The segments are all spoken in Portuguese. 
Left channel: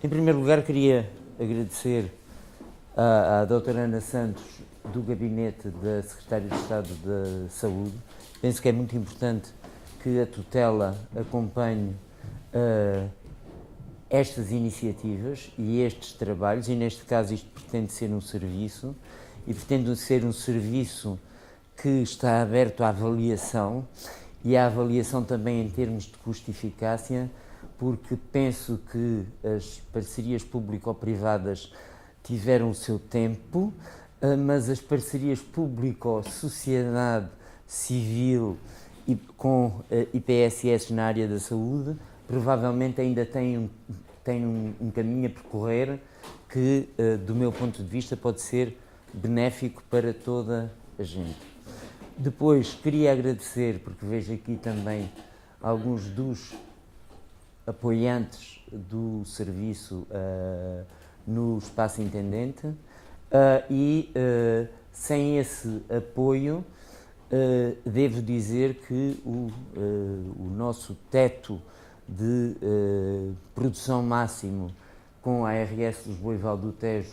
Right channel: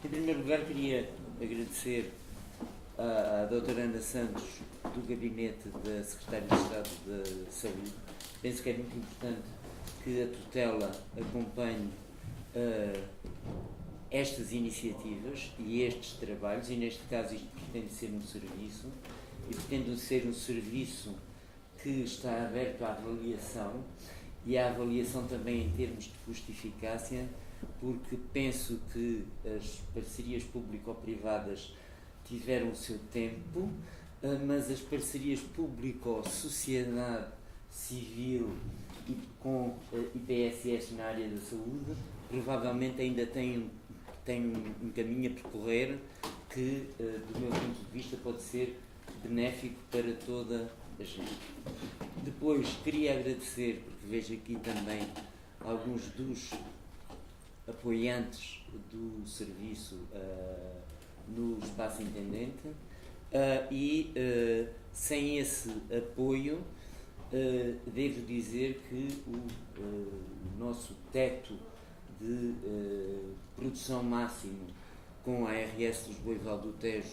Em primeiro lugar, queria agradecer à doutora Ana Santos, do Gabinete da Secretária de Estado da Saúde. Penso que é muito importante que a tutela acompanhe estas iniciativas e estes trabalhos, e neste caso isto pretende ser um serviço, e pretende ser um serviço que está aberto à avaliação, e à avaliação também em termos de custo-eficácia, porque penso que as parcerias público-privadas tiveram o seu tempo, mas as parcerias público-sociedade civil e com IPSS na área da saúde provavelmente ainda têm um caminho a percorrer que, do meu ponto de vista, pode ser benéfico para toda a gente. Depois, queria agradecer, porque vejo aqui também alguns dos apoiantes do serviço no Espaço Intendente, sem esse apoio, devo dizer que o nosso teto de produção máximo com a ARS Lisboa e Val do Tejo,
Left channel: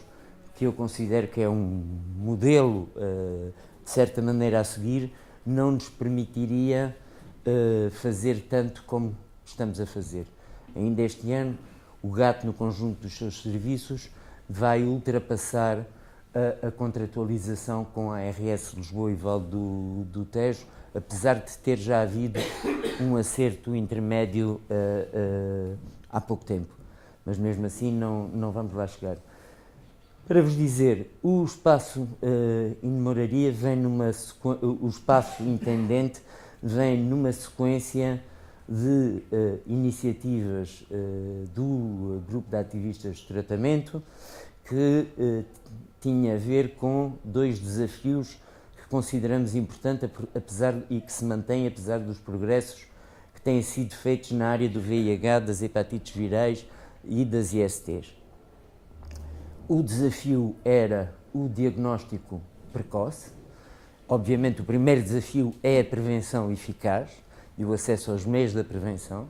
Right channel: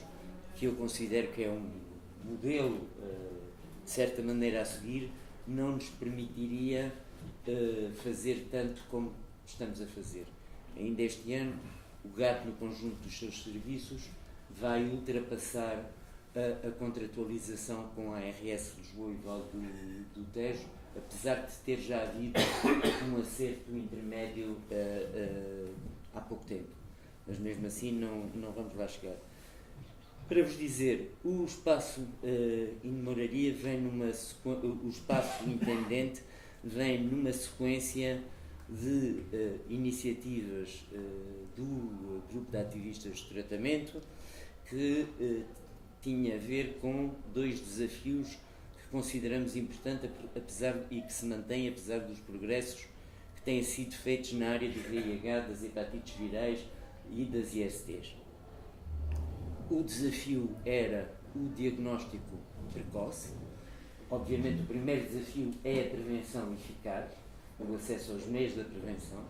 que eu considero que é um modelo de certa maneira a seguir, não nos permitiria fazer tanto como estamos a fazer. Ainda este ano, o GAT, no conjunto dos seus serviços, vai ultrapassar a contratualização com a ARS Lisboa e Val do Tejo, apesar de ter já havido um acerto intermédio há pouco tempo. Mas mesmo assim não vamos lá chegar. Para vos dizer, o espaço Inmoraria vem o espaço Intendente vem numa sequência de iniciativas do grupo de ativistas de tratamento que tinha a ver com dois desafios que consideramos importantes e que se mantêm apesar dos progressos que têm sido feitos na área do VIH, das hepatites virais e das ISTs. O desafio era o diagnóstico precoce. Obviamente, o primeiro desafio é a prevenção eficaz e o acesso aos meios da prevenção.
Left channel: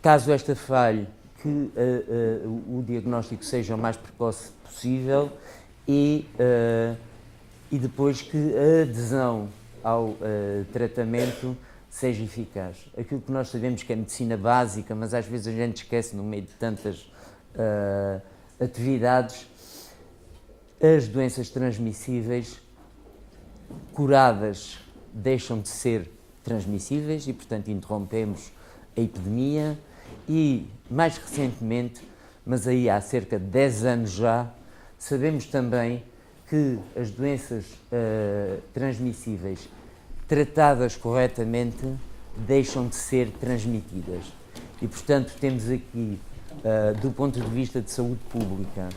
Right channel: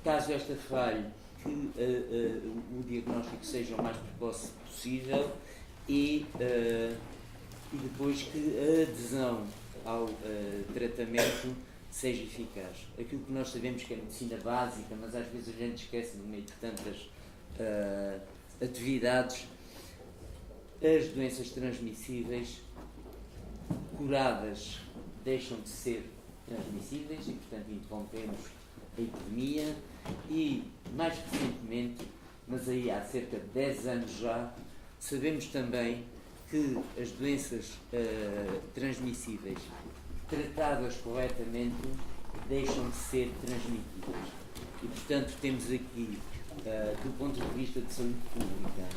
Caso esta falhe, que o diagnóstico seja o mais precoce possível e depois que a adesão ao tratamento seja eficaz. Aquilo que nós sabemos que é medicina básica, mas às vezes a gente esquece no meio de tantas atividades, as doenças transmissíveis curadas deixam de ser transmissíveis e, portanto, interrompemos a epidemia e, mais recentemente, mas aí há cerca de 10 anos já, sabemos também que as doenças transmissíveis tratadas corretamente deixam de ser transmitidas. E, portanto, temos aqui, do ponto de vista de saúde pública,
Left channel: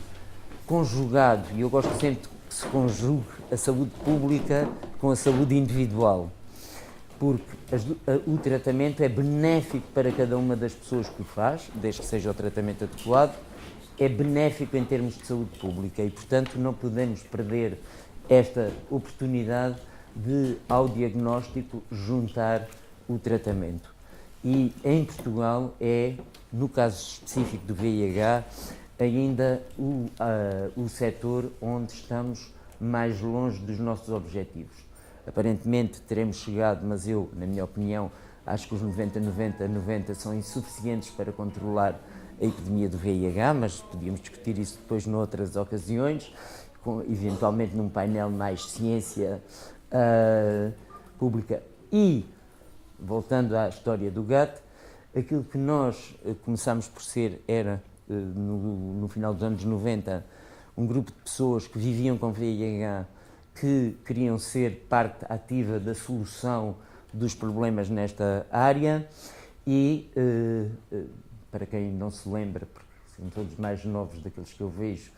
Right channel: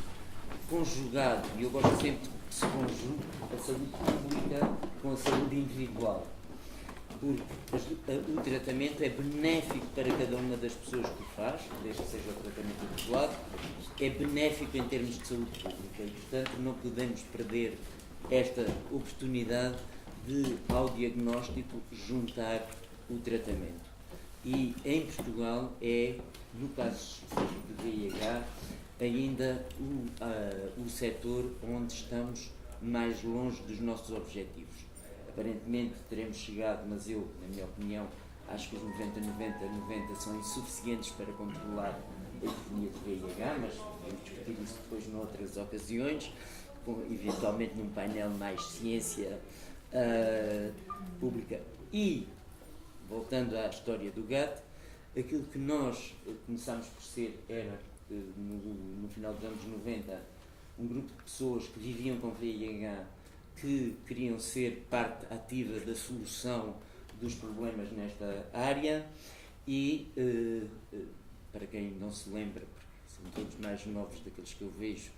conjugado, e eu gosto sempre que se conjugue a saúde pública com a saúde individual, porque o tratamento é benéfico para cada uma das pessoas que o faz, desde que seja o tratamento adequado, é benéfico em termos de saúde pública e, portanto, não podemos perder esta oportunidade de, ao diagnóstico, juntar o tratamento. E em Portugal é, no caso específico do VIH, ainda o setor onde estamos mais longe dos nossos objetivos. Aparentemente teremos chegado, mas eu, na minha opinião, acho que os 90 são insuficientes para controlar a epidemia do VIH, mas podíamos discutir isso depois noutras ocasiões, eventualmente num painel mais ciência pública. E, voltando à história do GAT, aquilo que nós começámos por ser era, no final dos anos 90, um grupo de pessoas que viviam com VIH, que queriam ser parte ativa da solução dos problemas nesta área e, para quem não se lembra, porque são todos mais novos daqueles que eu vejo,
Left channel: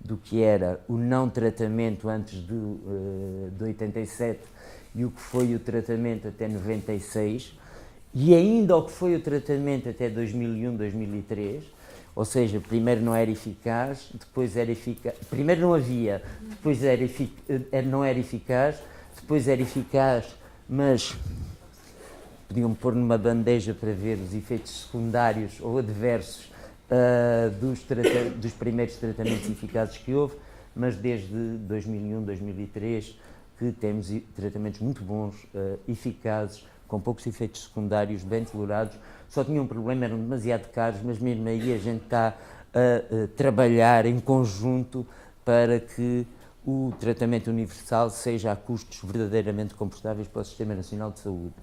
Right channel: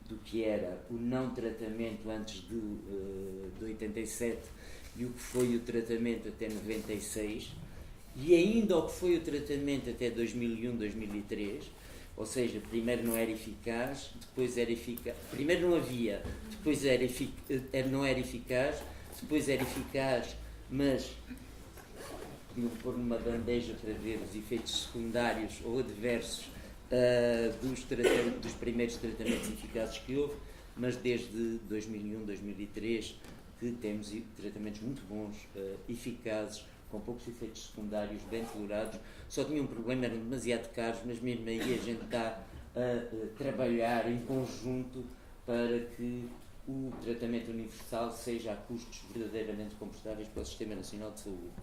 do que era o não tratamento antes de 87 e o que foi o tratamento até 96 e ainda o que foi o tratamento até 2001, 2003, ou seja, primeiro não era eficaz, depois era eficaz, primeiro não havia, depois não era eficaz, depois era eficaz, mas podiam pôr numa bandeja para ver os efeitos secundários ou adversos dos primeiros tratamentos eficazes que houve, mas desde 2001, 2003, que temos tratamentos muito bons, eficazes, com poucos efeitos secundários, bem tolerados. Só tinha um problema, eram demasiado caros, mas mesmo aí a gente está a trabalhar em conjunto para que o tratamento universal seja a custos verdadeiramente confortáveis para o Sistema Nacional de Saúde.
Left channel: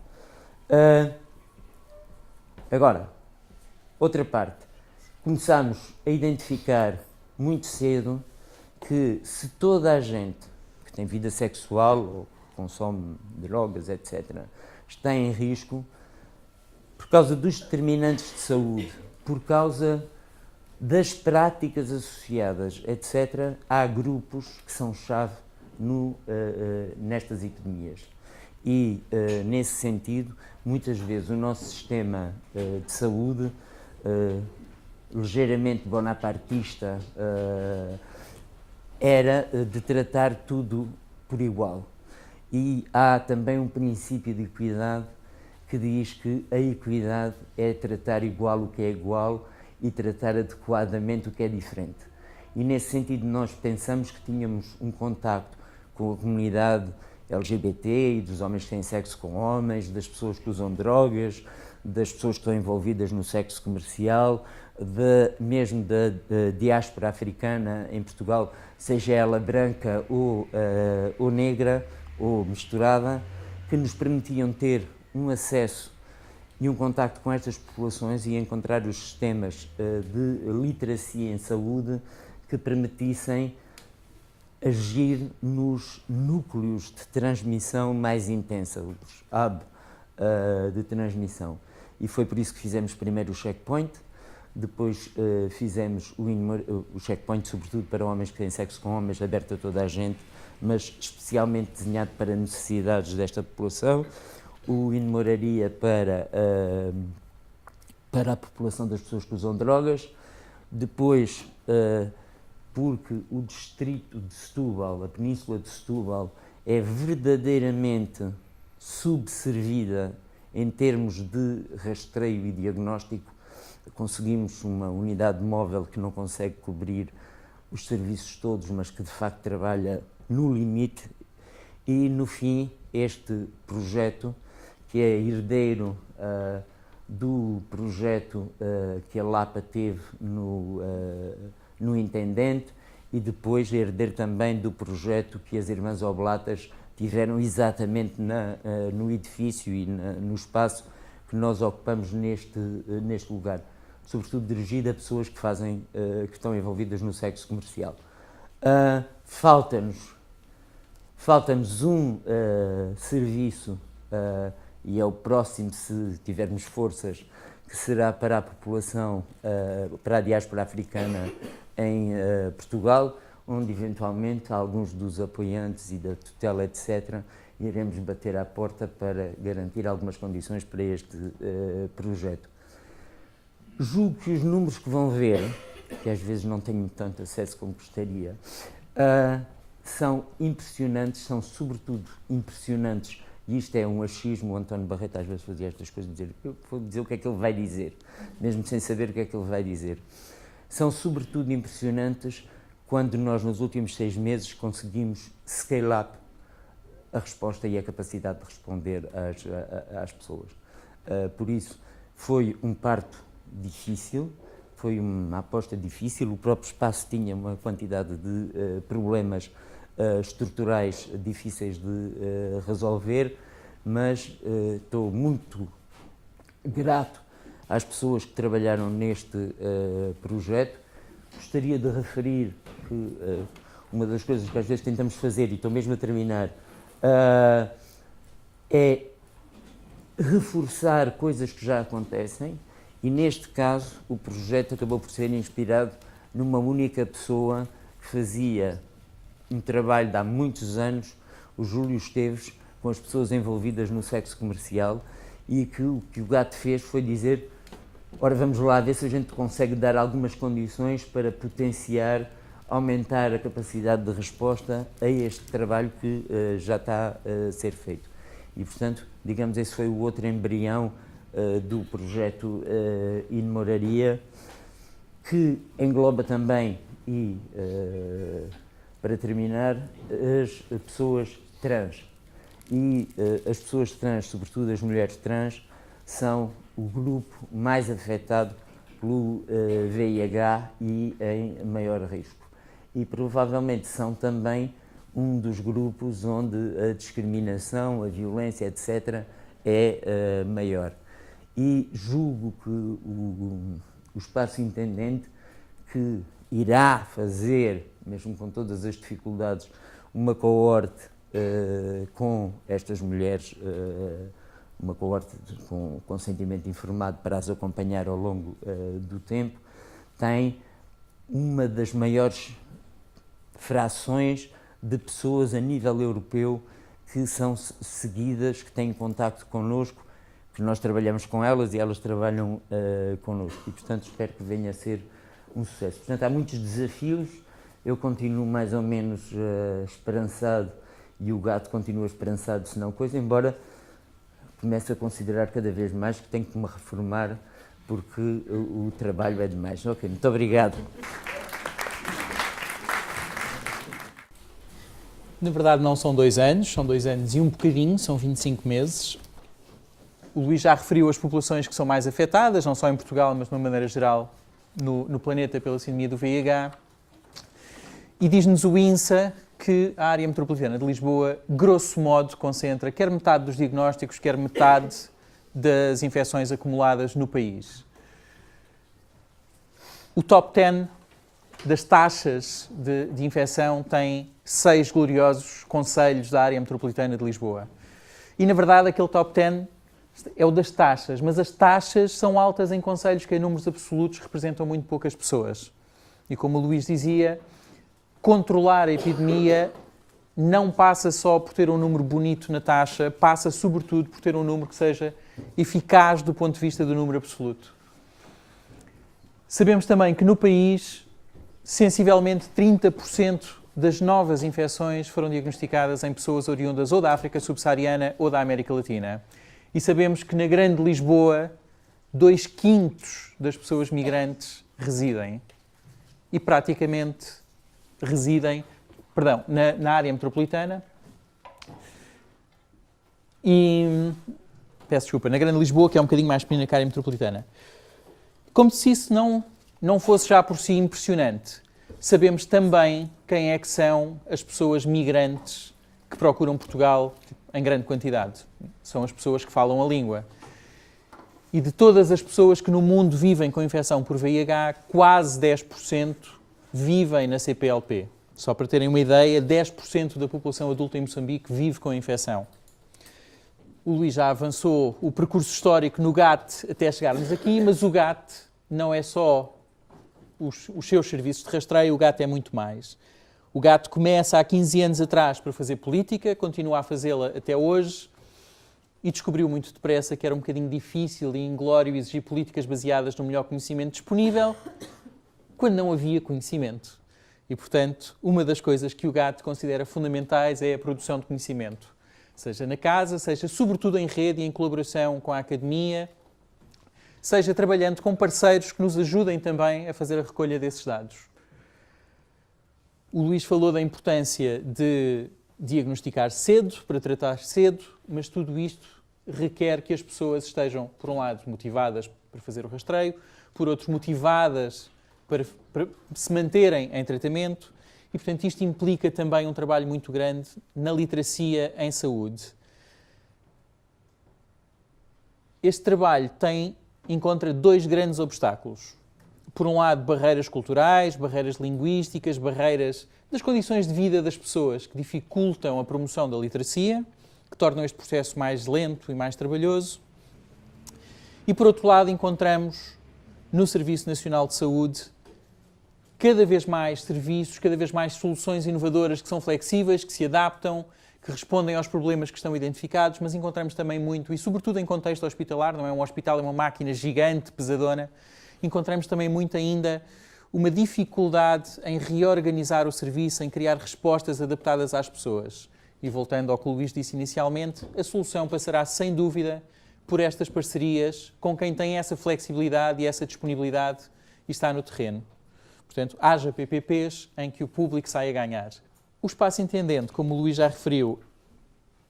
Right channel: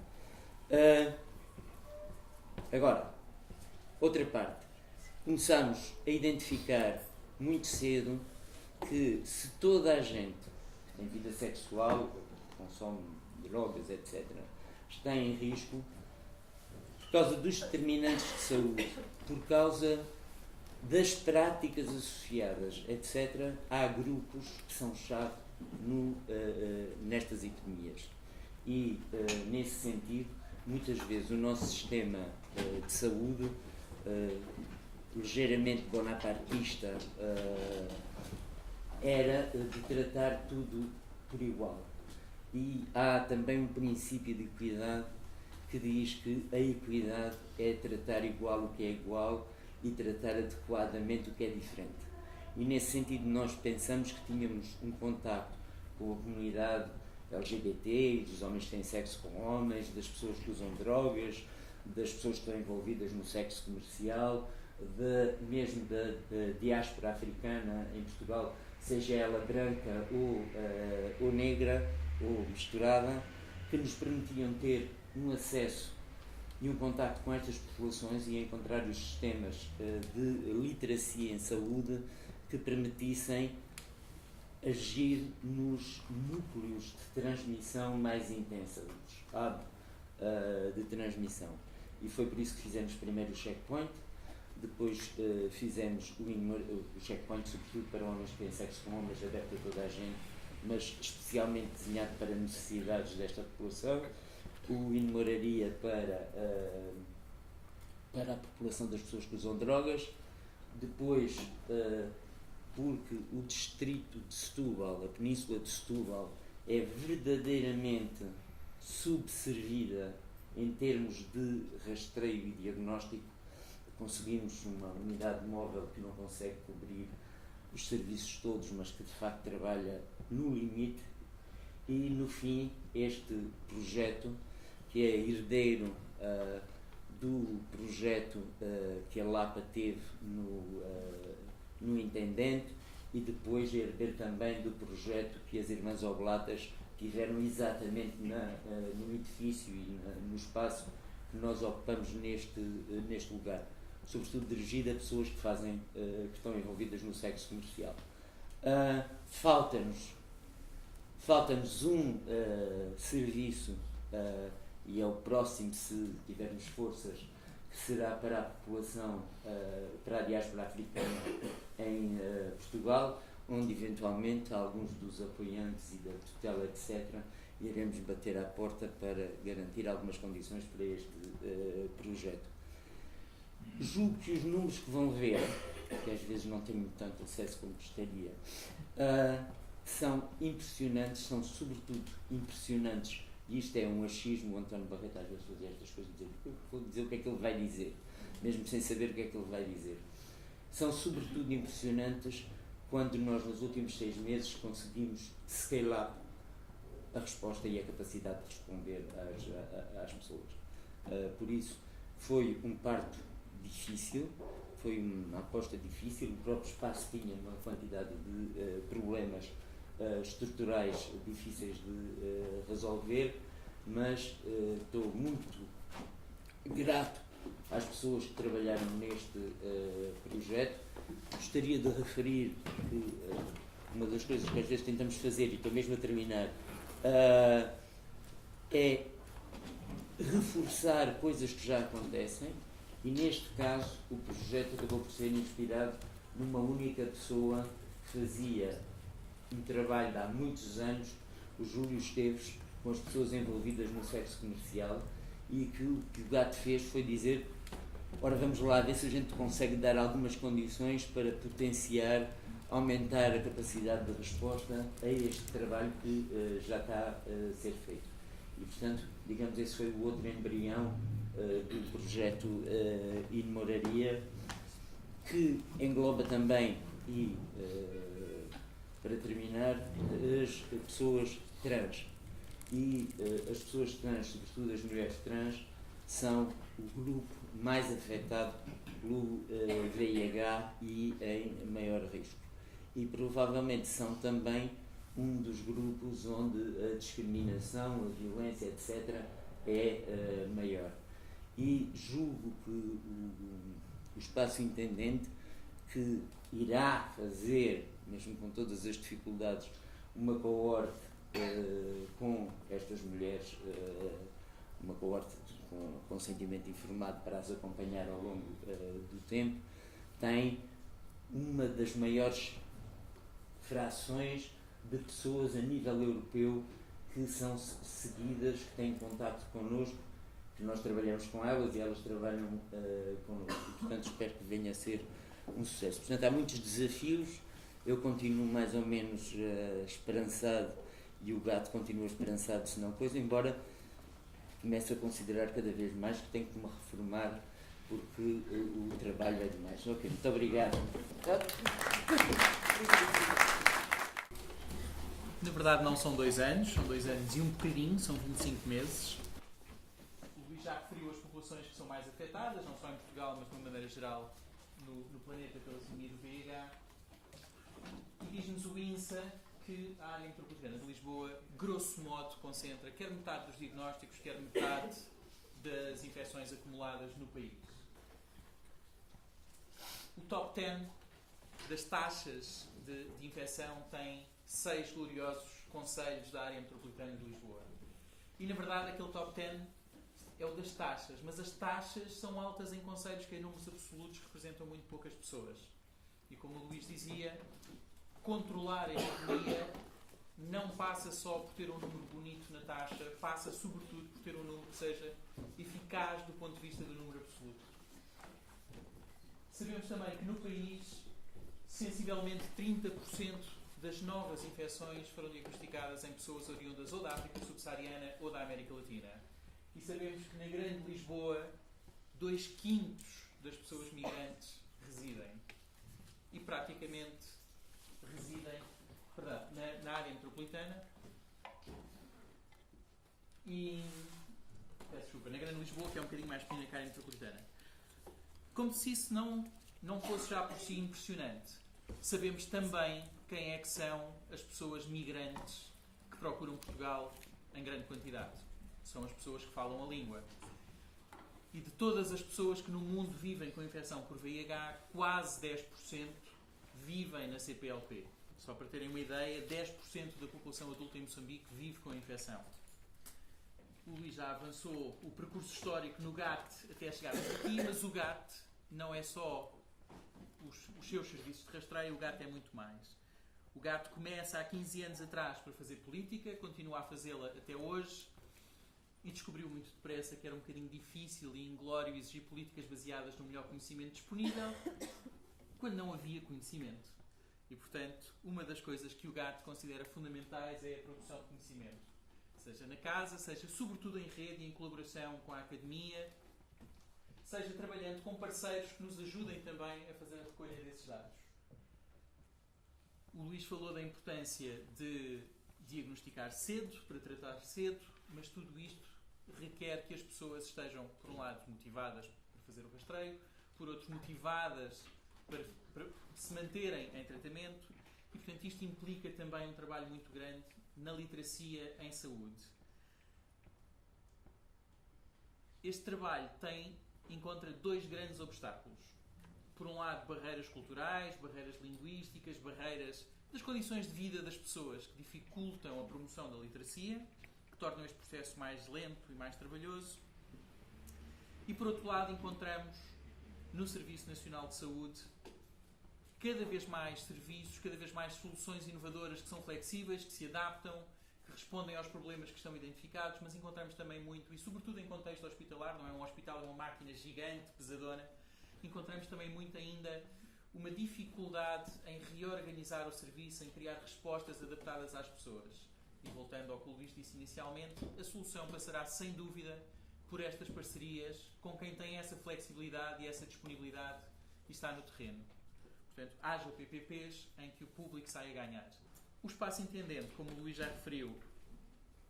Agora, outra parte. Começámos a identificar muito cedo que se toda a gente que tem vida sexual ou consome drogas, etc., está em risco por causa dos determinantes de saúde, por causa das práticas associadas, etc., há grupos que são chave nestas epidemias. E, nesse sentido, muitas vezes o nosso sistema de saúde, ligeiramente bonapartista, era de tratar tudo por igual. E há também um princípio de equidade que diz que a equidade é tratar igual o que é igual e tratar adequadamente o que é diferente. E nesse sentido nós pensamos que tínhamos um contacto com a comunidade LGBT e dos homens que têm sexo com homens, das pessoas que usam drogas, das pessoas que estão envolvidas no sexo comercial, mesmo da diáspora africana em Portugal, seja ela branca ou negra ou misturada, que nos permitiam ter um acesso e um contacto com estas populações e encontrar os sistemas de literacia em saúde que permitissem agir nos núcleos de transmissão mais intensa, os hubs de transmissão. E foi por isso que fizemos primeiro o checkpoint, depois fizemos o checkpoint sobretudo para homens que têm sexo com homens, aberto a toda a gente, mas especialmente desenhado para necessidades desta população, o In-Moraria para a população das pessoas que usam drogas, depois porque o distrito de Setúbal, a península de Setúbal, é verdadeiramente subservida em termos de rastreio e diagnóstico. Conseguimos uma unidade móvel que não consegue cobrir os serviços todos, mas que de facto trabalha no limite. E no fim, este projeto, que é herdeiro do projeto que a Lapa teve no Intendente, e depois herdeiro também do projeto que as Irmãs Oblatas tiveram exatamente no edifício e no espaço que nós ocupamos neste lugar, sobretudo dirigido a pessoas que estão envolvidas no sexo comercial. Falta-nos um serviço, e é o próximo, se tivermos forças, que será para a população, para a diáspora africana em Portugal, onde eventualmente alguns dos apoiantes e da tutela, etc., iremos bater à porta para garantir algumas condições para este projeto. Julgo que os números que vão ver, que às vezes não tenho tanto acesso como gostaria, são impressionantes, são sobretudo impressionantes, e isto é um achismo. O António Barreto às vezes fazia estas coisas, eu vou dizer o que é que ele vai dizer, mesmo sem saber o que é que ele vai dizer. São sobretudo impressionantes quando nós nos últimos 6 meses conseguimos scale up a resposta e a capacidade de responder às pessoas. Por isso, foi um parto difícil, foi uma aposta difícil, o próprio espaço tinha uma quantidade de problemas estruturais difíceis de resolver, mas estou muito grato às pessoas que trabalharam neste projeto. Gostaria de referir que uma das coisas que às vezes tentamos fazer, e estou mesmo a terminar, é reforçar coisas que já acontecem, e neste caso o projeto acabou por ser inspirado numa única pessoa que fazia um trabalho de há muitos anos, o Júlio Esteves, com as pessoas envolvidas no sexo comercial, e que o que o gato fez foi dizer: ora, vamos lá ver se a gente consegue dar algumas condições para potenciar, aumentar a capacidade de resposta a este trabalho que já está a ser feito. E, portanto, digamos, esse foi o outro embrião do projeto In-Moraria, que engloba também, e para terminar, as pessoas trans. E as pessoas trans, sobretudo as mulheres trans, são o grupo mais afetado pelo VIH e em maior risco. E provavelmente são também um dos grupos onde a discriminação, a violência, etc., é maior. E julgo que o Espaço Independente, que irá fazer, mesmo com todas as dificuldades, uma coorte com estas mulheres, uma coorte com consentimento informado para as acompanhar ao longo do tempo, tem uma das maiores frações de pessoas a nível europeu que são seguidas, que têm contacto connosco, que nós trabalhamos com elas e elas trabalham connosco. E, portanto, espero que venha a ser um sucesso. Portanto, há muitos desafios, eu continuo mais ou menos esperançado e o gato continua esperançado, se não coisa, embora comece a considerar cada vez mais que tenho que me reformar porque o trabalho é demais. Ok, muito obrigado. Na verdade não são 2 anos, são 2 anos e um bocadinho, são 25 meses. O Luís já referiu as populações que são mais afetadas, não só em Portugal, mas de uma maneira geral no planeta pela sindemia do VIH. E diz-nos o INSA que a área metropolitana de Lisboa, grosso modo, concentra quer metade dos diagnósticos, quer metade das infecções acumuladas no país. O top 10 das taxas de infecção tem 6 gloriosos concelhos da área metropolitana de Lisboa. E, na verdade, aquele top 10 é o das taxas, mas as taxas são altas em concelhos que, em números absolutos, representam muito poucas pessoas. E, como o Luís dizia, controlar a epidemia não passa só por ter um número bonito na taxa, passa, sobretudo, por ter um número que seja eficaz do ponto de vista do número absoluto. Sabemos também que, no país, sensivelmente 30% das novas infecções foram diagnosticadas em pessoas oriundas ou da África subsaariana ou da América Latina. E sabemos que na Grande Lisboa 2/5 das pessoas migrantes residem. E praticamente residem, na área metropolitana. E, peço desculpa, na Grande Lisboa, que é um bocadinho mais pequena que a área metropolitana. Como se isso não fosse já por si impressionante, sabemos também quem é que são as pessoas migrantes que procuram Portugal em grande quantidade. São as pessoas que falam a língua. E de todas as pessoas que no mundo vivem com infecção por VIH, quase 10% vivem na CPLP. Só para terem uma ideia, 10% da população adulta em Moçambique vive com a infecção. O Luís já avançou o percurso histórico no GAT até chegarmos aqui, mas o GAT não é só os seus serviços de rastreio, o GAT é muito mais. O GAT começa há 15 anos atrás para fazer política, continua a fazê-la até hoje e descobriu muito depressa que era um bocadinho difícil e inglório exigir políticas baseadas no melhor conhecimento disponível quando não havia conhecimento. E, portanto, uma das coisas que o GAT considera fundamentais é a produção de conhecimento. Seja na casa, seja sobretudo em rede e em colaboração com a academia, seja trabalhando com parceiros que nos ajudem também a fazer a recolha desses dados. O Luís falou da importância de diagnosticar cedo, para tratar cedo, mas tudo isto requer que as pessoas estejam, por um lado, motivadas para fazer o rastreio, por outro, motivadas para se manterem em tratamento e, portanto, isto implica também um trabalho muito grande na literacia em saúde. Este trabalho encontra 2 grandes obstáculos. Por um lado, barreiras culturais, barreiras linguísticas, barreiras das condições de vida das pessoas que dificultam a promoção da literacia, que tornam este processo mais lento e mais trabalhoso. E, por outro lado, encontramos no Serviço Nacional de Saúde cada vez mais serviços, cada vez mais soluções inovadoras que são flexíveis, que se adaptam, que respondem aos problemas que estão identificados, mas encontramos também muito, e sobretudo em contexto hospitalar, não é um hospital, é uma máquina gigante, pesadona, encontramos também muito ainda uma dificuldade em reorganizar o serviço, em criar respostas adaptadas às pessoas. E voltando ao que o Luís disse inicialmente, a solução passará sem dúvida por estas parcerias com quem tem essa flexibilidade e essa disponibilidade e está no terreno. Portanto, haja PPPs em que o público saia a ganhar. O espaço intendente, como o Luís já referiu,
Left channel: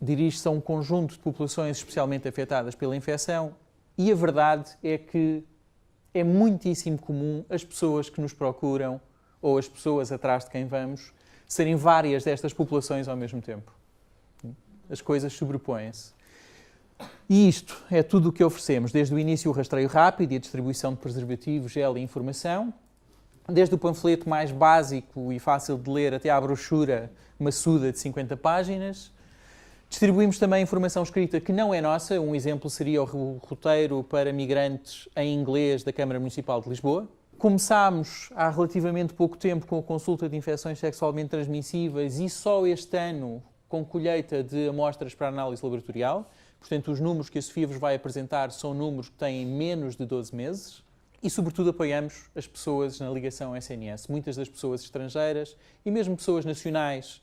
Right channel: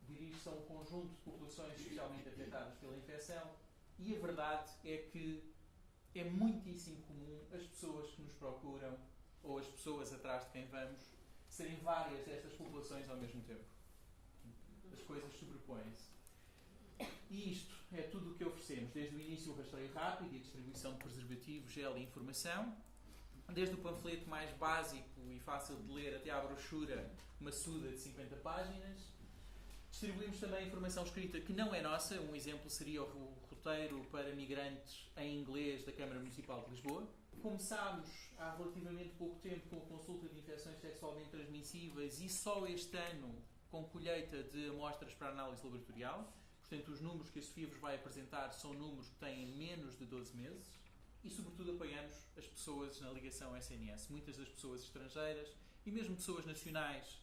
dirige-se a um conjunto de populações especialmente afetadas pela infecção e a verdade é que é muitíssimo comum as pessoas que nos procuram ou as pessoas atrás de quem vamos serem várias destas populações ao mesmo tempo. As coisas sobrepõem-se. E isto é tudo o que oferecemos, desde o início o rastreio rápido e a distribuição de preservativos, gel e informação, desde o panfleto mais básico e fácil de ler até à brochura maçuda de 50 páginas. Distribuímos também informação escrita que não é nossa. Um exemplo seria o roteiro para migrantes em inglês da Câmara Municipal de Lisboa. Começámos há relativamente pouco tempo com a consulta de infecções sexualmente transmissíveis e só este ano com colheita de amostras para análise laboratorial. Portanto, os números que a Sofia vos vai apresentar são números que têm menos de 12 meses. E, sobretudo, apoiamos as pessoas na ligação SNS. Muitas das pessoas estrangeiras e mesmo pessoas nacionais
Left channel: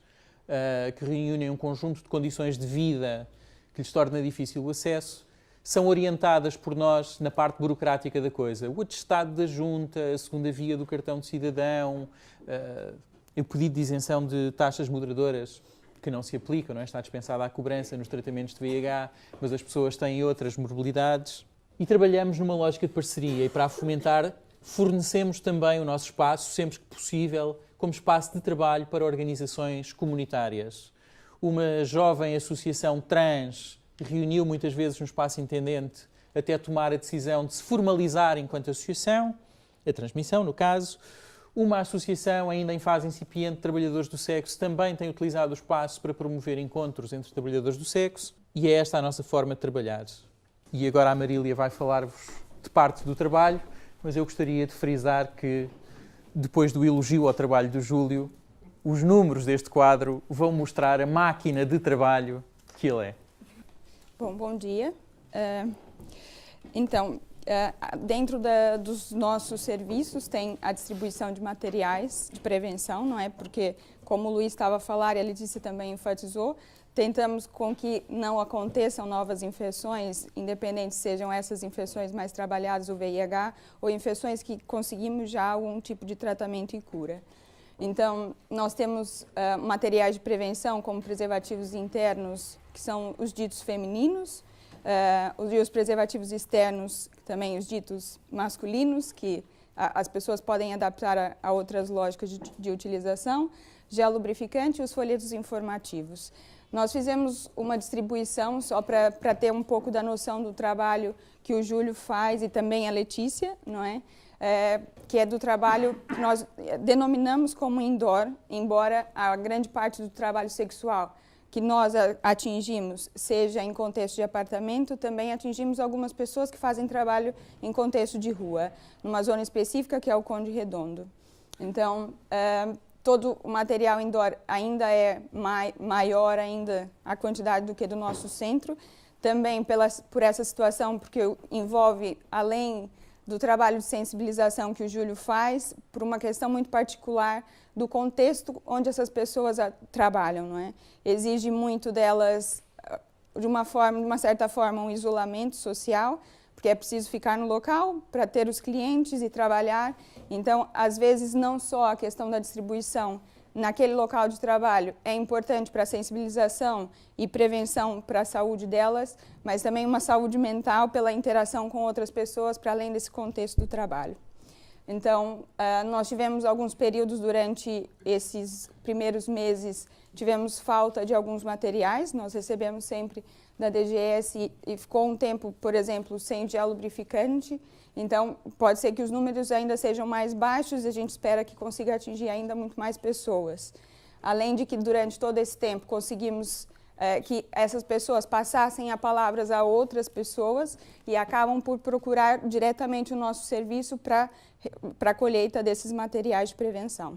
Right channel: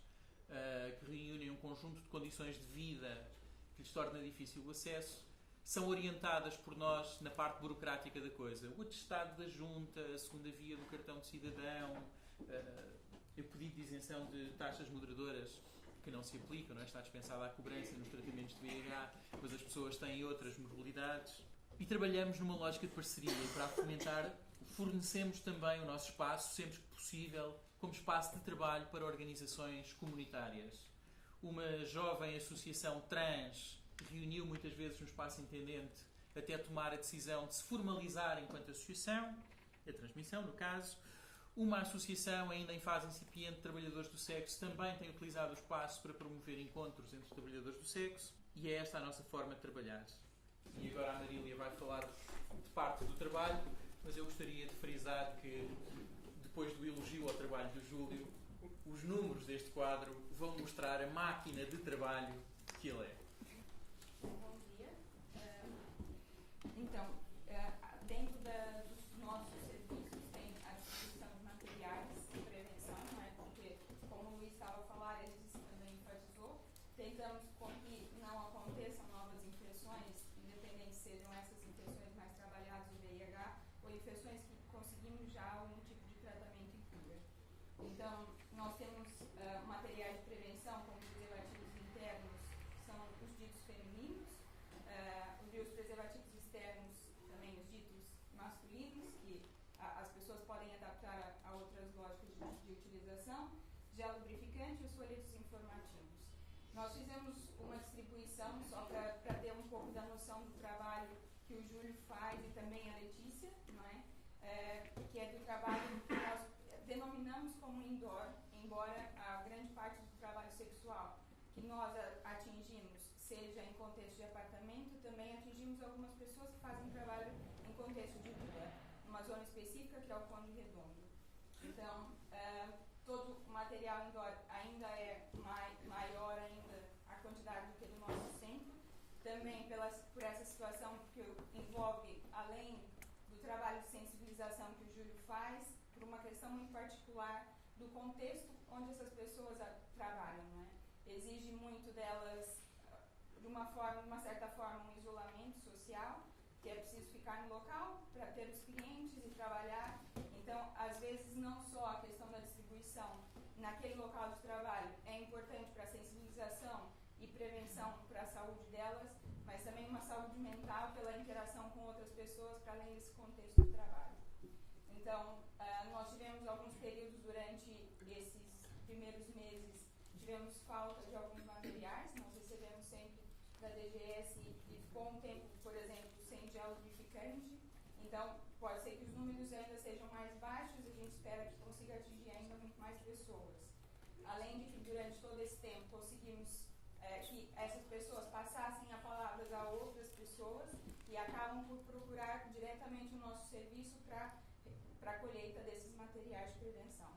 que reúnem um conjunto de condições de vida que lhes torna difícil o acesso, são orientadas por nós na parte burocrática da coisa. O atestado da junta, a segunda via do cartão de cidadão, o pedido de isenção de taxas moderadoras que não se aplicam, não é? Está dispensada a cobrança nos tratamentos de VIH, mas as pessoas têm outras morbilidades. E trabalhamos numa lógica de parceria e para a fomentar fornecemos também o nosso espaço, sempre que possível, como espaço de trabalho para organizações comunitárias. Uma jovem associação trans reuniu muitas vezes no espaço intendente até tomar a decisão de se formalizar enquanto associação, a transmissão no caso. Uma associação ainda em fase incipiente de trabalhadores do sexo também tem utilizado o espaço para promover encontros entre trabalhadores do sexo e é esta a nossa forma de trabalhar. E agora a Marília vai falar-vos de parte do trabalho, mas eu gostaria de frisar que depois do elogio ao trabalho do Júlio, os números deste quadro vão mostrar a máquina de trabalho que ele é. Bom dia. Dentro dos nossos serviços tem a distribuição de materiais de prevenção, não é? Porque, como o Luís estava a falar e a Letícia também enfatizou, tentamos com que não aconteçam novas infecções, independente sejam essas infecções mais trabalhadas, o VIH, ou infecções que conseguimos já algum tipo de tratamento e cura. Então, nós temos materiais de prevenção, como preservativos internos, que são os ditos femininos, e os preservativos externos, também os ditos masculinos, que as pessoas podem adaptar a outras lógicas de utilização, gel lubrificante e os folhetos informativos. Nós fizemos uma distribuição só para ter um pouco da noção do trabalho que o Júlio faz e também a Letícia, não é? Que é do trabalho que nós denominamos como indoor, embora a grande parte do trabalho sexual que nós atingimos seja em contexto de apartamento, também atingimos algumas pessoas que fazem trabalho em contexto de rua, numa zona específica que é o Conde Redondo. Então, todo o material indoor ainda é maior ainda a quantidade do que do nosso centro, também por essa situação, porque envolve, além do trabalho de sensibilização que o Júlio faz, por uma questão muito particular do contexto onde essas pessoas trabalham, não é? Exige muito delas, de uma certa forma, um isolamento social, porque é preciso ficar no local para ter os clientes e trabalhar. Então, às vezes, não só a questão da distribuição naquele local de trabalho é importante para a sensibilização e prevenção para a saúde delas, mas também uma saúde mental pela interação com outras pessoas, para além desse contexto do trabalho. Então, nós tivemos alguns períodos durante esses primeiros meses, tivemos falta de alguns materiais, nós recebemos sempre da DGS e ficou um tempo, por exemplo, sem gel lubrificante. Então, pode ser que os números ainda sejam mais baixos e a gente espera que consiga atingir ainda muito mais pessoas. Além de que, durante todo esse tempo, conseguimos que essas pessoas passassem a palavras a outras pessoas e acabam por procurar diretamente o nosso serviço para a colheita desses materiais de prevenção.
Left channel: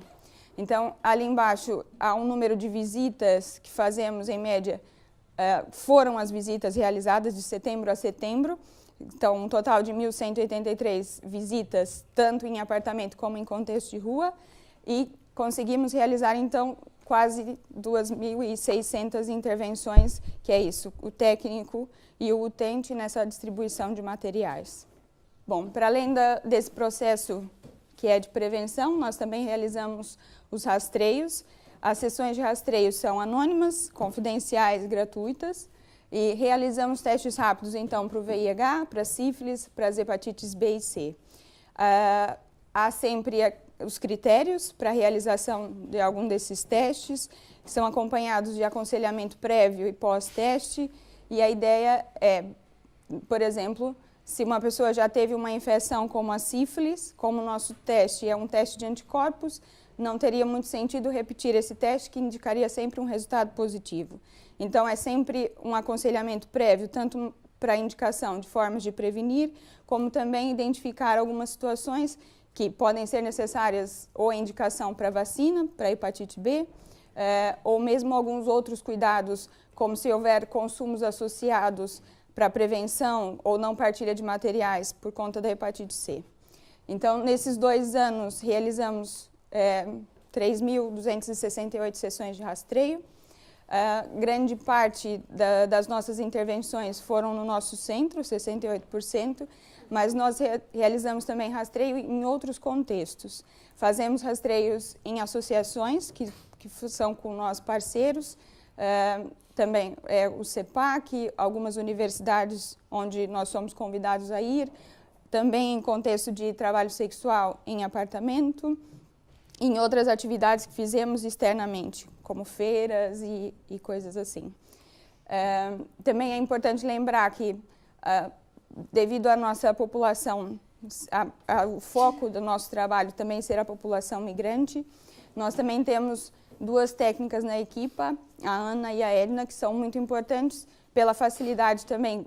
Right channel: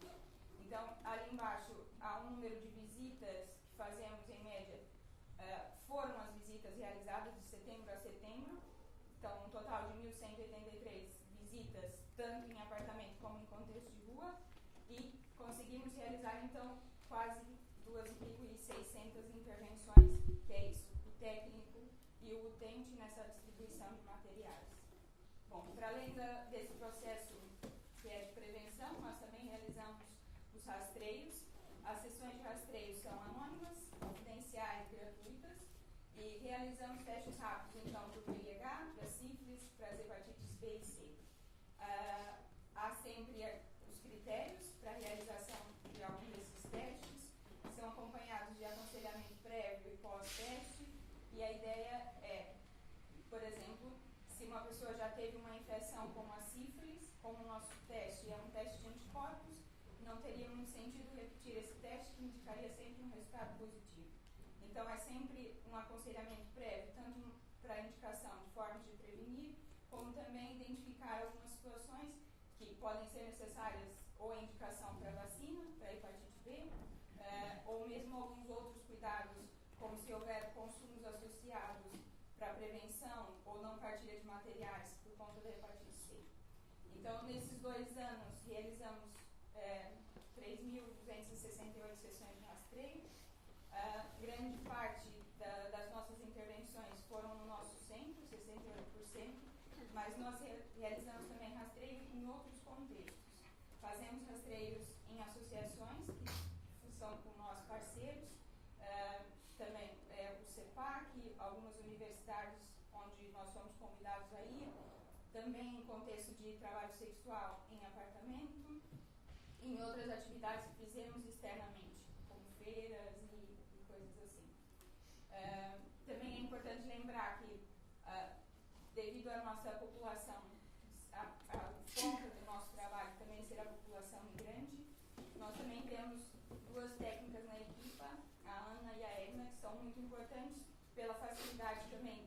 Então, ali embaixo, há um número de visitas que fazemos, em média, foram as visitas realizadas de setembro a setembro. Então, um total de 1.183 visitas, tanto em apartamento como em contexto de rua, e conseguimos realizar, então, quase 2.600 intervenções, que é isso, o técnico e o utente nessa distribuição de materiais. Bom, para além desse processo que é de prevenção. Nós também realizamos os rastreios. As sessões de rastreio são anônimas, confidenciais e gratuitas. E realizamos testes rápidos, então, para o VIH, para a sífilis, para as hepatites B e C. Há sempre os critérios para a realização de algum desses testes, que são acompanhados de aconselhamento prévio e pós-teste. E a ideia é, por exemplo, se uma pessoa já teve uma infecção como a sífilis, como o nosso teste é um teste de anticorpos, não teria muito sentido repetir esse teste, que indicaria sempre um resultado positivo. Então, é sempre um aconselhamento prévio, tanto para a indicação de formas de prevenir, como também identificar algumas situações que podem ser necessárias ou a indicação para vacina, para hepatite B, ou mesmo alguns outros cuidados, como se houver consumos associados para prevenção ou não partilha de materiais por conta da hepatite C. Então, nesses 2 anos, realizamos 3.268 sessões de rastreio. Grande parte das nossas intervenções foram no nosso centro, 68%, mas nós realizamos também rastreio em outros contextos. Fazemos rastreios em associações que são com nós parceiros, também o CEPAC, algumas universidades onde nós somos convidados a ir, também em contexto de trabalho sexual em apartamento, em outras atividades que fizemos externamente, como feiras e coisas assim. Também é importante lembrar que, devido à nossa população, o foco do nosso trabalho também ser a população migrante, nós também temos 2 técnicas na equipa, a Ana e a Edna, que são muito importantes pela facilidade também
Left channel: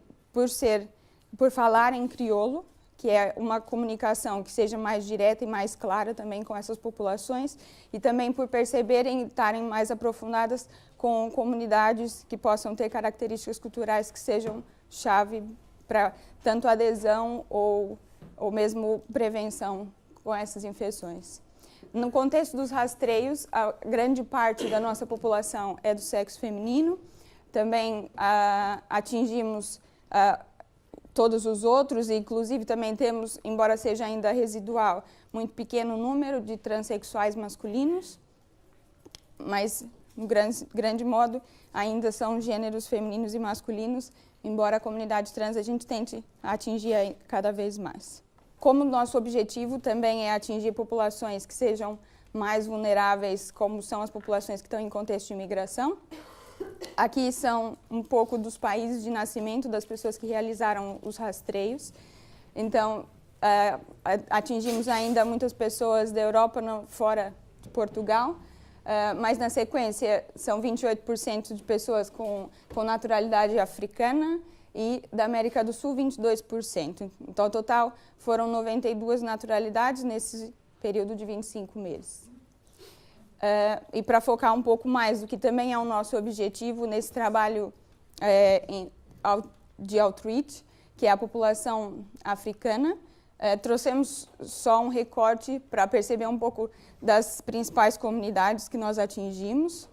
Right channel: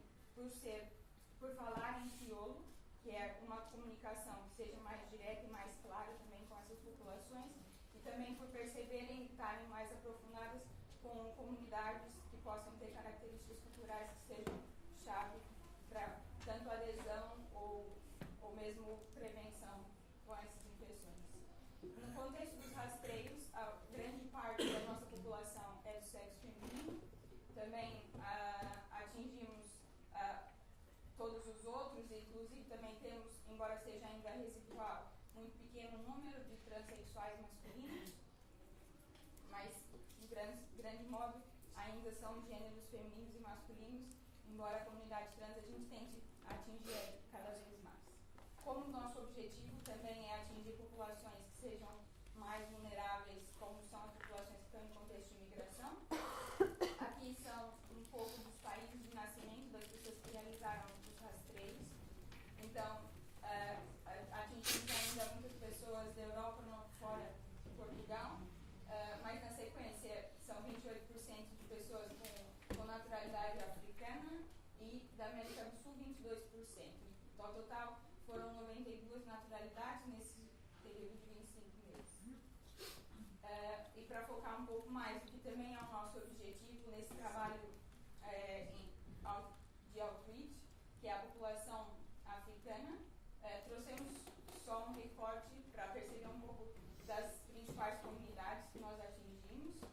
por falar em crioulo, que é uma comunicação que seja mais direta e mais clara também com essas populações, e também por perceberem e estarem mais aprofundadas com comunidades que possam ter características culturais que sejam chave para tanto adesão ou mesmo prevenção com essas infecções. No contexto dos rastreios, a grande parte da nossa população é do sexo feminino. Também atingimos todos os outros, e inclusive também temos, embora seja ainda residual, muito pequeno número de transexuais masculinos, mas, no grande modo, ainda são gêneros femininos e masculinos, embora a comunidade trans a gente tente atingir cada vez mais. Como nosso objetivo também é atingir populações que sejam mais vulneráveis, como são as populações que estão em contexto de imigração. Aqui são um pouco dos países de nascimento das pessoas que realizaram os rastreios. Então, atingimos ainda muitas pessoas da Europa fora de Portugal, mas na sequência são 28% de pessoas com naturalidade africana e da América do Sul 22%. Então, ao total, foram 92 naturalidades nesse período de 25 meses. E para focar um pouco mais, do que também é o nosso objetivo nesse trabalho de outreach, que é a população africana, trouxemos só um recorte para perceber um pouco das principais comunidades que nós atingimos,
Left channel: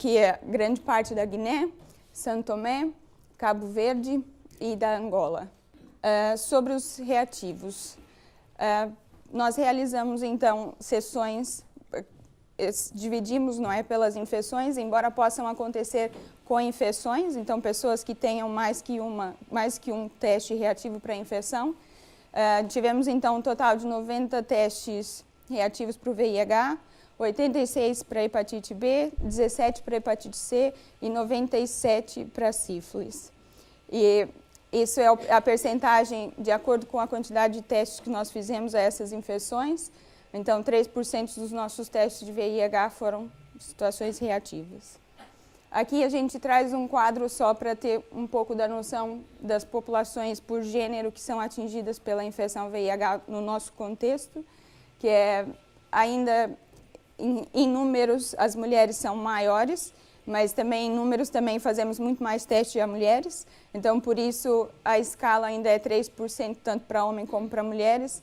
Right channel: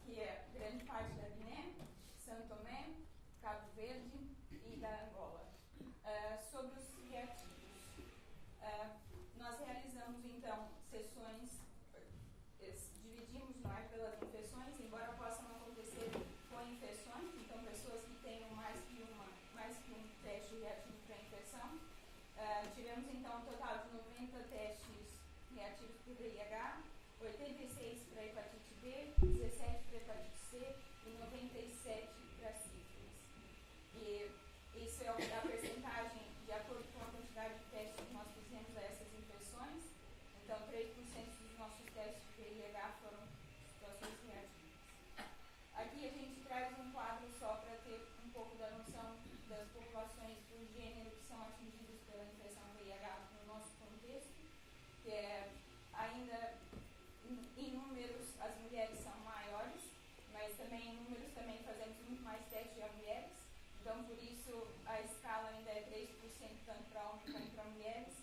que é grande parte da Guiné, São Tomé, Cabo Verde e da Angola. Sobre os reativos, nós realizamos, então, sessões, dividimos, não é, pelas infecções, embora possam acontecer com infecções, então, pessoas que tenham mais que um teste reativo para a infecção. Tivemos, então, um total de 90 testes reativos para o VIH, 86 para a hepatite B, 17 para a hepatite C e 97 para a sífilis. E isso é a percentagem de acordo com a quantidade de testes que nós fizemos a essas infecções. Então, 3% dos nossos testes de VIH foram situações reativas. Aqui a gente traz um quadro só para ter um pouco da noção das populações por gênero que são atingidas pela infecção VIH no nosso contexto, que é ainda em números as mulheres são maiores, mas também em números também fazemos muito mais testes a mulheres. Então, por isso, a escala ainda é 3%, tanto para homens como para mulheres.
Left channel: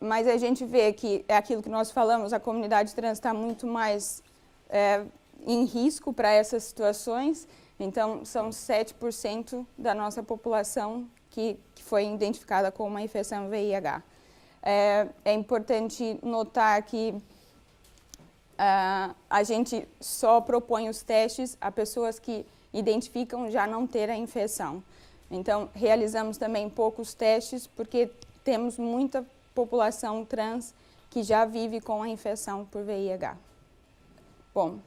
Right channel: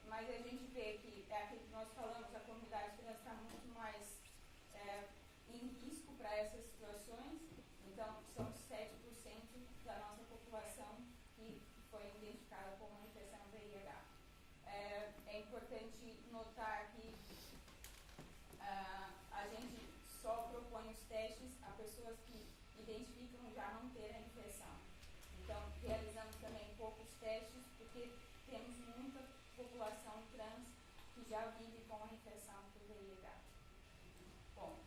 Mas a gente vê que é aquilo que nós falamos, a comunidade trans está muito mais em risco para essas situações. Então, são 7% da nossa população que foi identificada com uma infecção VIH. É importante notar que a gente só propõe os testes a pessoas que identificam já não ter a infecção. Então, realizamos também poucos testes porque temos muita população trans que já vive com a infecção por VIH. Bom,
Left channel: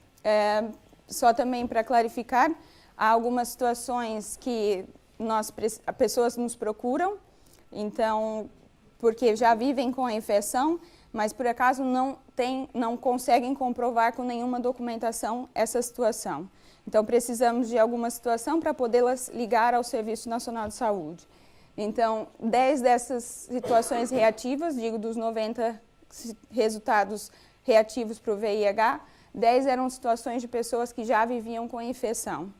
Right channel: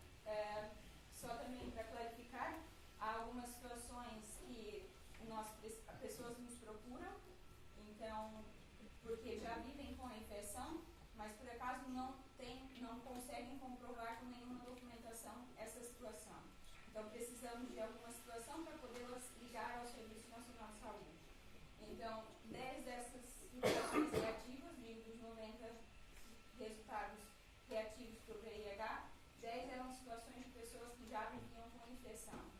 só também para clarificar, há algumas situações que pessoas nos procuram, então, porque já vivem com a infecção, mas por acaso não conseguem comprovar com nenhuma documentação essa situação. Então, precisamos de alguma situação para podê-las ligar ao Serviço Nacional de Saúde. Então, 10 dessas situações reativas, digo dos 90 resultados reativos para o VIH, 10 eram situações de pessoas que já viviam com a infecção.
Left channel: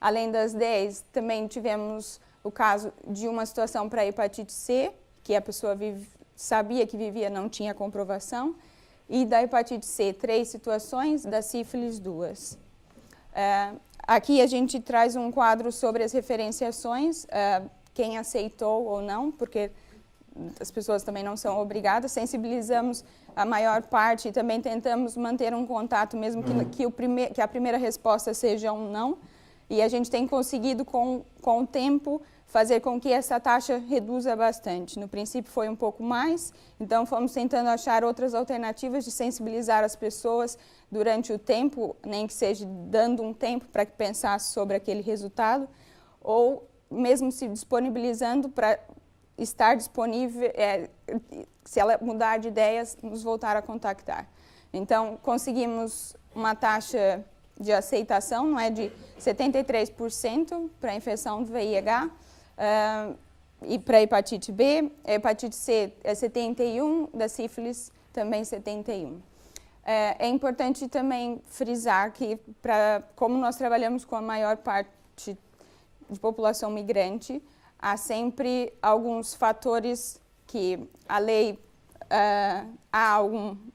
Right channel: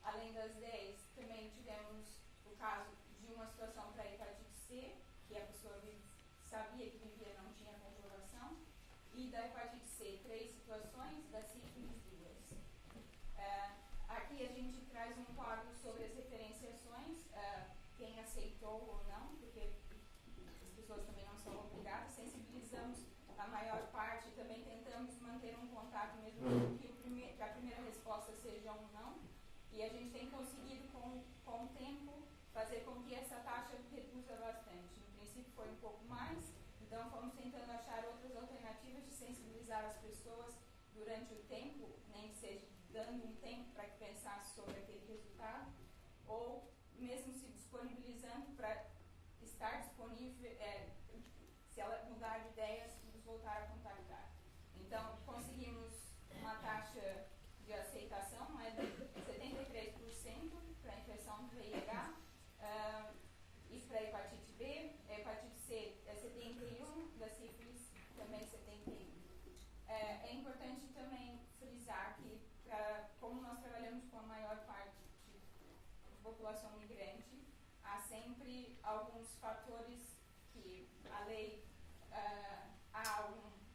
Além das 10, também tivemos o caso de uma situação para a hepatite C, que a pessoa sabia que vivia, não tinha comprovação, e da hepatite C, 3 situações, da sífilis, 2. Aqui a gente traz um quadro sobre as referenciações, quem aceitou ou não, porque as pessoas também não são obrigadas, sensibilizamos a maior parte e também tentamos manter um contato, mesmo que a primeira resposta seja um não, e a gente tem conseguido com o tempo fazer com que essa taxa reduza bastante. No princípio foi um pouco mais, então fomos tentando achar outras alternativas de sensibilizar as pessoas durante o tempo, nem que seja dando um tempo para que pensasse sobre aquele resultado, ou mesmo se disponibilizando para estar disponível, se ela mudar de ideias, nos voltar a contactar. Então, conseguimos uma taxa de aceitação, não é, de 73% para a infecção do VIH, e para a hepatite B, a hepatite C é 71%, da sífilis também 71%. É importante também frisar que, como nós trabalhamos com a maior parte de população migrante, há sempre alguns fatores que a lei, há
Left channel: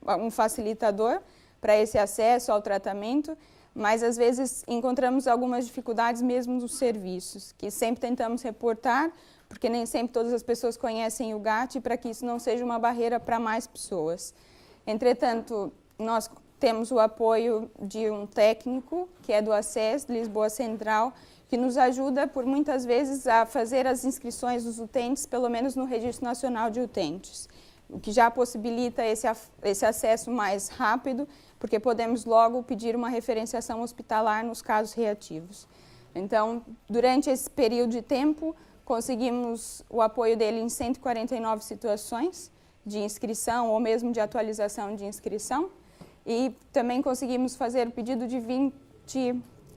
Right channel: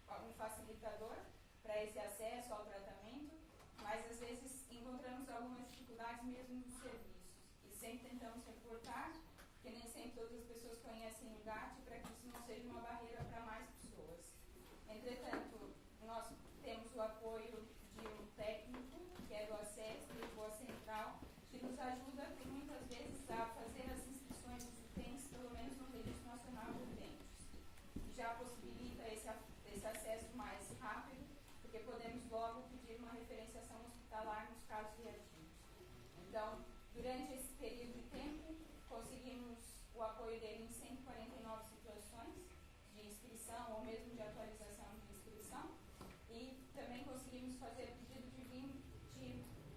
algum facilitador para esse acesso ao tratamento, mas às vezes encontramos algumas dificuldades mesmo nos serviços, que sempre tentamos reportar, porque nem sempre todas as pessoas conhecem o GAT, para que isso não seja uma barreira para mais pessoas. Entretanto, nós temos o apoio de um técnico, que é do ACES, Lisboa Central, que nos ajuda, por muitas vezes, a fazer as inscrições dos utentes, pelo menos no Registro Nacional de Utentes, o que já possibilita esse acesso mais rápido, porque podemos logo pedir uma referenciação hospitalar nos casos reativos. Então, durante esse período de tempo, conseguimos o apoio dele em 149 situações de inscrição ou mesmo de atualização de inscrição, e também conseguimos fazer o pedido de 20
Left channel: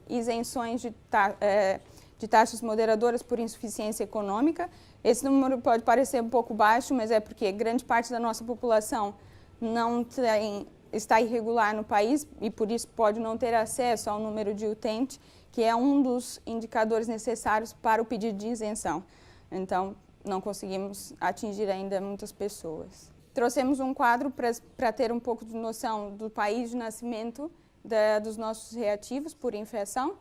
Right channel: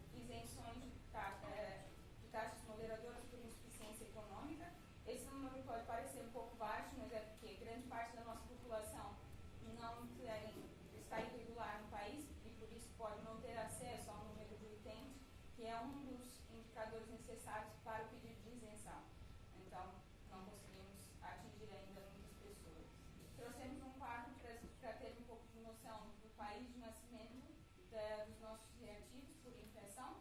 isenções de taxas moderadoras por insuficiência econômica. Esse número pode parecer um pouco baixo, mas é porque grande parte da nossa população está irregular no país e por isso pode não ter acesso ao número de utente, que é um dos indicadores necessários para o pedido de isenção. Então, não conseguimos atingir ainda muitas pessoas. Trouxemos um quadro para ter um pouco de noção do país de nascimento dos nossos reativos por infecção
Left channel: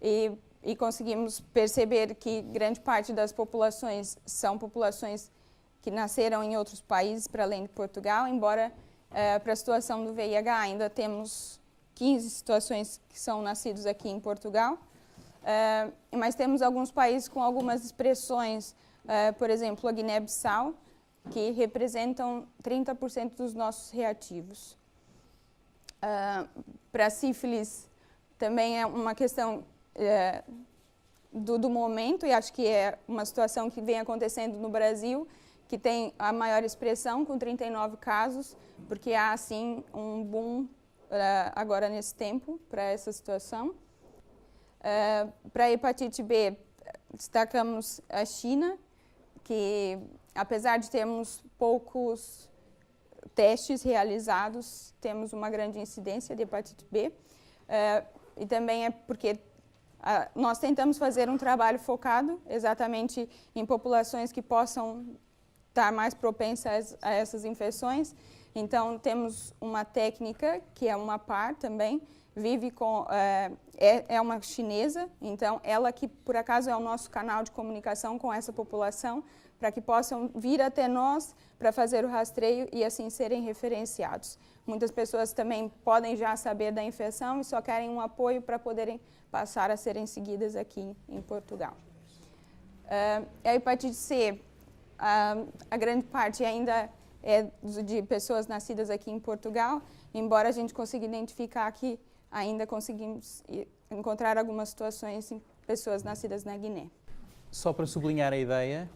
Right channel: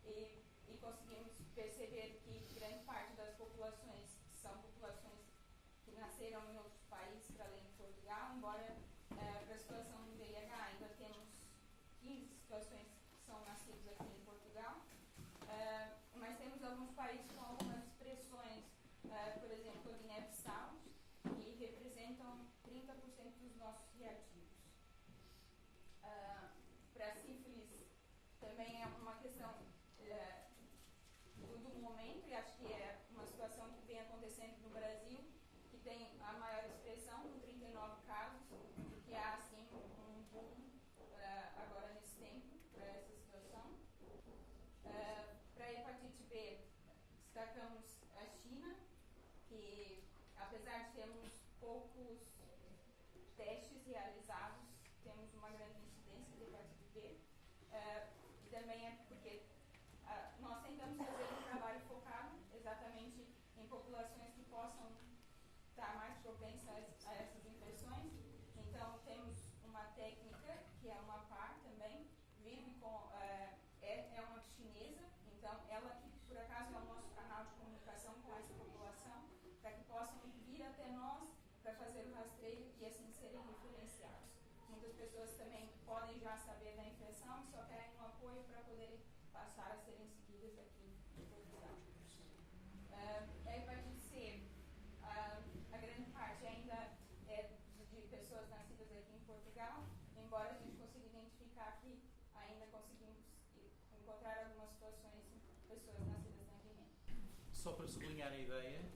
e conseguimos perceber que grande parte das populações são populações que nasceram em outros países para além de Portugal, embora para a situação do VIH ainda temos 15 situações que são nascidos aqui em Portugal, mas temos alguns países com algumas expressões, por exemplo, a Guiné-Bissau, que representam 30% dos nossos reativos. Para a sífilis, também é uma questão do momento, e acho que é uma situação que vem acontecendo no Brasil, que tem a maior expressão, com 39 casos, porque há, assim, um boom agora nesse tempo para essa situação. Para a hepatite B, destacamos a China, que apesar de termos poucos testes realizados, temos uma grande incidência de hepatite B, e também é porque nós tentamos fazer um trabalho focado exatamente em populações que possam estar mais propensas a essas infecções. Então, temos uma técnica, que é uma par também, vive com, é uma chinesa, então ela que por acaso é o nosso canal de comunicação com essa população, para que possam vir até nós para fazer o rastreio e assim serem referenciados. Muitas pessoas também podem já saber da infecção e só querem um apoio para poderem passar a serem seguidas aqui em Portugal. A hepatite C, a grande parte ainda é de pessoas nascidas aqui em Portugal, embora a gente consiga identificar que ainda conseguimos encontrar algumas situações em pessoas nascidas na Guiné. Só para sublinhar a ideia,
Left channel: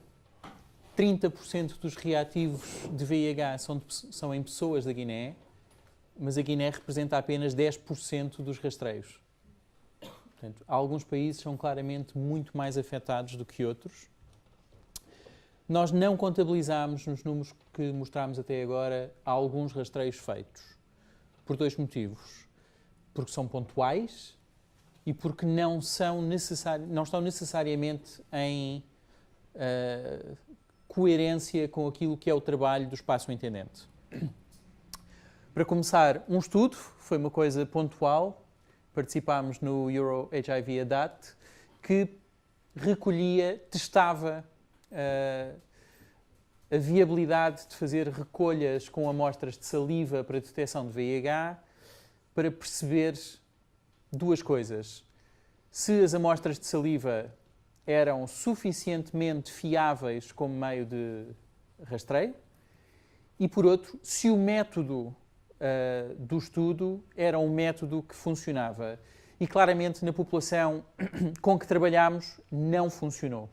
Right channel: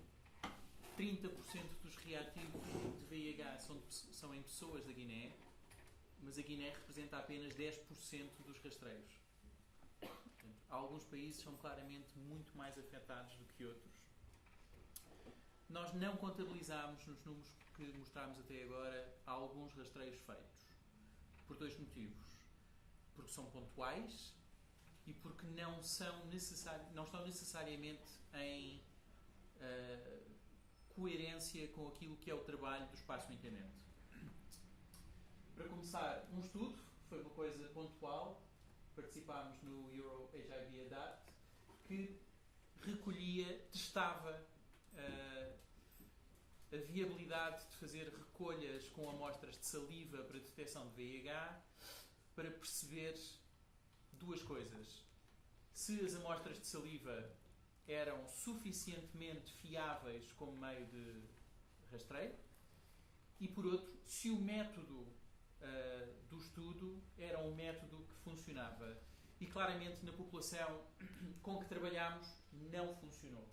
30% dos reativos de VIH são em pessoas da Guiné, mas a Guiné representa apenas 10% dos rastreios. Portanto, alguns países são claramente muito mais afetados do que outros. Nós não contabilizámos nos números que mostramos até agora alguns rastreios feitos, por dois motivos. Porque são pontuais e porque não estão necessariamente em coerência com aquilo que é o trabalho do espaço intendente. Para começar, um estudo, foi uma coisa pontual, participámos no Euro HIV Adapt, que recolhia, testava a viabilidade de fazer recolhas com amostras de saliva para detecção de VIH, para perceber duas coisas. Se as amostras de saliva eram suficientemente fiáveis como meio de rastreio e, por outro, se o método do estudo era um método que funcionava. E, claramente, na população com que trabalhámos, não funcionou.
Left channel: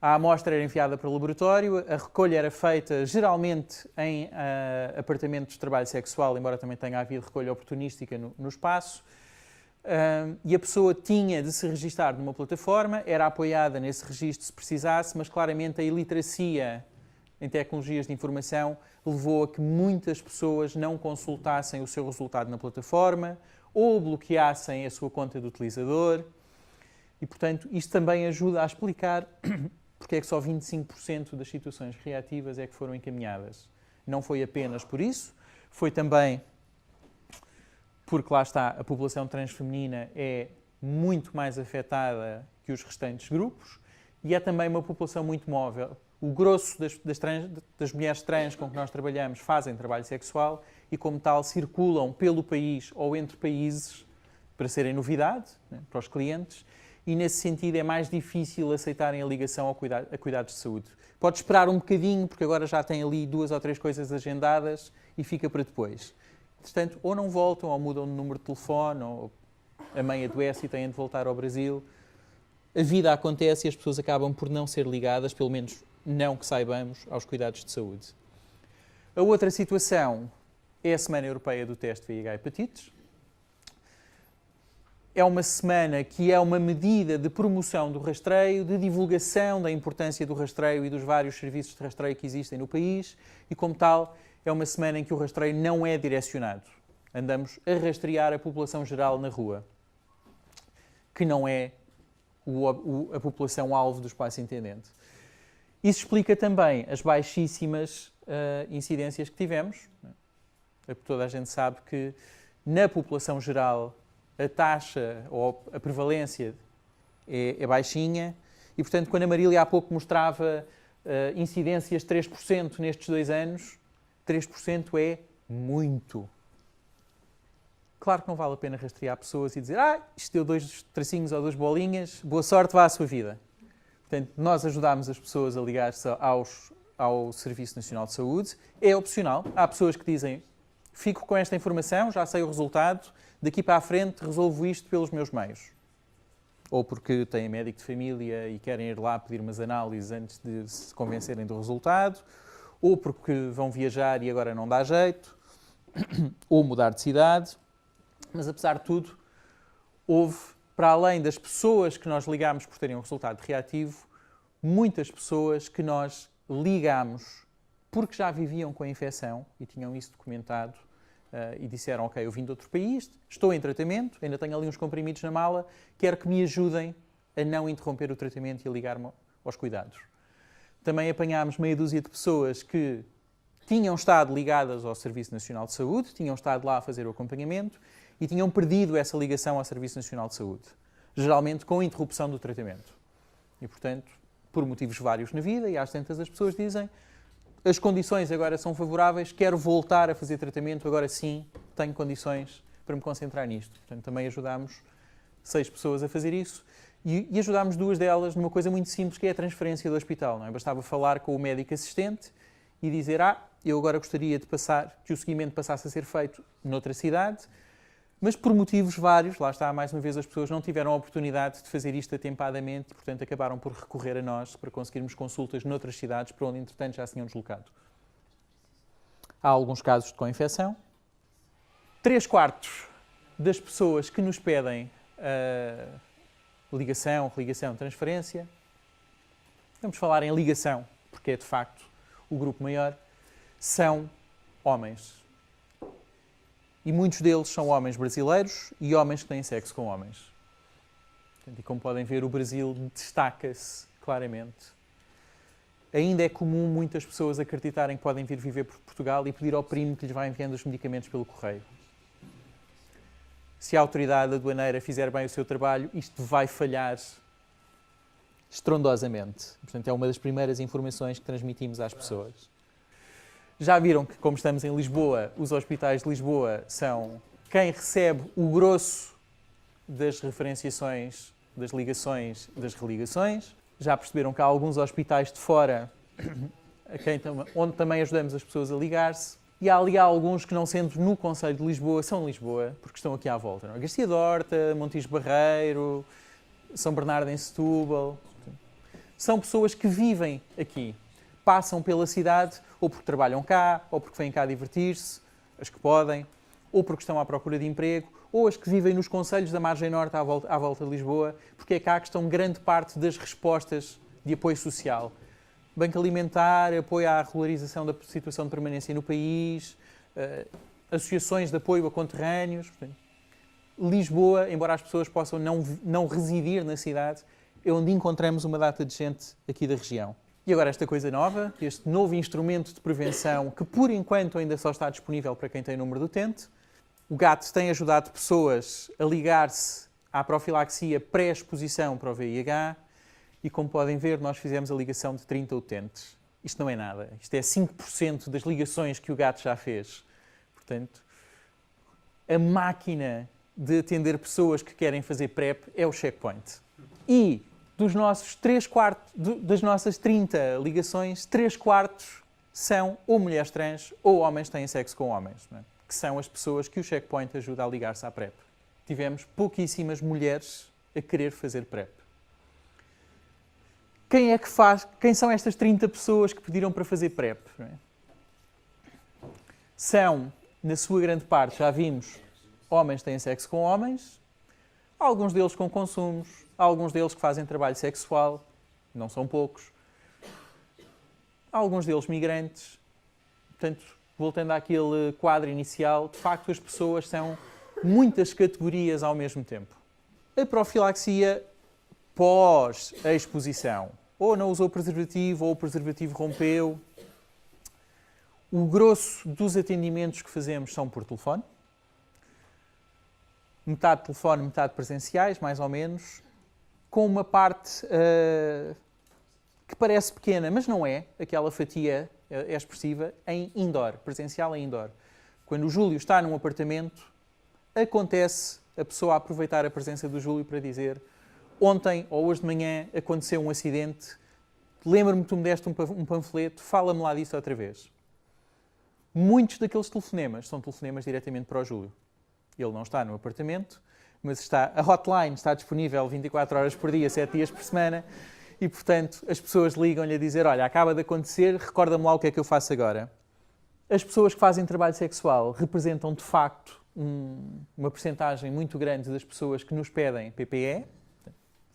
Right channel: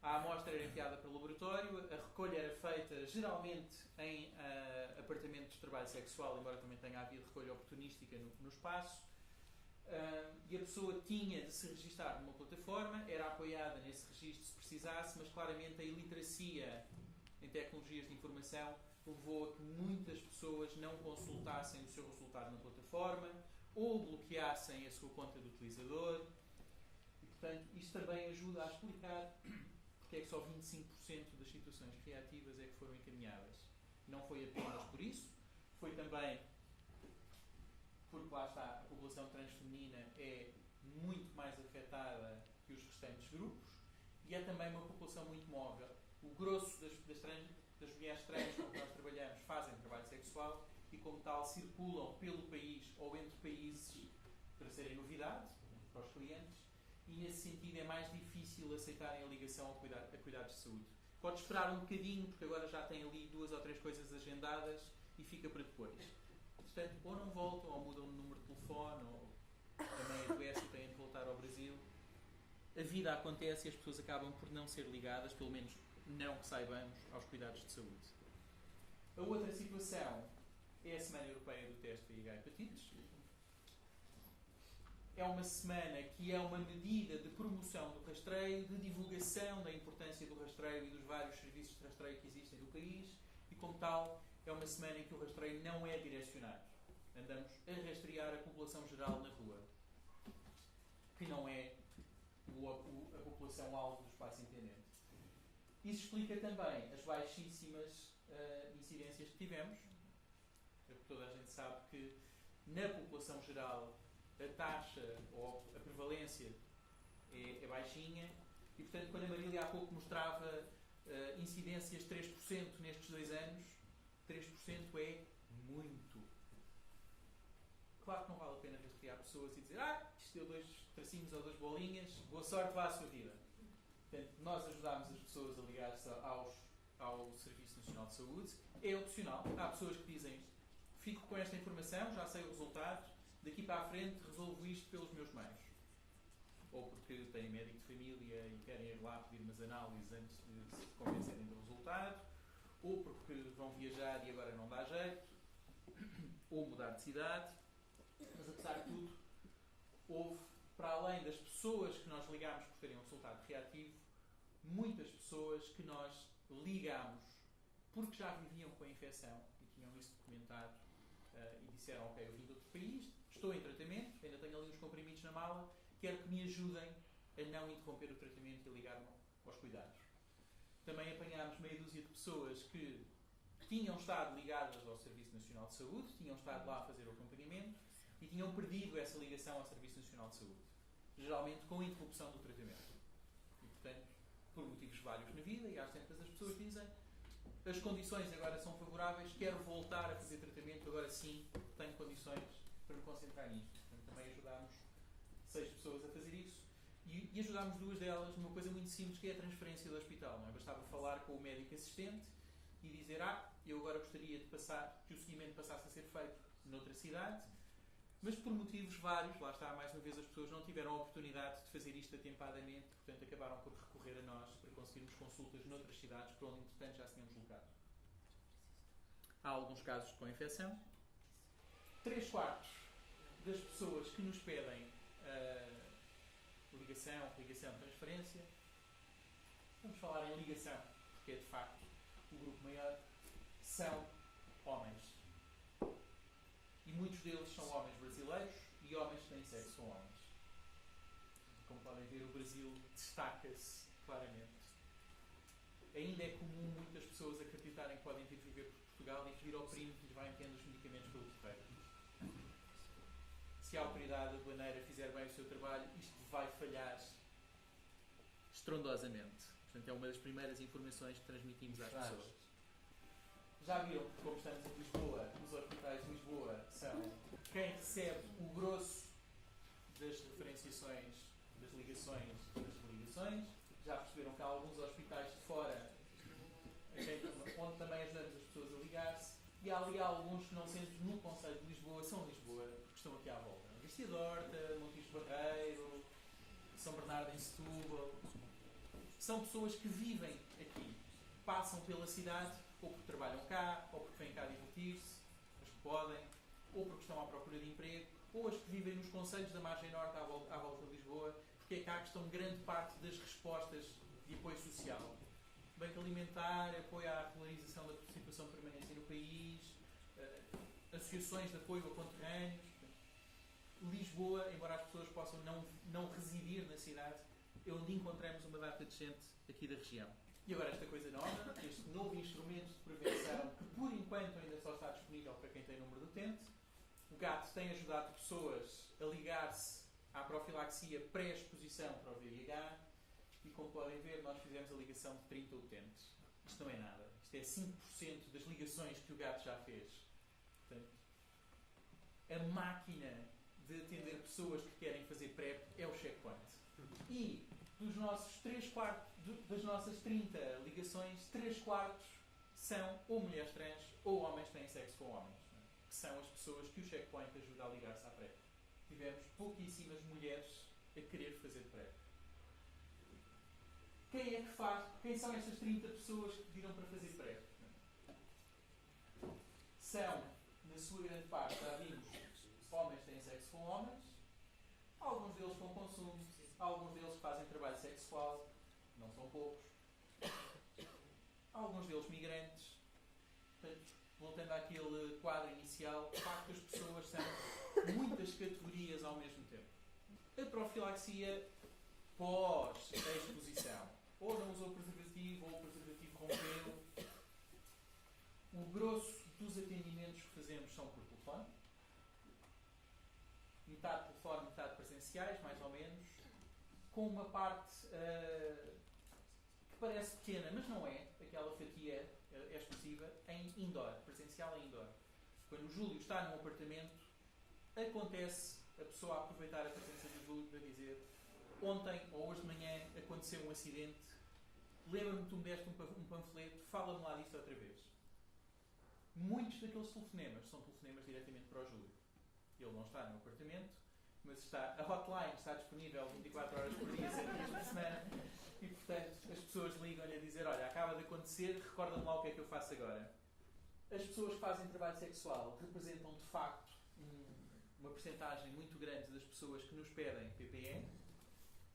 A amostra era enviada para o laboratório, a recolha era feita geralmente em apartamentos de trabalho sexual, embora também tenha havido recolha oportunística no espaço, e a pessoa tinha de se registar numa plataforma, era apoiada nesse registro se precisasse, mas claramente a iliteracia em tecnologias de informação levou a que muitas pessoas não consultassem o seu resultado na plataforma ou bloqueassem a sua conta de utilizador. E, portanto, isto também ajuda a explicar porque é que só 25% das situações reativas é que foram encaminhadas. Não foi apenas por isso, foi também porque, lá está, a população transfeminina é muito mais afetada que os restantes grupos e é também uma população muito móvel. O grosso das mulheres trans com que nós trabalhamos fazem trabalho sexual e, como tal, circulam pelo país ou entre países para serem novidade, né, para os clientes, e, nesse sentido, é mais difícil aceitarem a ligação a cuidados de saúde. Pode esperar um bocadinho, porque agora já tem ali 2 ou 3 coisas agendadas e fica para depois. Portanto, ou não voltam, ou mudam de número de telefone, ou a mãe adoece e têm de voltar ao Brasil. A vida acontece e as pessoas acabam por não ser ligadas, pelo menos não que saibamos, aos cuidados de saúde. A outra situação é a Semana Europeia do Teste VIH Hepatites. É uma semana que é uma medida de promoção do rastreio, de divulgação da importância do rastreio e dos vários serviços de rastreio que existem no país e, como tal, é uma semana em que o rastreio não é direcionado. Andamos a rastrear a população geral na rua, que não é a população-alvo do espaço intendente. Isso explica também as baixíssimas incidências que tivemos. Toda a gente sabe que na população geral a taxa ou a prevalência é baixinha e, portanto, quando a Marília há pouco mostrava incidências de 3% nestes 2 anos, 3% é muito. Claro que não vale a pena rastrear pessoas e dizer isto deu 2 tracinhos ou 2 bolinhas, boa sorte, vá à sua vida. Portanto, nós ajudámos as pessoas a ligar-se ao Serviço Nacional de Saúde. É opcional. Há pessoas que dizem, fico com esta informação, já sei o resultado, daqui para a frente resolvo isto pelos meus meios. Ou porque têm médico de família e querem ir lá pedir umas análises antes de se convencerem do resultado, ou porque vão viajar e agora não dá jeito, ou mudar de cidade. Mas, apesar de tudo, houve, para além das pessoas que nós ligámos por terem um resultado reativo, muitas pessoas que nós ligámos porque já viviam com a infecção e tinham isso documentado e disseram, ok, eu vim de outro país, estou em tratamento, ainda tenho ali uns comprimidos na mala, quero que me ajudem a não interromper o tratamento e a ligar-me aos cuidados. Também apanhámos meia dúzia de pessoas que tinham estado ligadas ao Serviço Nacional de Saúde, tinham estado lá a fazer o acompanhamento e tinham perdido essa ligação ao Serviço Nacional de Saúde, geralmente com a interrupção do tratamento. E, portanto, por motivos vários na vida, e às tantas as pessoas dizem as condições agora são favoráveis, quero voltar a fazer tratamento, agora sim tenho condições para me concentrar nisto. Portanto, também ajudámos 6 pessoas a fazer isso e ajudámos 2 delas numa coisa muito simples, que é a transferência do hospital. Não é? Bastava falar com o médico assistente e dizer, eu agora gostaria de que o seguimento passasse a ser feito noutra cidade, mas por motivos vários, lá está, mais uma vez, as pessoas não tiveram a oportunidade de fazer isto atempadamente e, portanto, acabaram por recorrer a nós para conseguirmos consultas noutras cidades para onde, entretanto, já se tinham deslocado. Há alguns casos de co-infecção. 3/4 das pessoas que nos pedem ligação, religação, transferência, vamos falar em ligação, porque é, de facto, o grupo maior, são homens. E muitos deles são homens brasileiros e homens que têm sexo com homens. E como podem ver, o Brasil destaca-se claramente. Ainda é comum muitas pessoas acreditarem que podem vir viver por Portugal e pedir ao primo que lhes vá enviando os medicamentos pelo correio. Se a autoridade aduaneira fizer bem o seu trabalho, isto vai falhar estrondosamente. Portanto, é uma das primeiras informações que transmitimos às pessoas. Já viram que, como estamos em Lisboa, os hospitais de Lisboa são quem recebe o grosso das referenciações, das ligações, das religações. Já perceberam que há alguns hospitais de fora onde também ajudamos as pessoas a ligar-se. E há ali alguns que, não sendo no Concelho de Lisboa, são de Lisboa, porque estão aqui à volta. Não é? Garcia de Horta, Montijo Barreiro, São Bernardo em Setúbal. São pessoas que vivem aqui, passam pela cidade, ou porque trabalham cá, ou porque vêm cá divertir-se, as que podem, ou porque estão à procura de emprego, ou as que vivem nos concelhos da margem norte à volta de Lisboa, porque é cá que estão grande parte das respostas de apoio social. Banco alimentar, apoio à regularização da situação de permanência no país, associações de apoio a conterrâneos. Portanto, Lisboa, embora as pessoas possam não residir na cidade, é onde encontramos uma data de gente aqui da região. E agora esta coisa nova, este novo instrumento de prevenção, que por enquanto ainda só está disponível para quem tem número de utente. O GAT tem ajudado pessoas a ligar-se à profilaxia pré-exposição para o VIH e, como podem ver, nós fizemos a ligação de 30 utentes. Isto não é nada. Isto é 5% das ligações que o GAT já fez. Portanto, a máquina de atender pessoas que querem fazer PrEP é o checkpoint. E dos nossos 3/4, das nossas 30 ligações, 3/4 são ou mulheres trans ou homens que têm sexo com homens, não é? Que são as pessoas que o checkpoint ajuda a ligar-se à PrEP. Tivemos pouquíssimas mulheres a querer fazer PrEP. Quem é que faz? Quem são estas 30 pessoas que pediram para fazer PrEP? Não é? São, na sua grande parte, já vimos, homens que têm sexo com homens, alguns deles com consumos, alguns deles que fazem trabalho sexual, não são poucos, alguns deles migrantes. Portanto, voltando àquele quadro inicial, de facto as pessoas são muitas categorias ao mesmo tempo. A profilaxia pós a exposição, ou não usou preservativo, ou o preservativo rompeu. O grosso dos atendimentos que fazemos são por telefone. Metade telefone, metade presenciais, mais ou menos, com uma parte que parece pequena, mas não é, aquela fatia é expressiva, em indoor, presencial em indoor. Quando o Júlio está num apartamento, acontece a pessoa aproveitar a presença do Júlio para dizer: ontem ou hoje de manhã aconteceu um acidente, lembra-me que tu me deste um panfleto, fala-me lá disso outra vez. Muitos daqueles telefonemas são telefonemas diretamente para o Júlio. Ele não está no apartamento, mas a hotline está disponível 24 horas por dia, 7 dias por semana, e, portanto, as pessoas ligam-lhe a dizer: olha, acaba de acontecer, recorda-me lá o que é que eu faço agora. As pessoas que fazem trabalho sexual representam, de facto, uma percentagem muito grande das pessoas que nos pedem PPE,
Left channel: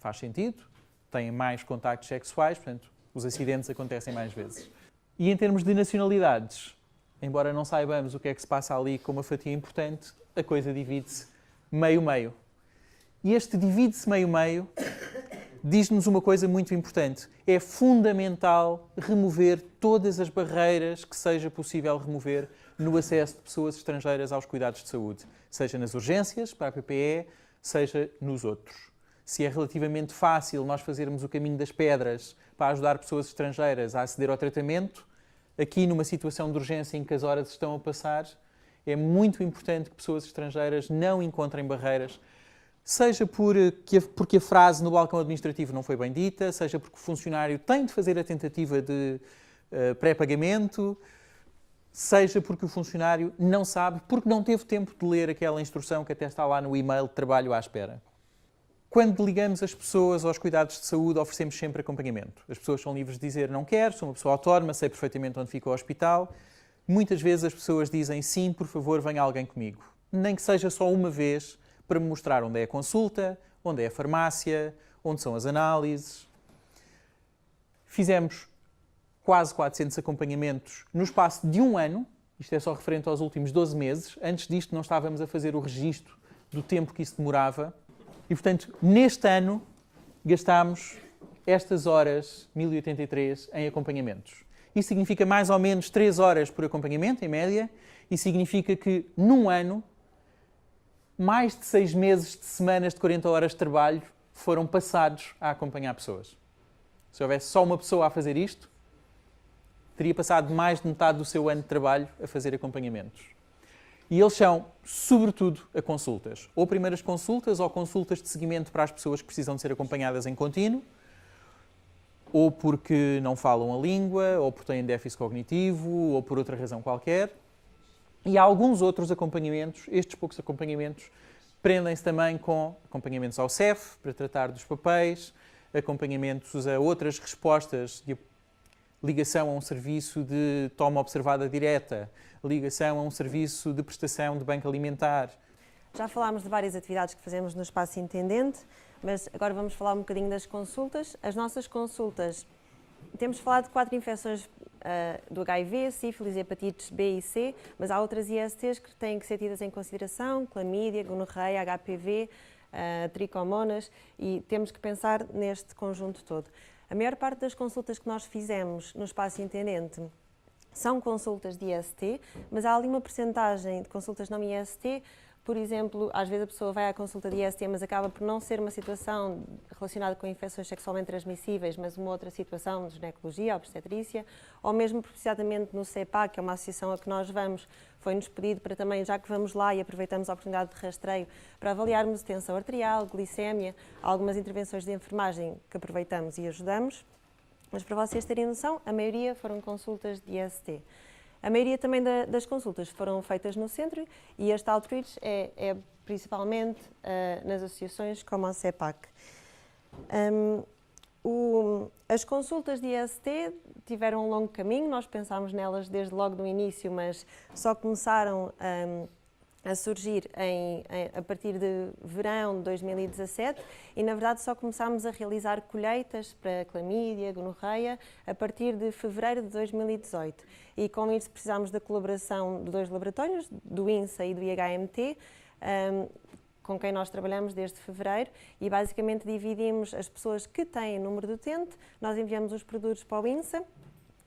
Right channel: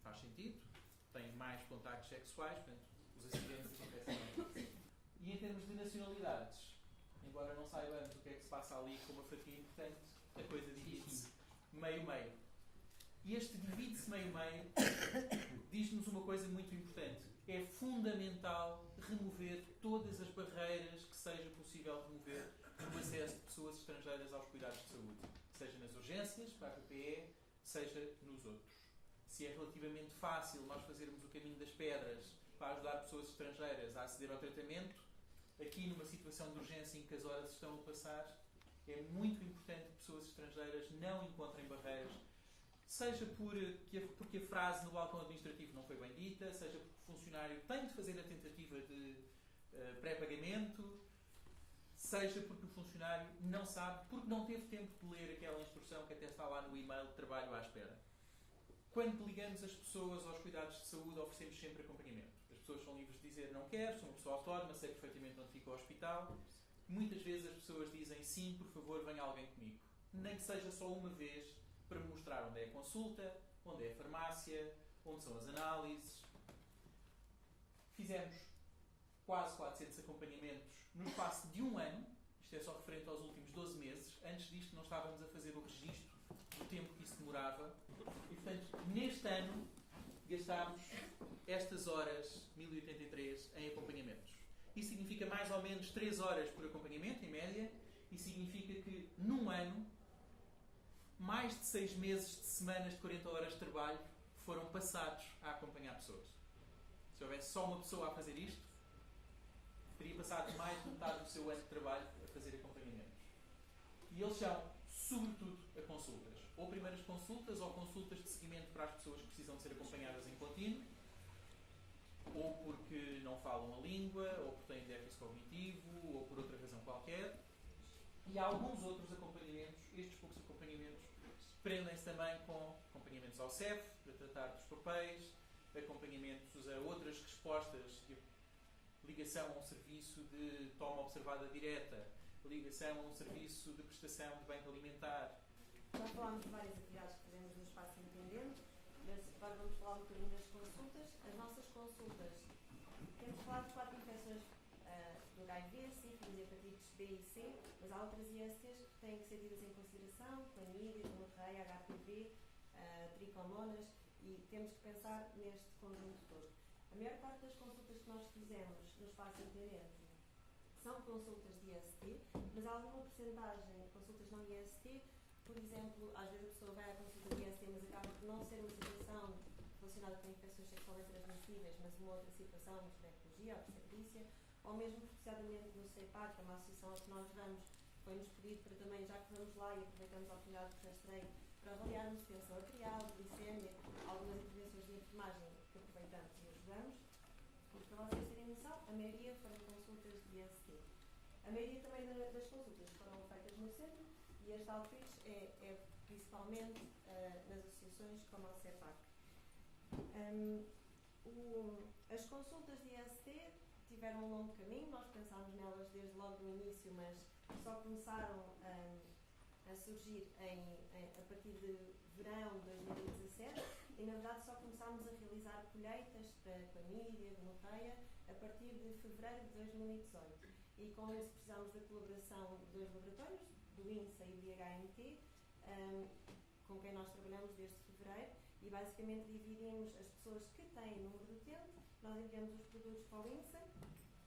faz sentido, têm mais contactos sexuais, portanto, os acidentes acontecem mais vezes. E em termos de nacionalidades, embora não saibamos o que é que se passa ali com uma fatia importante, a coisa divide-se meio-meio. E este divide-se meio-meio diz-nos uma coisa muito importante. É fundamental remover todas as barreiras que seja possível remover no acesso de pessoas estrangeiras aos cuidados de saúde, seja nas urgências, para a PPE, seja nos outros. Se é relativamente fácil nós fazermos o caminho das pedras para ajudar pessoas estrangeiras a aceder ao tratamento, aqui numa situação de urgência em que as horas estão a passar, é muito importante que pessoas estrangeiras não encontrem barreiras, seja porque a frase no balcão administrativo não foi bem dita, seja porque o funcionário tem de fazer a tentativa de pré-pagamento, seja porque o funcionário não sabe, porque não teve tempo de ler aquela instrução que até está lá no e-mail de trabalho à espera. Quando ligamos as pessoas aos cuidados de saúde, oferecemos sempre acompanhamento. As pessoas são livres de dizer não quero, sou uma pessoa autónoma, sei perfeitamente onde fica o hospital. Muitas vezes as pessoas dizem sim, por favor, venha alguém comigo. Nem que seja só uma vez, para me mostrar onde é a consulta, onde é a farmácia, onde são as análises. Fizemos quase 400 acompanhamentos no espaço de um ano, isto é só referente aos últimos 12 meses. Antes disto não estávamos a fazer o registro do tempo que isso demorava. E, portanto, neste ano gastámos estas horas, 1083, em acompanhamentos. Isso significa mais ou menos 3 horas por acompanhamento, em média, e significa que, num ano, mais de 6 meses de semanas de 40 horas de trabalho foram passados a acompanhar pessoas. Se houvesse só uma pessoa a fazer isto, teria passado mais de metade do seu ano de trabalho a fazer acompanhamentos. E eles são, sobretudo, a consultas. Ou primeiras consultas, ou consultas de seguimento para as pessoas que precisam de ser acompanhadas em contínuo, ou porque não falam a língua, ou porque têm déficit cognitivo, ou por outra razão qualquer. E há alguns outros acompanhamentos, estes poucos acompanhamentos, prendem-se também com acompanhamentos ao CEF, para tratar dos papéis, acompanhamentos a outras respostas de ligação a um serviço de toma observada direta, ligação a um serviço de prestação de banco alimentar. Já falámos de várias atividades que fazemos no Espaço Intendente, mas agora vamos falar um bocadinho das consultas. As nossas consultas, temos falado de 4 infecções do HIV, sífilis, hepatites B e C, mas há outras ISTs que têm que ser tidas em consideração, clamídia, gonorreia, HPV, tricomonas, e temos que pensar neste conjunto todo. A maior parte das consultas que nós fizemos no Espaço Intendente são consultas de IST, mas há ali uma percentagem de consultas não IST. Por exemplo, às vezes a pessoa vai à consulta de IST, mas acaba por não ser uma situação relacionada com infecções sexualmente transmissíveis, mas uma outra situação de ginecologia, obstetrícia, ou mesmo precisamente no CEPA, que é uma associação a que nós vamos, foi-nos pedido para também, já que vamos lá e aproveitamos a oportunidade de rastreio, para avaliarmos tensão arterial, glicémia, algumas intervenções de enfermagem que aproveitamos e ajudamos. Mas para vocês terem noção, a maioria foram consultas de IST. A maioria também das consultas foram feitas no centro e este outreach é principalmente nas associações como a CEPAC. As consultas de IST tiveram um longo caminho, nós pensámos nelas desde logo no início, mas só começaram a surgir a partir de verão de 2017 e, na verdade, só começámos a realizar colheitas para clamídia, gonorreia, a partir de fevereiro de 2018. E com isso precisámos da colaboração de 2 laboratórios, do INSA e do IHMT, com quem nós trabalhamos desde fevereiro, e basicamente dividimos as pessoas que têm número de utente, nós enviamos os produtos para o INSA,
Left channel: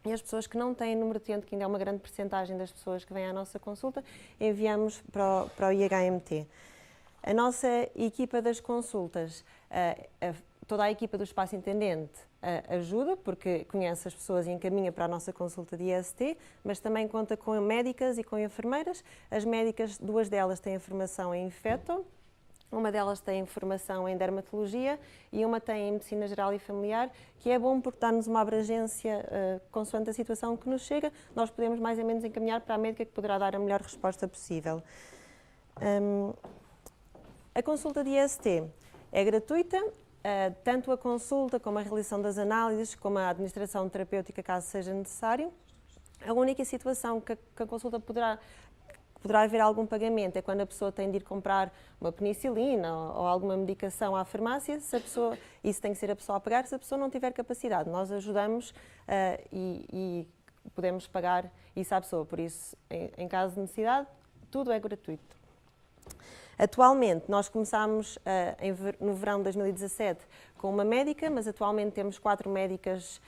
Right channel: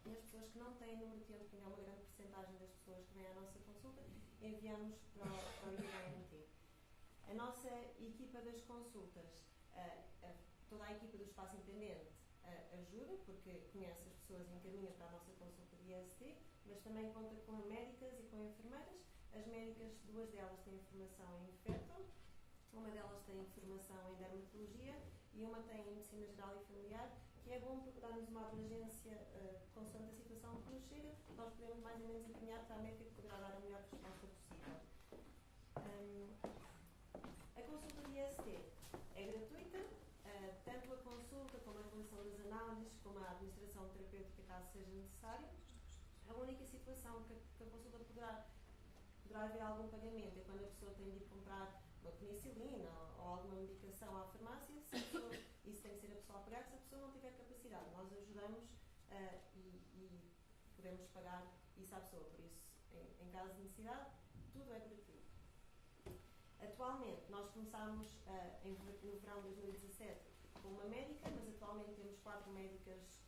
e as pessoas que não têm número de utente, que ainda é uma grande percentagem das pessoas que vêm à nossa consulta, enviamos para o IHMT. A nossa equipa das consultas, toda a equipa do Espaço Intendente ajuda, porque conhece as pessoas e encaminha para a nossa consulta de IST, mas também conta com médicas e com enfermeiras. As médicas, 2 delas têm formação em infeto, uma delas tem formação em dermatologia e uma tem em medicina geral e familiar, que é bom porque dá-nos uma abrangência consoante a situação que nos chega, nós podemos mais ou menos encaminhar para a médica que poderá dar a melhor resposta possível. A consulta de IST é gratuita, tanto a consulta como a realização das análises, como a administração terapêutica, caso seja necessário. A única situação que a consulta poderá haver algum pagamento é quando a pessoa tem de ir comprar uma penicilina ou alguma medicação à farmácia, se a pessoa, isso tem que ser a pessoa a pagar, se a pessoa não tiver capacidade. Nós ajudamos e podemos pagar isso à pessoa, por isso, em caso de necessidade, tudo é gratuito. Atualmente, nós começámos no verão de 2017 com uma médica, mas atualmente temos 4 médicas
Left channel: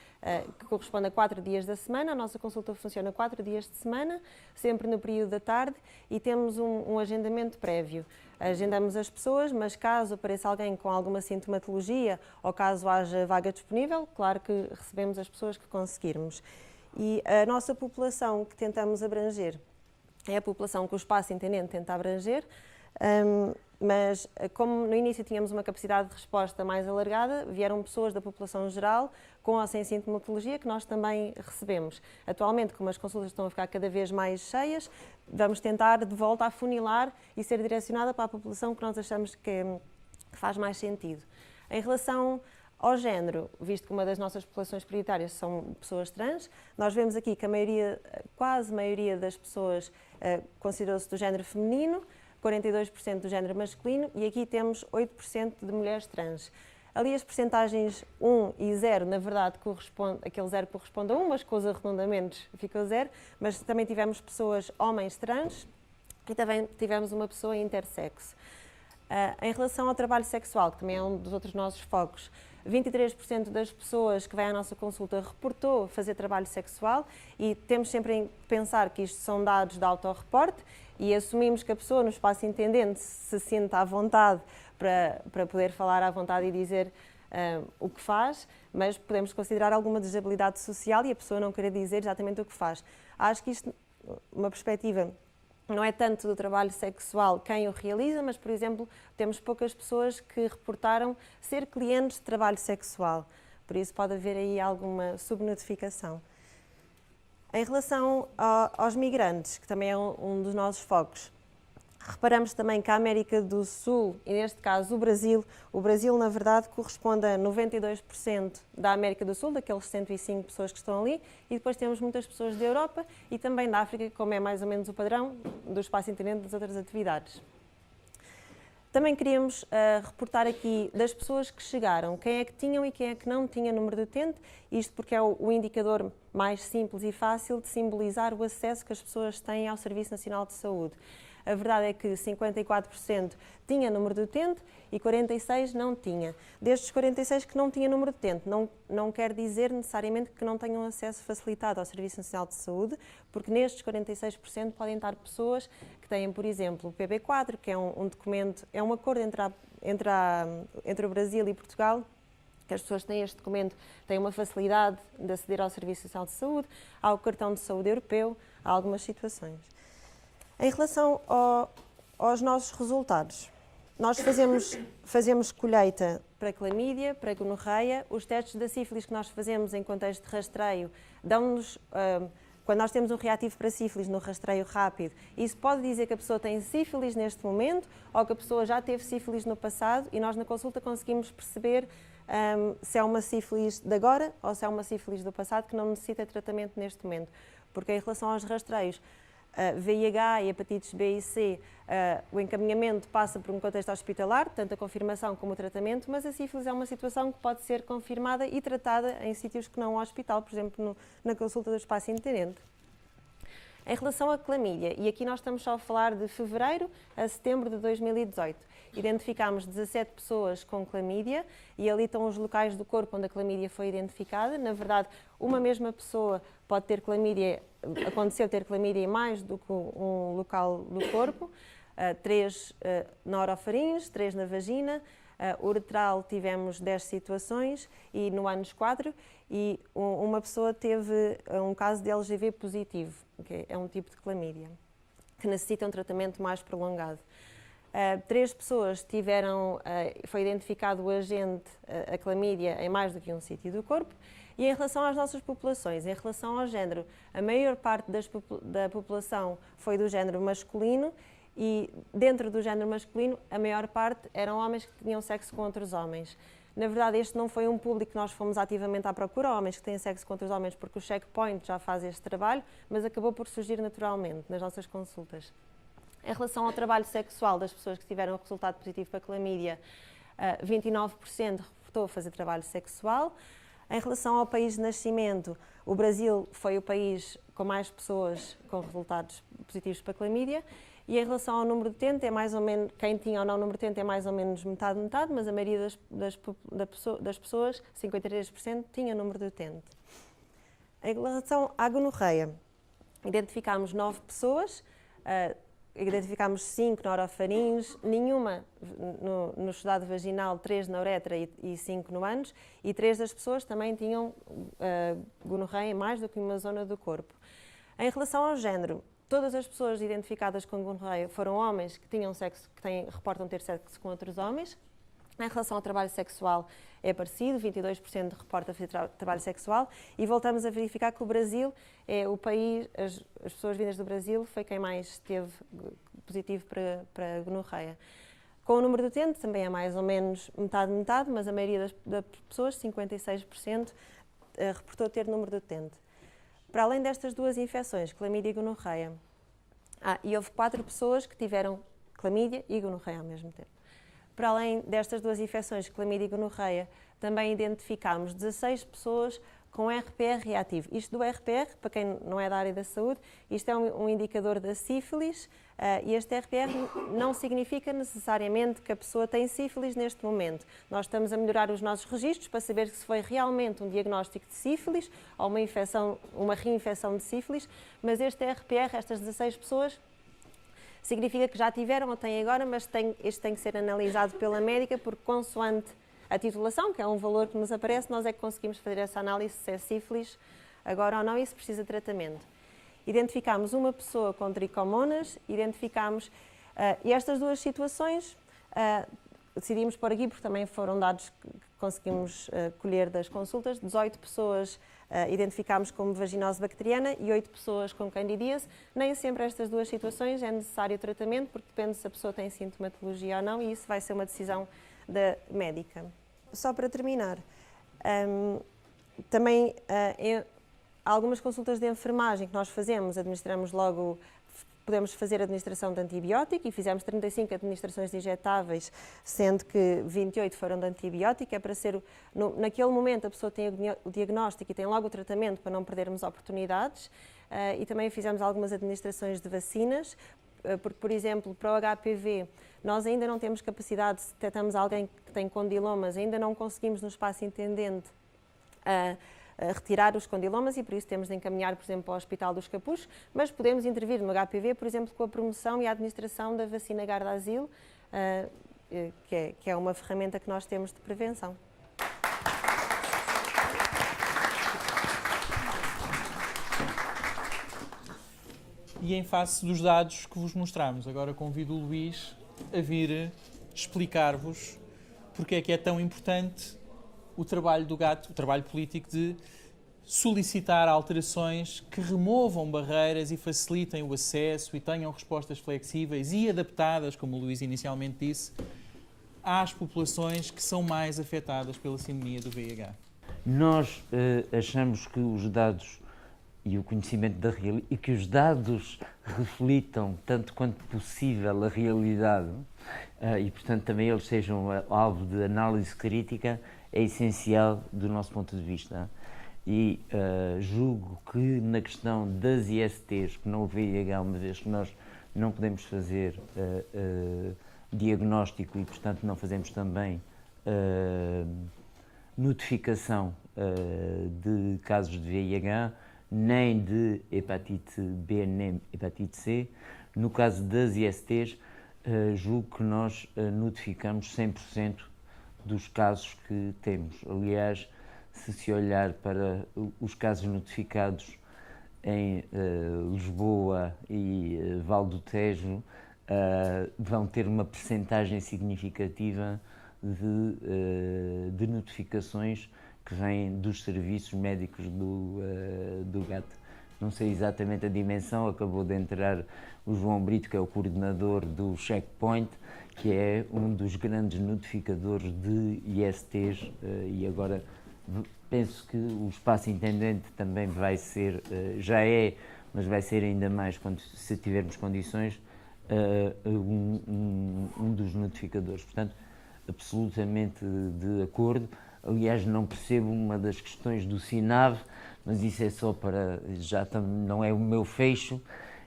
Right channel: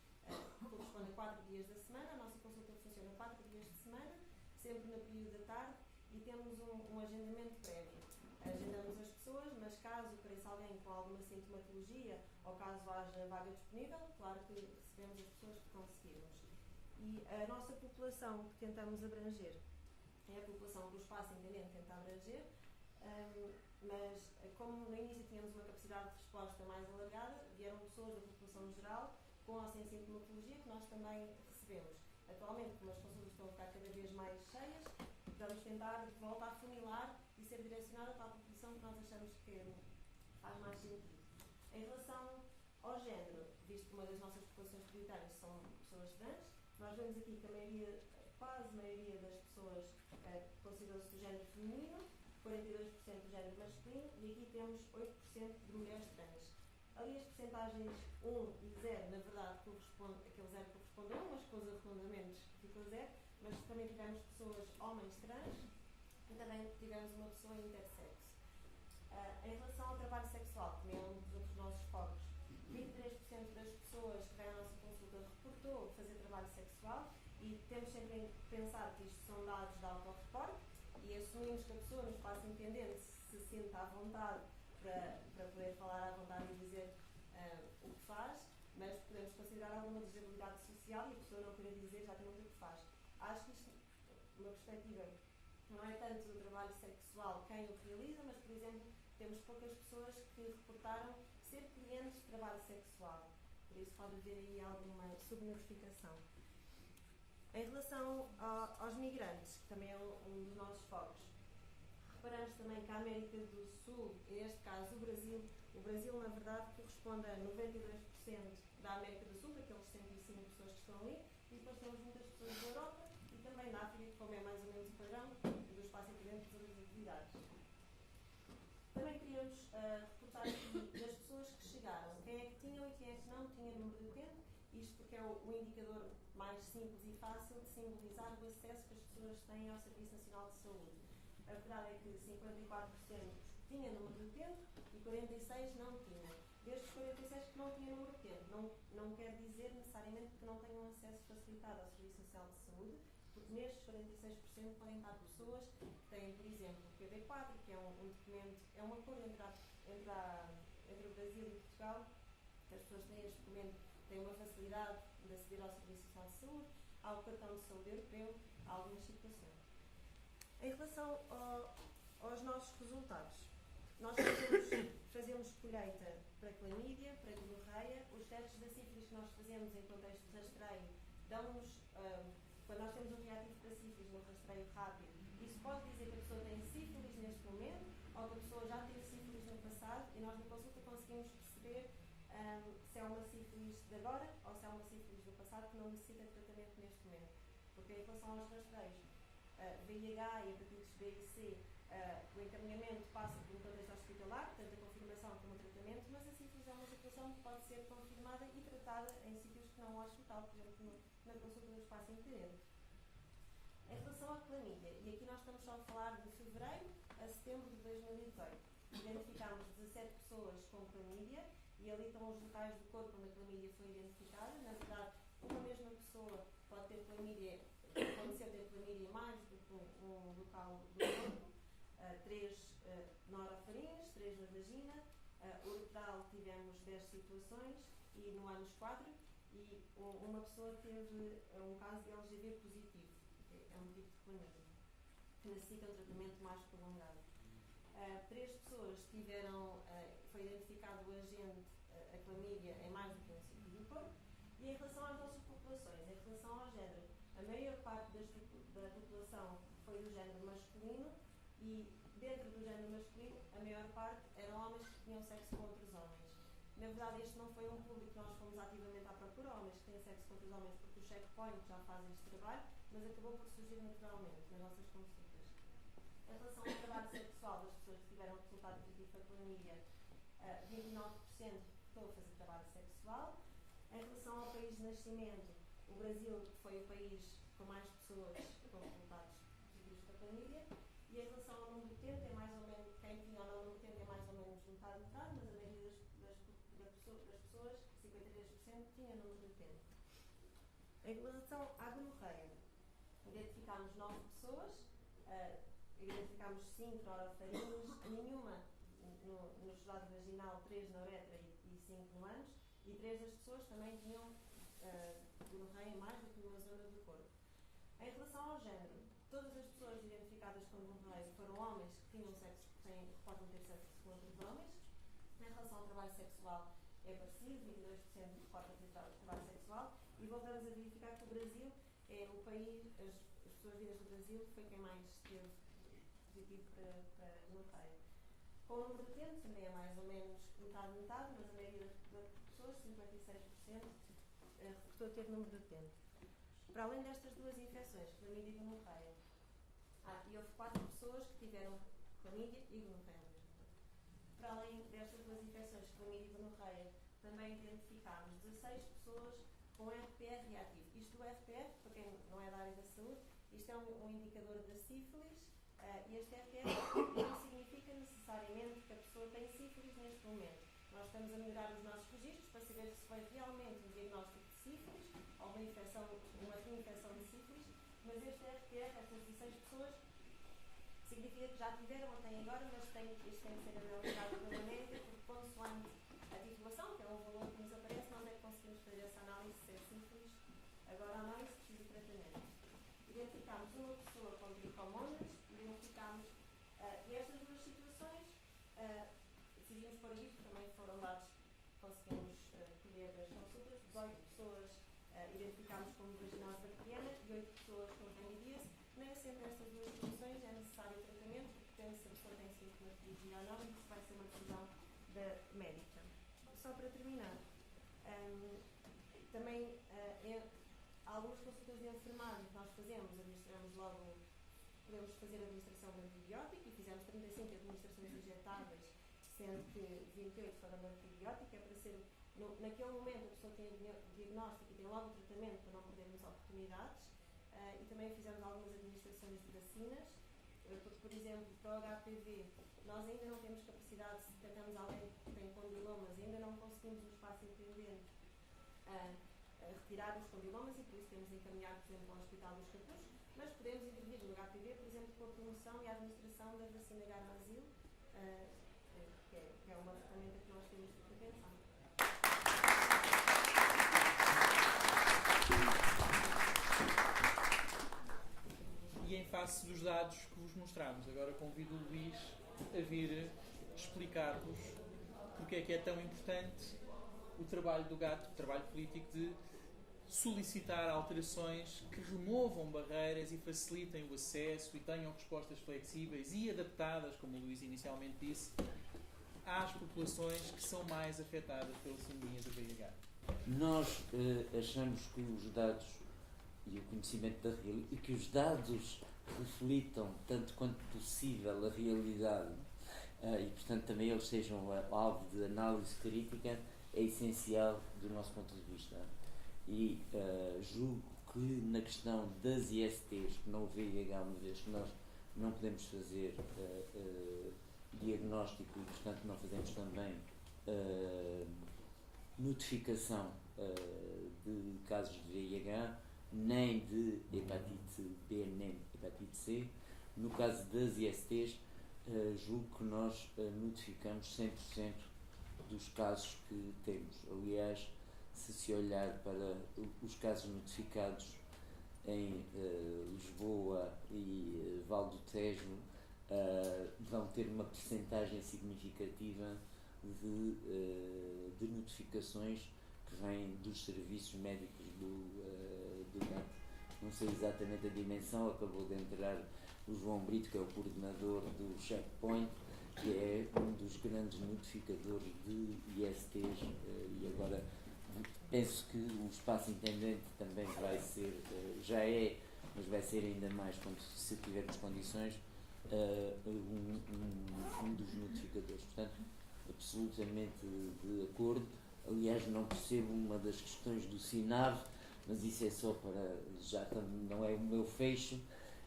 que correspondem a 4 dias da semana. A nossa consulta funciona 4 dias de semana, sempre no período da tarde, e temos um agendamento prévio. agendamos as pessoas, mas caso apareça alguém com alguma sintomatologia ou caso haja vaga disponível, claro que recebemos as pessoas que conseguirmos. E a nossa população que tentamos abranger é a população que o Espaço Intendente tenta abranger, mas como no início tínhamos uma capacidade de resposta mais alargada, vieram pessoas da população geral com ou sem sintomatologia que nós também recebemos. Atualmente, como as consultas estão a ficar cada vez mais cheias, vamos tentar de volta afunilar e ser direcionada para a população que nós achamos que faz mais sentido. Em relação ao género, visto que uma das nossas populações prioritárias são pessoas trans, nós vemos aqui que quase a maioria das pessoas considerou-se do género feminino, 42% do género masculino e aqui temos 8% de mulheres trans. Ali as percentagens 1 e 0, na verdade, aquele 0 corresponde a 1, mas com os arredondamentos ficou 0, mas também tivemos pessoas homens trans e também tivemos uma pessoa intersexo. Em relação ao trabalho sexual, que também é um dos outros nossos focos, 23% das pessoas que vêm à nossa consulta reportou fazer trabalho sexual e temos sempre em pensar que isto são dados de autorreporte e assumimos que a pessoa no espaço intendente se sente à vontade para poder falar à vontade e dizer o que faz, mas podemos considerar alguma desabilidade social e a pessoa não querer dizer exatamente o que faz. Acho que isto, uma perspectiva, não é tanto do trabalho sexual quem o realiza, mas, por exemplo, temos poucas pessoas que reportaram ser clientes de trabalho sexual. Por isso pode haver aí alguma subnotificação. Em relação aos migrantes, que também é um dos nossos focos, reparamos também que a América do Sul, e neste caso o Brasil na verdade corresponde a 92% da América do Sul, daqueles 105 pessoas que estão ali, e depois temos muitas pessoas da Europa e também da África, como é mais ou menos o padrão do espaço intendente das outras atividades. Também queríamos reportar aqui das pessoas que chegaram, quem é que tinham e quem é que não tinha número de utente, isto porque é o indicador mais simples e fácil de simbolizar o acesso que as pessoas têm ao Serviço Nacional de Saúde. A verdade é que 54% tinha número de utente e 46% não tinha. Destes 46% que não tinha número de utente, não quer dizer necessariamente que não tenham acesso facilitado ao Serviço Nacional de Saúde, porque nestes 46% podem estar pessoas que têm, por exemplo, o PB4, que é um documento, é um acordo entre o Brasil e Portugal, que as pessoas têm este documento, têm uma facilidade de aceder ao Serviço Nacional de Saúde, há o cartão de saúde europeu, há algumas situações. Em relação aos nossos resultados, nós fazemos colheita para clamídia, para gonorreia. Os testes da sífilis que nós fazemos em contexto de rastreio dão-nos, quando nós temos um reativo para sífilis no rastreio rápido, isso pode dizer que a pessoa tem sífilis neste momento ou que a pessoa já teve sífilis no passado e nós na consulta conseguimos perceber se é uma sífilis de agora ou se é uma sífilis do passado que não necessita de tratamento neste momento. Porque em relação aos rastreios, VIH e hepatites B e C, o encaminhamento passa por um contexto hospitalar, tanto a confirmação como o tratamento, mas a sífilis é uma situação que pode ser confirmada e tratada em sítios que não o hospital, por exemplo, na consulta do espaço intendente. Em relação à clamídia, e aqui nós estamos só a falar de fevereiro a setembro de 2018, identificámos 17 pessoas com clamídia e ali estão os locais do corpo onde a clamídia foi identificada. Na verdade, uma mesma pessoa pode ter clamídia, aconteceu ter clamídia em mais do que um local do corpo, 3 na orofaringe, 3 na vagina, uretral tivemos 10 situações e no ânus 4 e uma pessoa teve um caso de LGV positivo, que é um tipo de clamídia, que necessita um tratamento mais prolongado. 3 pessoas foi identificado o agente, a clamídia, em mais do que um sítio do corpo. E em relação às nossas populações, em relação ao género, a maior parte da população foi do género masculino e dentro do género masculino a maior parte eram homens que tinham sexo com outros homens. Na verdade, este não foi um público que nós fomos ativamente à procura, homens que têm sexo com outros homens, porque o Checkpoint já faz este trabalho, mas acabou por surgir naturalmente nas nossas consultas. Em relação ao trabalho sexual das pessoas que tiveram resultado positivo para clamídia, 29% reportou fazer trabalho sexual. Em relação ao país de nascimento, o Brasil foi o país com mais pessoas com resultados positivos para clamídia. E em relação ao número de utente, é mais ou menos, quem tinha ou não número de utente é mais ou menos metade, mas a maioria das pessoas, 53%, tinha número de utente. Em relação à gonorreia, identificámos 9 pessoas, identificámos 5 na orofaringe, nenhuma no exudado vaginal, 3 na uretra e 5 no ânus, e 3 das pessoas também tinham gonorreia em mais do que uma zona do corpo. Em relação ao género, todas as pessoas identificadas com gonorreia foram homens que tinham sexo, reportam ter sexo com outros homens. Em relação ao trabalho sexual, é parecido, 22% reporta trabalho sexual, e voltamos a verificar que o Brasil é o país, as pessoas vindas do Brasil foi quem mais teve positivo para gonorreia. Com o número de utente também é mais ou menos metade, mas a maioria das pessoas, 56%, reportou ter número de utente. Para além destas duas infecções, clamídia e gonorreia, e houve 4 pessoas que tiveram clamídia e gonorreia ao mesmo tempo. Para além destas duas infecções, clamídia e gonorreia, também identificámos 16 pessoas com RPR reativo. Isto do RPR, para quem não é da área da saúde, isto é um indicador da sífilis, e este RPR não significa necessariamente que a pessoa tem sífilis neste momento. Nós estamos a melhorar os nossos registros para saber se foi realmente um diagnóstico de sífilis ou uma reinfecção de sífilis, mas este RPR, estas 16 pessoas, significa que já tiveram ou têm agora, mas este tem que ser analisado pela médica, porque consoante a titulação, que é um valor que nos aparece, nós é que conseguimos fazer essa análise se é sífilis agora ou não, e se precisa de tratamento. Identificámos uma pessoa com tricomonas, e estas duas situações decidimos pôr aqui, porque também foram dados que conseguimos colher das consultas. 18 pessoas identificámos como vaginose bacteriana e 8 pessoas com candidíase. Nem sempre estas duas situações é necessário tratamento, porque depende se a pessoa tem sintomatologia ou não, e isso vai ser uma decisão da médica. Só para terminar, também algumas consultas de enfermagem que nós fazemos, administramos logo, podemos fazer administração de antibiótico, e fizemos 35 administrações de injetáveis, sendo que 28 foram de antibiótico. É para ser, naquele momento a pessoa tem o diagnóstico e tem logo o tratamento para não perdermos oportunidades, e também fizemos algumas administrações de vacinas, porque, por exemplo, para o HPV, nós ainda não temos capacidade, se detectamos alguém que tem condilomas, ainda não conseguimos no espaço intendente retirar os condilomas, e por isso temos de encaminhar, por exemplo, para o Hospital dos Capuchos, mas podemos intervir no HPV, por exemplo, com a promoção e a administração da vacina Gardasil, que é uma ferramenta que nós temos de prevenção. E em face dos dados que vos mostramos, agora convido o Luís a vir explicar-vos porque é que é tão importante o trabalho do GAT, o trabalho político de solicitar alterações que removam barreiras e facilitem o acesso e tenham respostas flexíveis e adaptadas, como o Luís inicialmente disse, às populações que são mais afetadas pela sindemia do VIH. Nós achamos que os dados e o conhecimento da realidade, e que os dados reflitam tanto quanto possível a realidade, e portanto também eles sejam alvo de análise crítica, é essencial do nosso ponto de vista. E julgo que na questão das ISTs, que não o VIH, uma vez que nós não podemos fazer diagnóstico e portanto não fazemos também notificação de casos de VIH, nem de hepatite B, nem hepatite C. No caso das ISTs, julgo que nós notificamos 100% dos casos que temos. Aliás, se olhar para os casos notificados em Lisboa e Val do Tejo, vão ter uma percentagem significativa de notificações que vêm dos serviços médicos do GAT. Não sei exatamente a dimensão, acabou de entrar o João Brito, que é o coordenador do Checkpoint, que é um dos grandes notificadores de ISTs, e agora penso que o espaço intendente também vai ser, já é, mas vai ser ainda mais, se tivermos condições, um dos notificadores. Portanto, absolutamente de acordo. Aliás, não percebo uma das questões do SINAV, mas isso é só para, não é o meu fecho,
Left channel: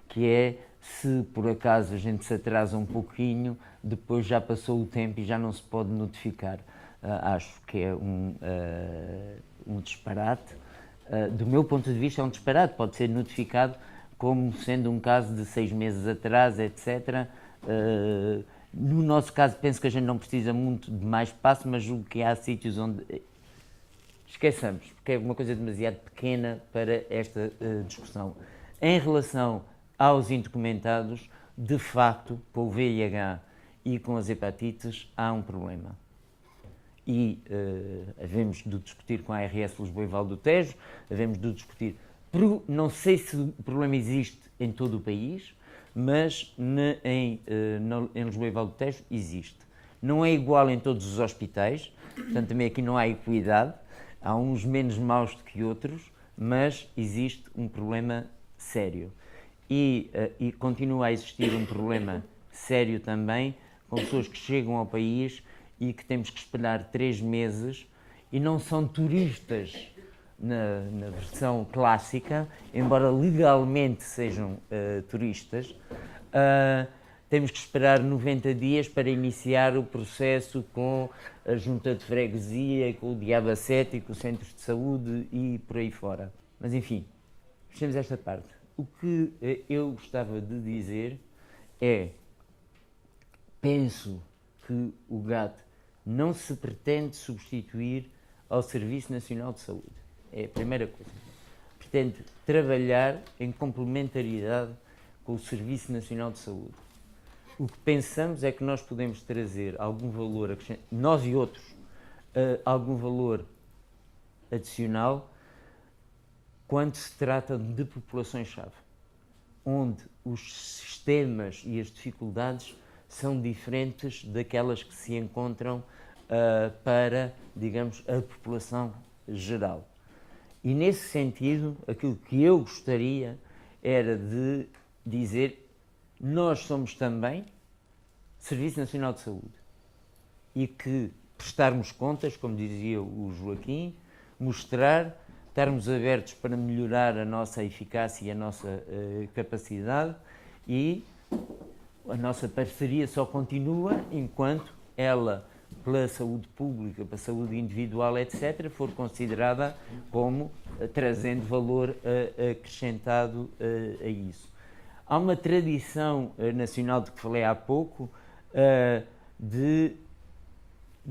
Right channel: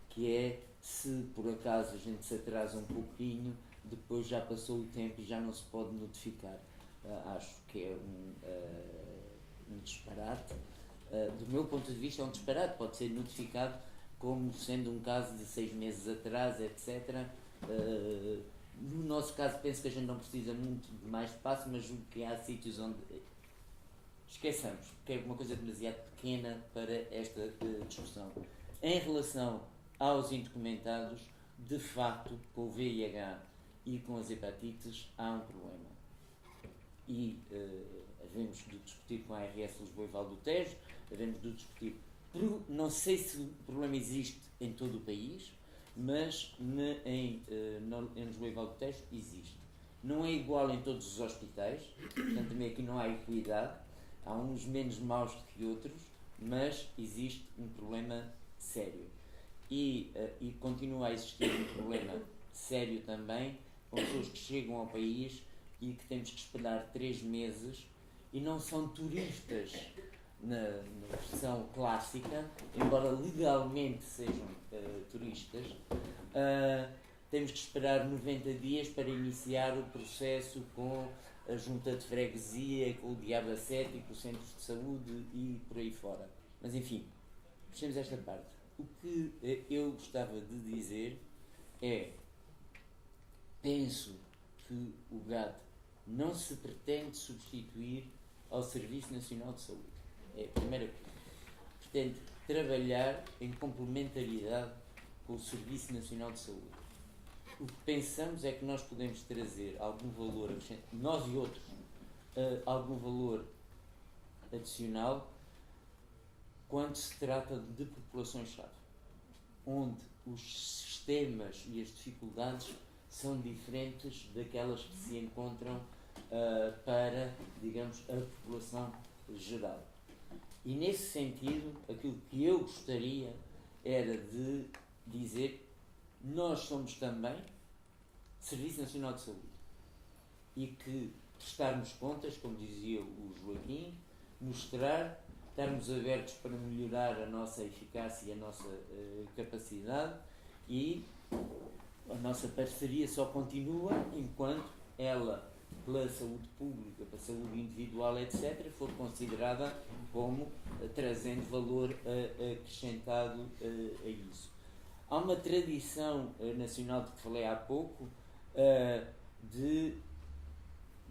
que é se por acaso a gente se atrasa um pouquinho, depois já passou o tempo e já não se pode notificar. Acho que é um disparate. Do meu ponto de vista é um disparate, pode ser notificado como sendo um caso de 6 meses atrás, etc. No nosso caso, penso que a gente não precisa muito de mais espaço, mas julgo que há sítios onde esqueçamos, porque é uma coisa demasiado pequena para esta discussão. Em relação aos indocumentados, de facto, com o VIH e com as hepatites, há um problema. E havemos de discutir com a ARS Lisboa e Val do Tejo, havemos de discutir. Não sei se o problema existe em todo o país, mas em Lisboa e Val do Tejo existe. Não é igual em todos os hospitais, portanto também aqui não há equidade, há uns menos maus do que outros, mas existe um problema sério. E continua a existir um problema sério também com pessoas que chegam ao país e que temos que esperar 3 meses e não são turistas na versão clássica, embora legalmente sejam turistas. Temos que esperar 90 dias para iniciar o processo com a junta de freguesia, com o Diabacete, com os centros de saúde e por aí fora. Mas enfim, fechemos esta parte. O que eu gostava de dizer é, penso que o GAT não se pretende substituir ao Serviço Nacional de Saúde. É a primeira coisa. Pretende trabalhar em complementaridade com o Serviço Nacional de Saúde. O que pensamos é que nós podemos trazer algum valor acrescentado, nós e outros, algum valor adicional quando se trata de populações-chave, onde os sistemas e as dificuldades são diferentes daquelas que se encontram para, digamos, a população geral. E nesse sentido, aquilo que eu gostaria era de dizer: nós somos também Serviço Nacional de Saúde e que prestarmos contas, como dizia o Joaquim, mostrar, estarmos abertos para melhorar a nossa eficácia e a nossa capacidade, e a nossa parceria só continua enquanto ela, pela saúde pública, pela saúde individual, etc., for considerada como trazendo valor acrescentado a isso. Há uma tradição nacional de que falei há pouco de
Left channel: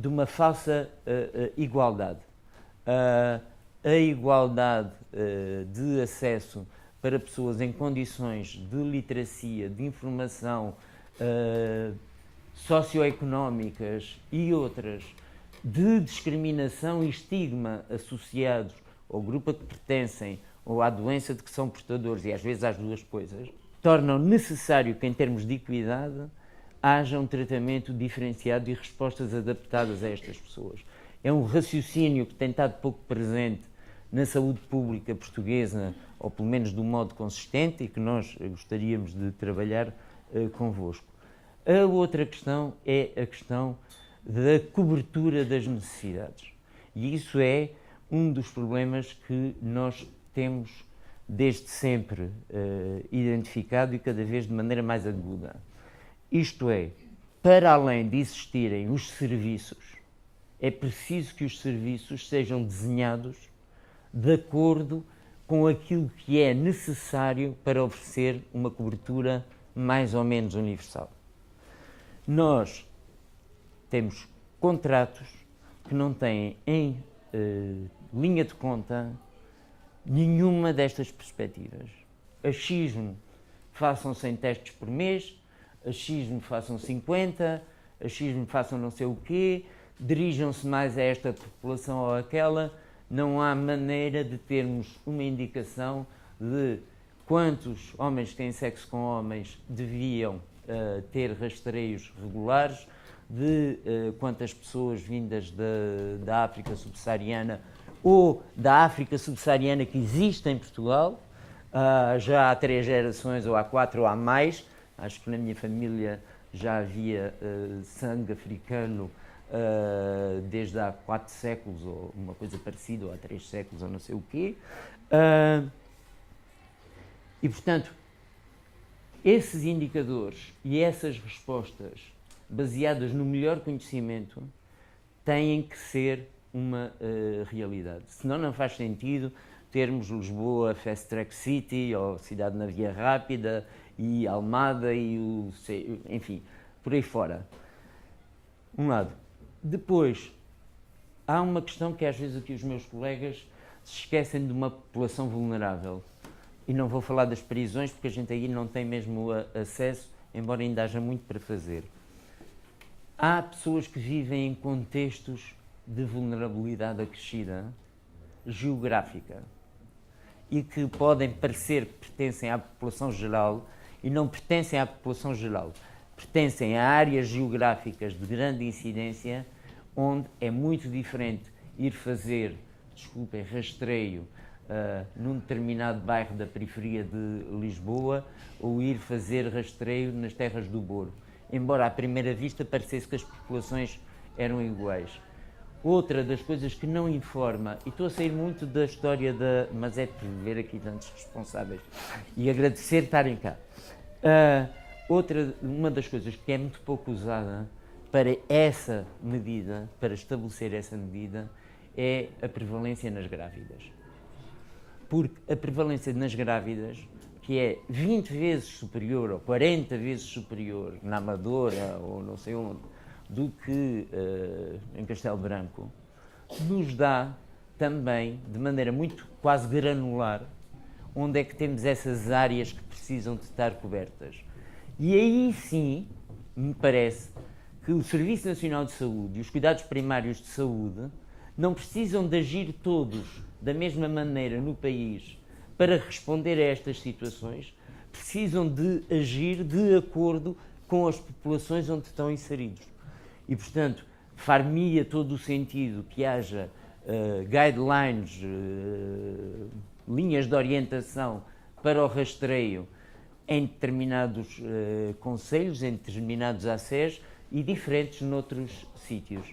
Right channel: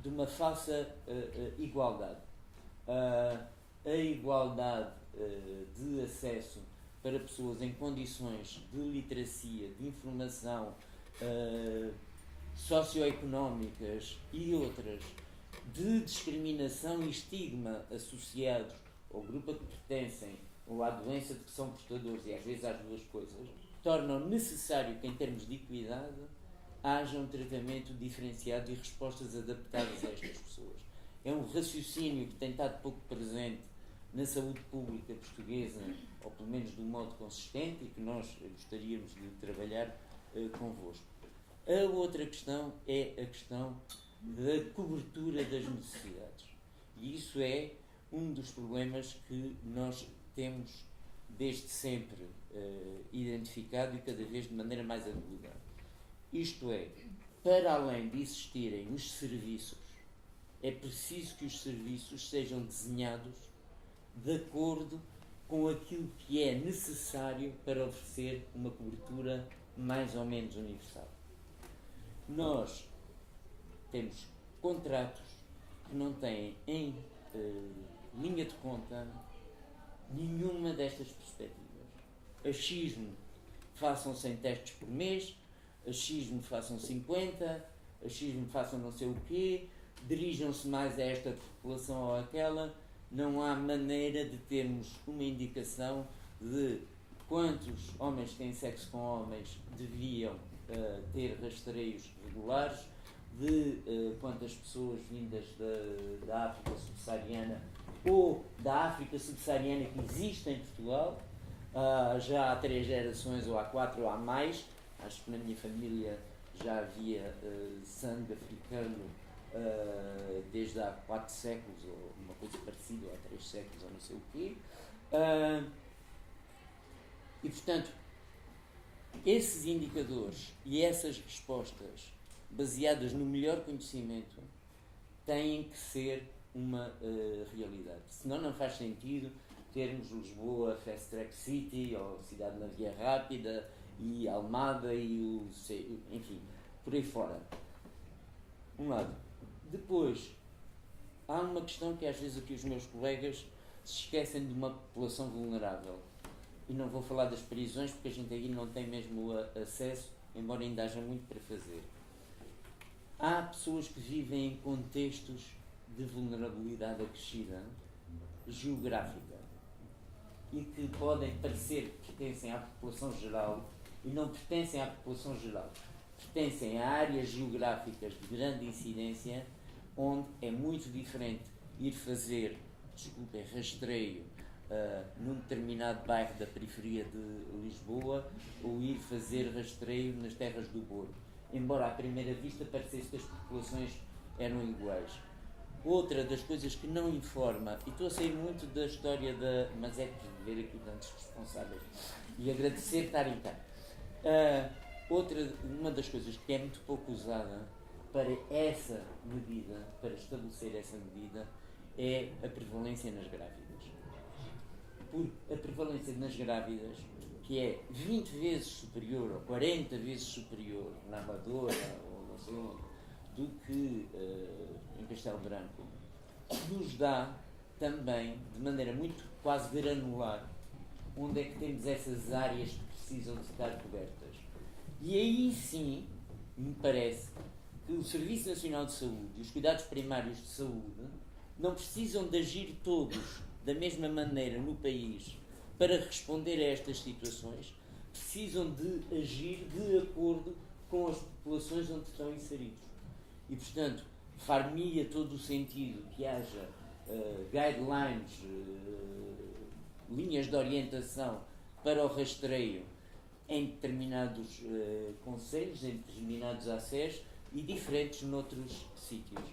uma falsa igualdade. A igualdade de acesso para pessoas em condições de literacia, de informação socioeconómicas e outras, de discriminação e estigma associados ao grupo a que pertencem ou à doença de que são portadores, e às vezes às duas coisas, tornam necessário que, em termos de equidade, haja um tratamento diferenciado e respostas adaptadas a estas pessoas. É um raciocínio que tem estado pouco presente na saúde pública portuguesa, ou pelo menos de um modo consistente, e que nós gostaríamos de trabalhar convosco. A outra questão é a questão da cobertura das necessidades. E isso é um dos problemas que nós temos desde sempre identificado, e cada vez de maneira mais aguda. Isto é, para além de existirem os serviços, é preciso que os serviços sejam desenhados de acordo com aquilo que é necessário para oferecer uma cobertura mais ou menos universal. Nós temos contratos que não têm em linha de conta nenhuma destas perspectivas. Achismo, façam 100 testes por mês, achismo, façam 50, achismo, façam não sei o quê, dirijam-se mais a esta população ou àquela. Não há maneira de termos uma indicação de quantos homens que têm sexo com homens deviam ter rastreios regulares, de quantas pessoas vindas da África subsaariana ou da África subsaariana que existe em Portugal, já há 3 gerações, ou há 4 ou há mais. Acho que na minha família já havia sangue africano desde há 4 séculos, ou uma coisa parecida, ou há 3 séculos, ou não sei o quê. E, portanto, esses indicadores e essas respostas baseadas no melhor conhecimento têm que ser uma realidade. Senão não faz sentido termos Lisboa Fast Track City, ou Cidade na Via Rápida, e Almada, enfim, por aí fora. Um lado. Depois, há uma questão que às vezes aqui os meus colegas se esquecem de uma população vulnerável. E não vou falar das prisões, porque a gente aí não tem mesmo acesso, embora ainda haja muito para fazer. Há pessoas que vivem em contextos de vulnerabilidade acrescida, geográfica, e que podem parecer que pertencem à população geral, e não pertencem à população geral. Pertencem a áreas geográficas de grande incidência, onde é muito diferente ir fazer, desculpem, rastreio num determinado bairro da periferia de Lisboa ou ir fazer rastreio nas terras do Douro, embora à primeira vista parecesse que as populações eram iguais. Outra das coisas que não informa, e estou a sair muito da história mas é por ver aqui tantos responsáveis e agradecer estarem cá. Uma das coisas que é muito pouco usada para essa medida, para estabelecer essa medida, é a prevalência nas grávidas. Porque a prevalência nas grávidas, que é 20 vezes superior ou 40 vezes superior na Amadora ou não sei onde, do que em Castelo Branco, nos dá também, de maneira muito quase granular, onde é que temos essas áreas que precisam de estar cobertas. E aí sim, me parece que o Serviço Nacional de Saúde e os cuidados primários de saúde não precisam de agir todos da mesma maneira no país para responder a estas situações, precisam de agir de acordo com as populações onde estão inseridos. E, portanto, far-me-ia todo o sentido que haja guidelines, linhas de orientação para o rastreio em determinados concelhos, em determinados ACES e diferentes noutros sítios.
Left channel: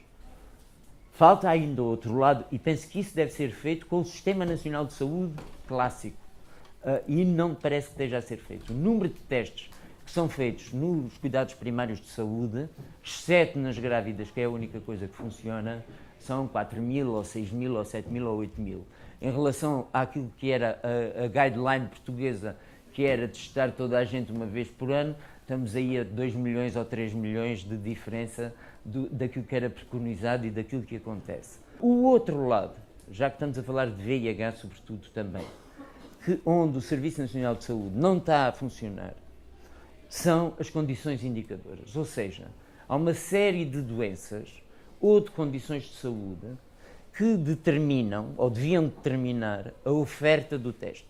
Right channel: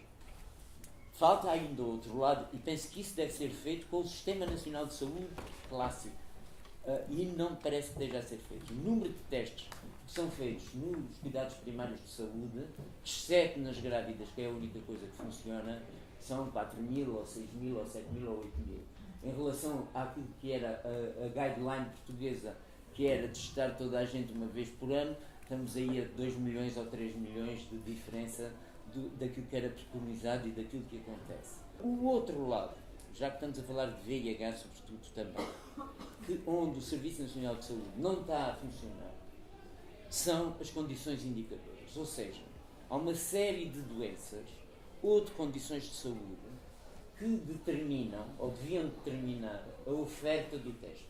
Falta ainda outro lado, e penso que isso deve ser feito com o Sistema Nacional de Saúde clássico, e não me parece que esteja a ser feito. O número de testes que são feitos nos cuidados primários de saúde, exceto nas grávidas, que é a única coisa que funciona, são 4.000 ou 6.000 ou 7.000 ou 8.000. Em relação àquilo que era a guideline portuguesa, que era testar toda a gente uma vez por ano, estamos aí a 2 milhões ou 3 milhões de diferença daquilo que era preconizado e daquilo que acontece. O outro lado, já que estamos a falar de VIH sobretudo também, onde o Serviço Nacional de Saúde não está a funcionar, são as condições indicadoras. Ou seja, há uma série de doenças ou de condições de saúde que determinam, ou deviam determinar, a oferta do teste,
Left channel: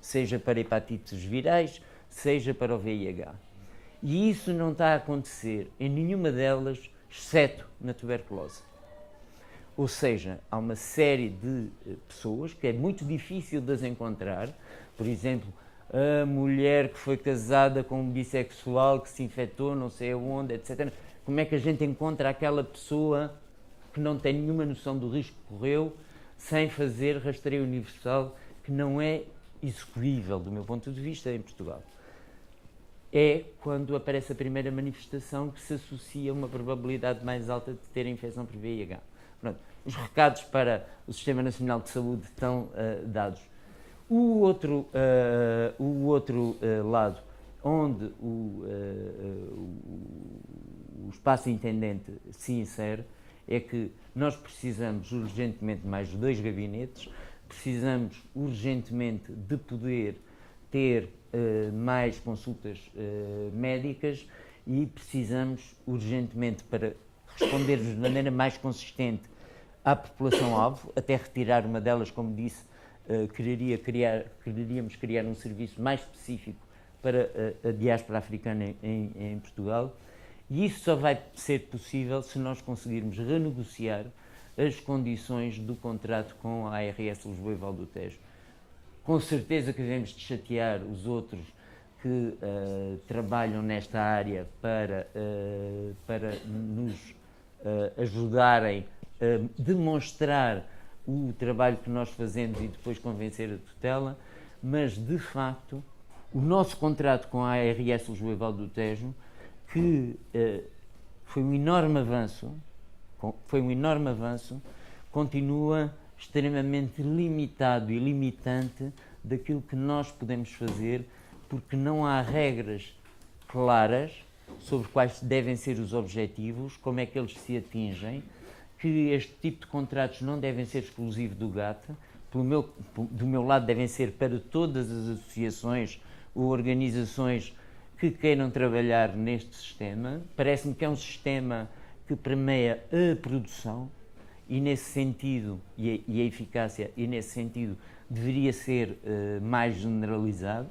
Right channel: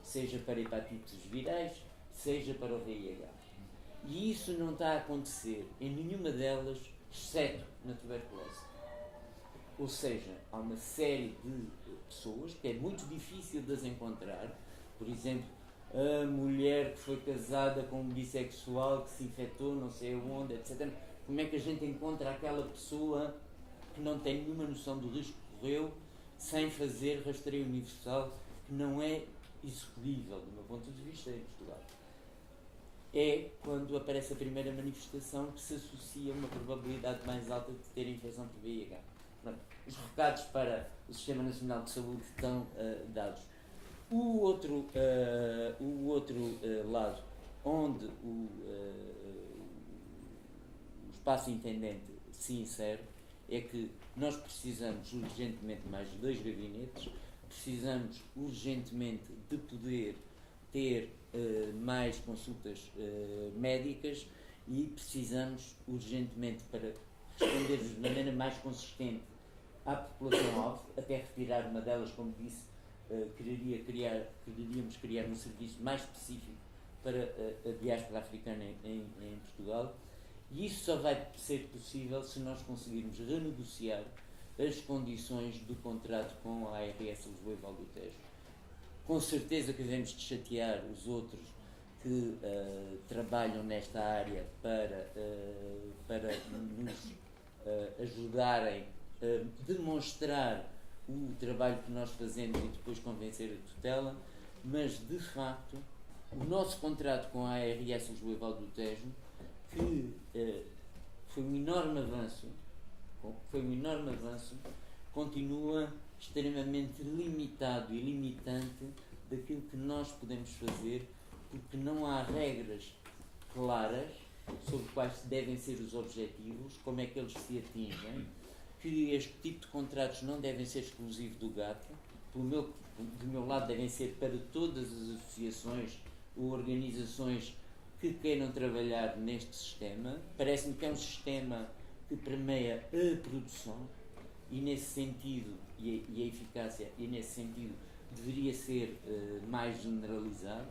seja para hepatites virais, seja para o VIH. E isso não está a acontecer em nenhuma delas, exceto na tuberculose. Ou seja, há uma série de pessoas que é muito difícil de as encontrar, por exemplo, a mulher que foi casada com um bissexual que se infectou não sei aonde, etc. Como é que a gente encontra aquela pessoa que não tem nenhuma noção do risco que correu sem fazer rastreio universal, que não é execuível do meu ponto de vista em Portugal? É quando aparece a primeira manifestação que se associa a uma probabilidade mais alta de ter a infecção por VIH. Pronto, os recados para o Sistema Nacional de Saúde estão dados. O outro lado, onde o espaço intendente se insere, é que nós precisamos urgentemente de mais 2 gabinetes, precisamos urgentemente de poder ter mais consultas médicas e precisamos urgentemente, para respondermos de maneira mais consistente à população-alvo, até retirar uma delas, como disse, quereríamos criar um serviço mais específico para a diáspora africana em Portugal, e isso só vai ser possível se nós conseguirmos renegociar as condições do contrato com a ARS Lisboa e Val do Tejo. Com certeza que devemos de chatear os outros que trabalham nesta área para nos ajudarem a demonstrar o trabalho que nós fazemos e depois convencer a tutela, mas de facto o nosso contrato com a ARS Lisboa e Val do Tejo, que foi um enorme avanço, continua extremamente limitado e limitante daquilo que nós podemos fazer, porque não há regras claras sobre quais devem ser os objetivos, como é que eles se atingem, que este tipo de contratos não devem ser exclusivos do GATT, do meu lado devem ser para todas as associações ou organizações que queiram trabalhar neste sistema. Parece-me que é um sistema que permeia a produção e nesse sentido, e a eficácia, e nesse sentido deveria ser mais generalizado,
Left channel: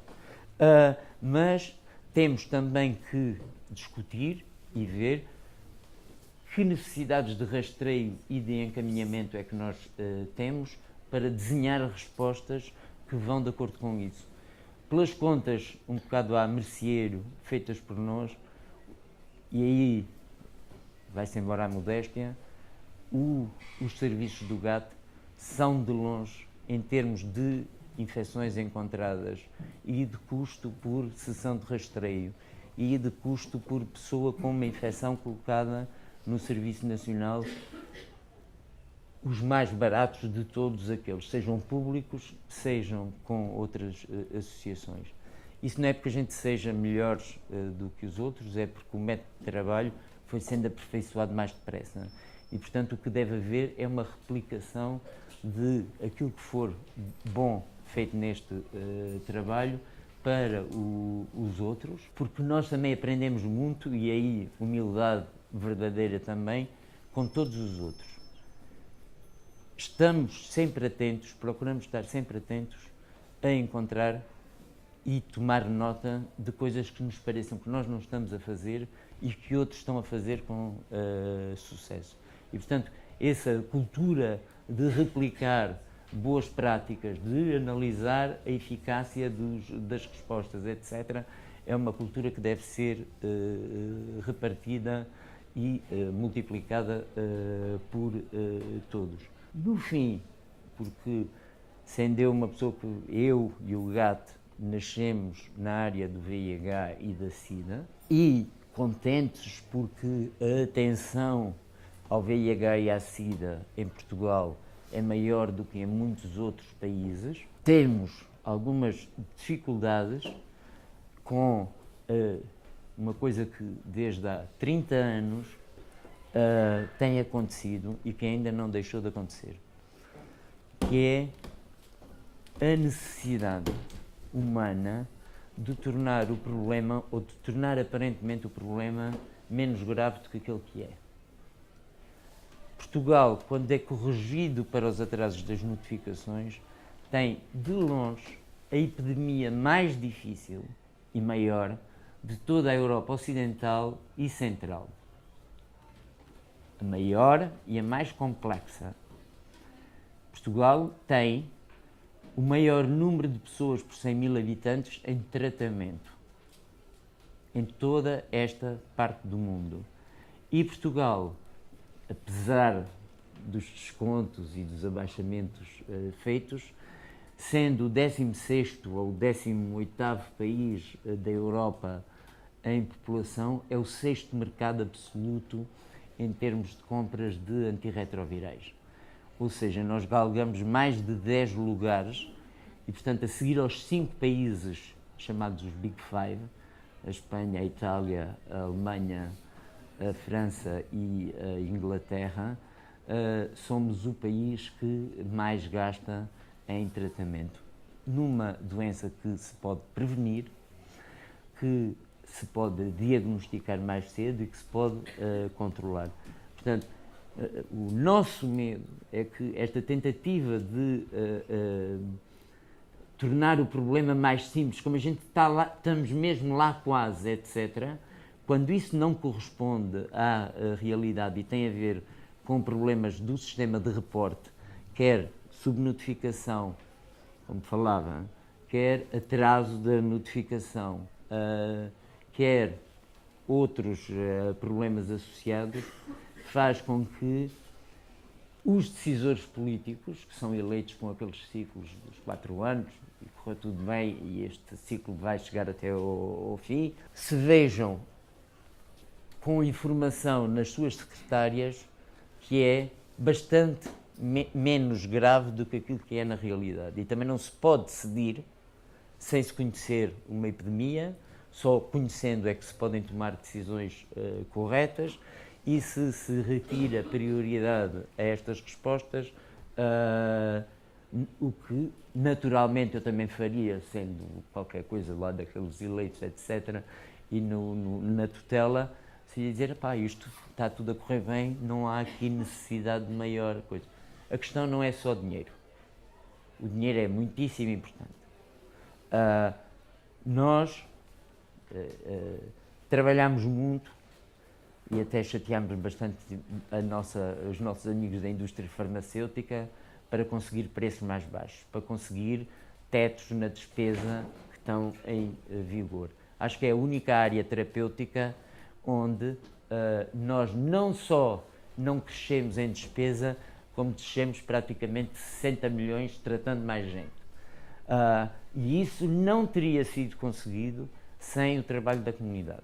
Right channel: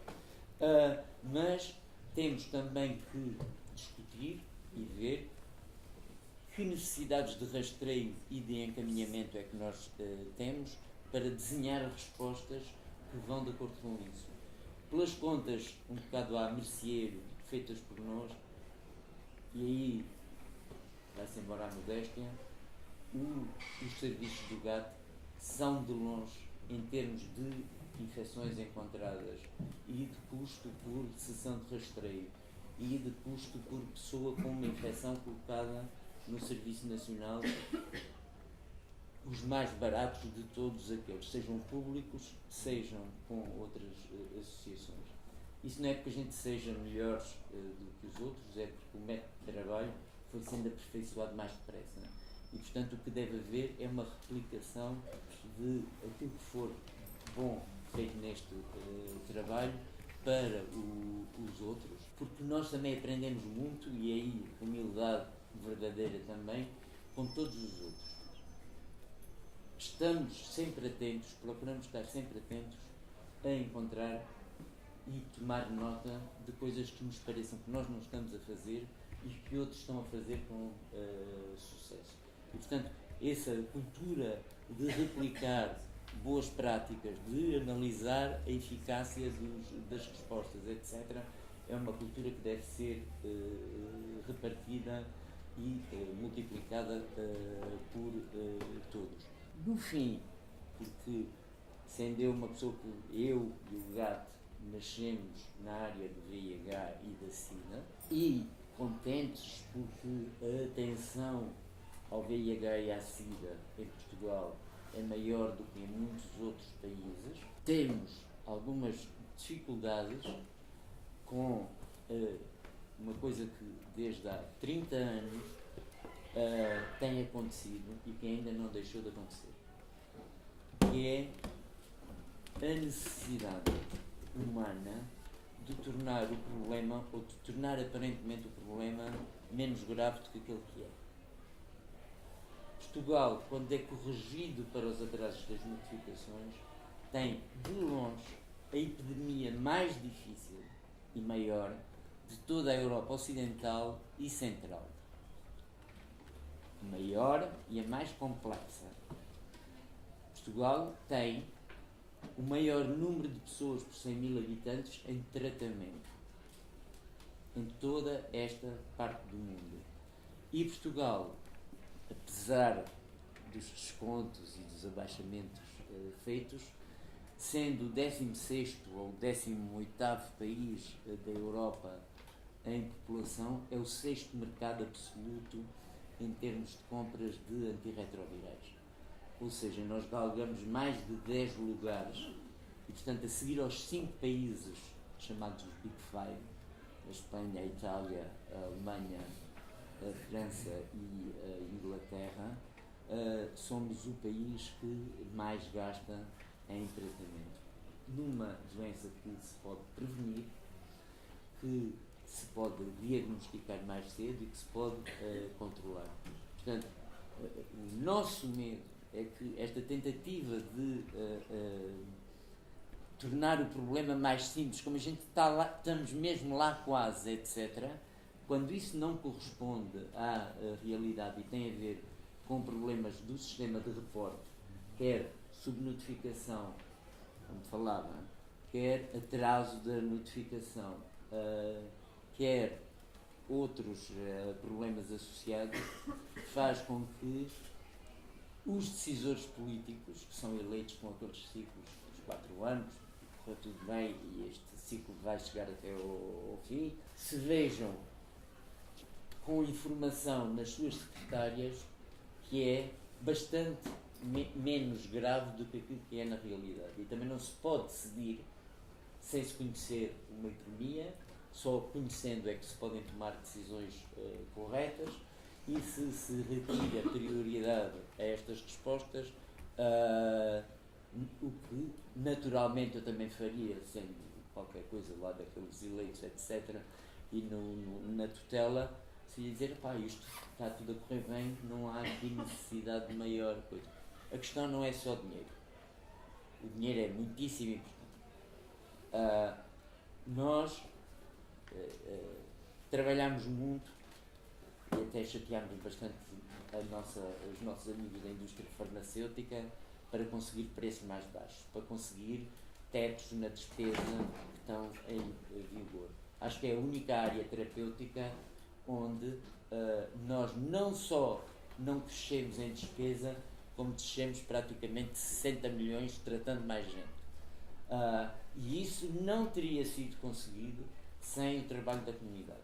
mas temos também que discutir e ver que necessidades de rastreio e de encaminhamento é que nós temos para desenhar respostas que vão de acordo com isso. Pelas contas, um bocado à merceeiro, feitas por nós, e aí vai-se embora a modéstia, os serviços do GATT são de longe, em termos de infecções encontradas e de custo por sessão de rastreio e de custo por pessoa com uma infecção colocada no Serviço Nacional, os mais baratos de todos aqueles, sejam públicos, sejam com outras associações. Isso não é porque a gente seja melhores do que os outros, é porque o método de trabalho foi sendo aperfeiçoado mais depressa. E, portanto, o que deve haver é uma replicação de aquilo que for bom feito neste trabalho para os outros, porque nós também aprendemos muito, e aí humildade verdadeira também, com todos os outros. Estamos sempre atentos, procuramos estar sempre atentos a encontrar e tomar nota de coisas que nos pareçam que nós não estamos a fazer e que outros estão a fazer com sucesso. E, portanto, essa cultura de replicar boas práticas, de analisar a eficácia das respostas, etc., é uma cultura que deve ser repartida e multiplicada por todos. No fim, porque sendo eu uma pessoa que eu e o GATT nascemos na área do VIH e da SIDA, e contentes porque a atenção ao VIH e à SIDA em Portugal é maior do que em muitos outros países, temos algumas dificuldades com uma coisa que desde há 30 anos tem acontecido e que ainda não deixou de acontecer, que é a necessidade humana de tornar o problema, ou de tornar aparentemente o problema, menos grave do que aquele que é. Portugal, quando é corrigido para os atrasos das notificações, tem, de longe, a epidemia mais difícil e maior de toda a Europa Ocidental e Central. A maior e a mais complexa. Portugal tem o maior número de pessoas por 100 mil habitantes em tratamento em toda esta parte do mundo. E Portugal, apesar dos descontos e dos abaixamentos feitos, sendo o 16º ou o 18º país da Europa em população, é o 6º mercado absoluto em termos de compras de antirretrovirais. Ou seja, nós galgamos mais de 10 lugares e, portanto, a seguir aos 5 países chamados os Big Five, a Espanha, a Itália, a Alemanha, a França e a Inglaterra, somos o país que mais gasta em tratamento. Numa doença que se pode prevenir, que se pode diagnosticar mais cedo e que se pode controlar. Portanto, o nosso medo é que esta tentativa de tornar o problema mais simples, como a gente está lá, estamos mesmo lá quase, etc., quando isso não corresponde à realidade e tem a ver com problemas do sistema de reporte, quer subnotificação, como falava, quer atraso da notificação, quer outros problemas associados, faz com que os decisores políticos, que são eleitos com aqueles ciclos dos 4 anos, e correu tudo bem e este ciclo vai chegar até ao fim, se vejam com informação nas suas secretárias que é bastante menos grave do que aquilo que é na realidade. E também não se pode decidir sem se conhecer uma epidemia, só conhecendo é que se podem tomar decisões corretas, e se retira prioridade a estas respostas, o que naturalmente eu também faria, sendo qualquer coisa lá daqueles eleitos, etc., e na tutela, seria dizer, pá, isto está tudo a correr bem, não há aqui necessidade de maior coisa. A questão não é só dinheiro. O dinheiro é muitíssimo importante. Nós trabalhamos muito e até chateámos bastante os nossos amigos da indústria farmacêutica para conseguir preços mais baixos, para conseguir tetos na despesa que estão em vigor. Acho que é a única área terapêutica onde nós não só não crescemos em despesa, como descemos praticamente 60 milhões tratando mais gente. E isso não teria sido conseguido sem o trabalho da comunidade.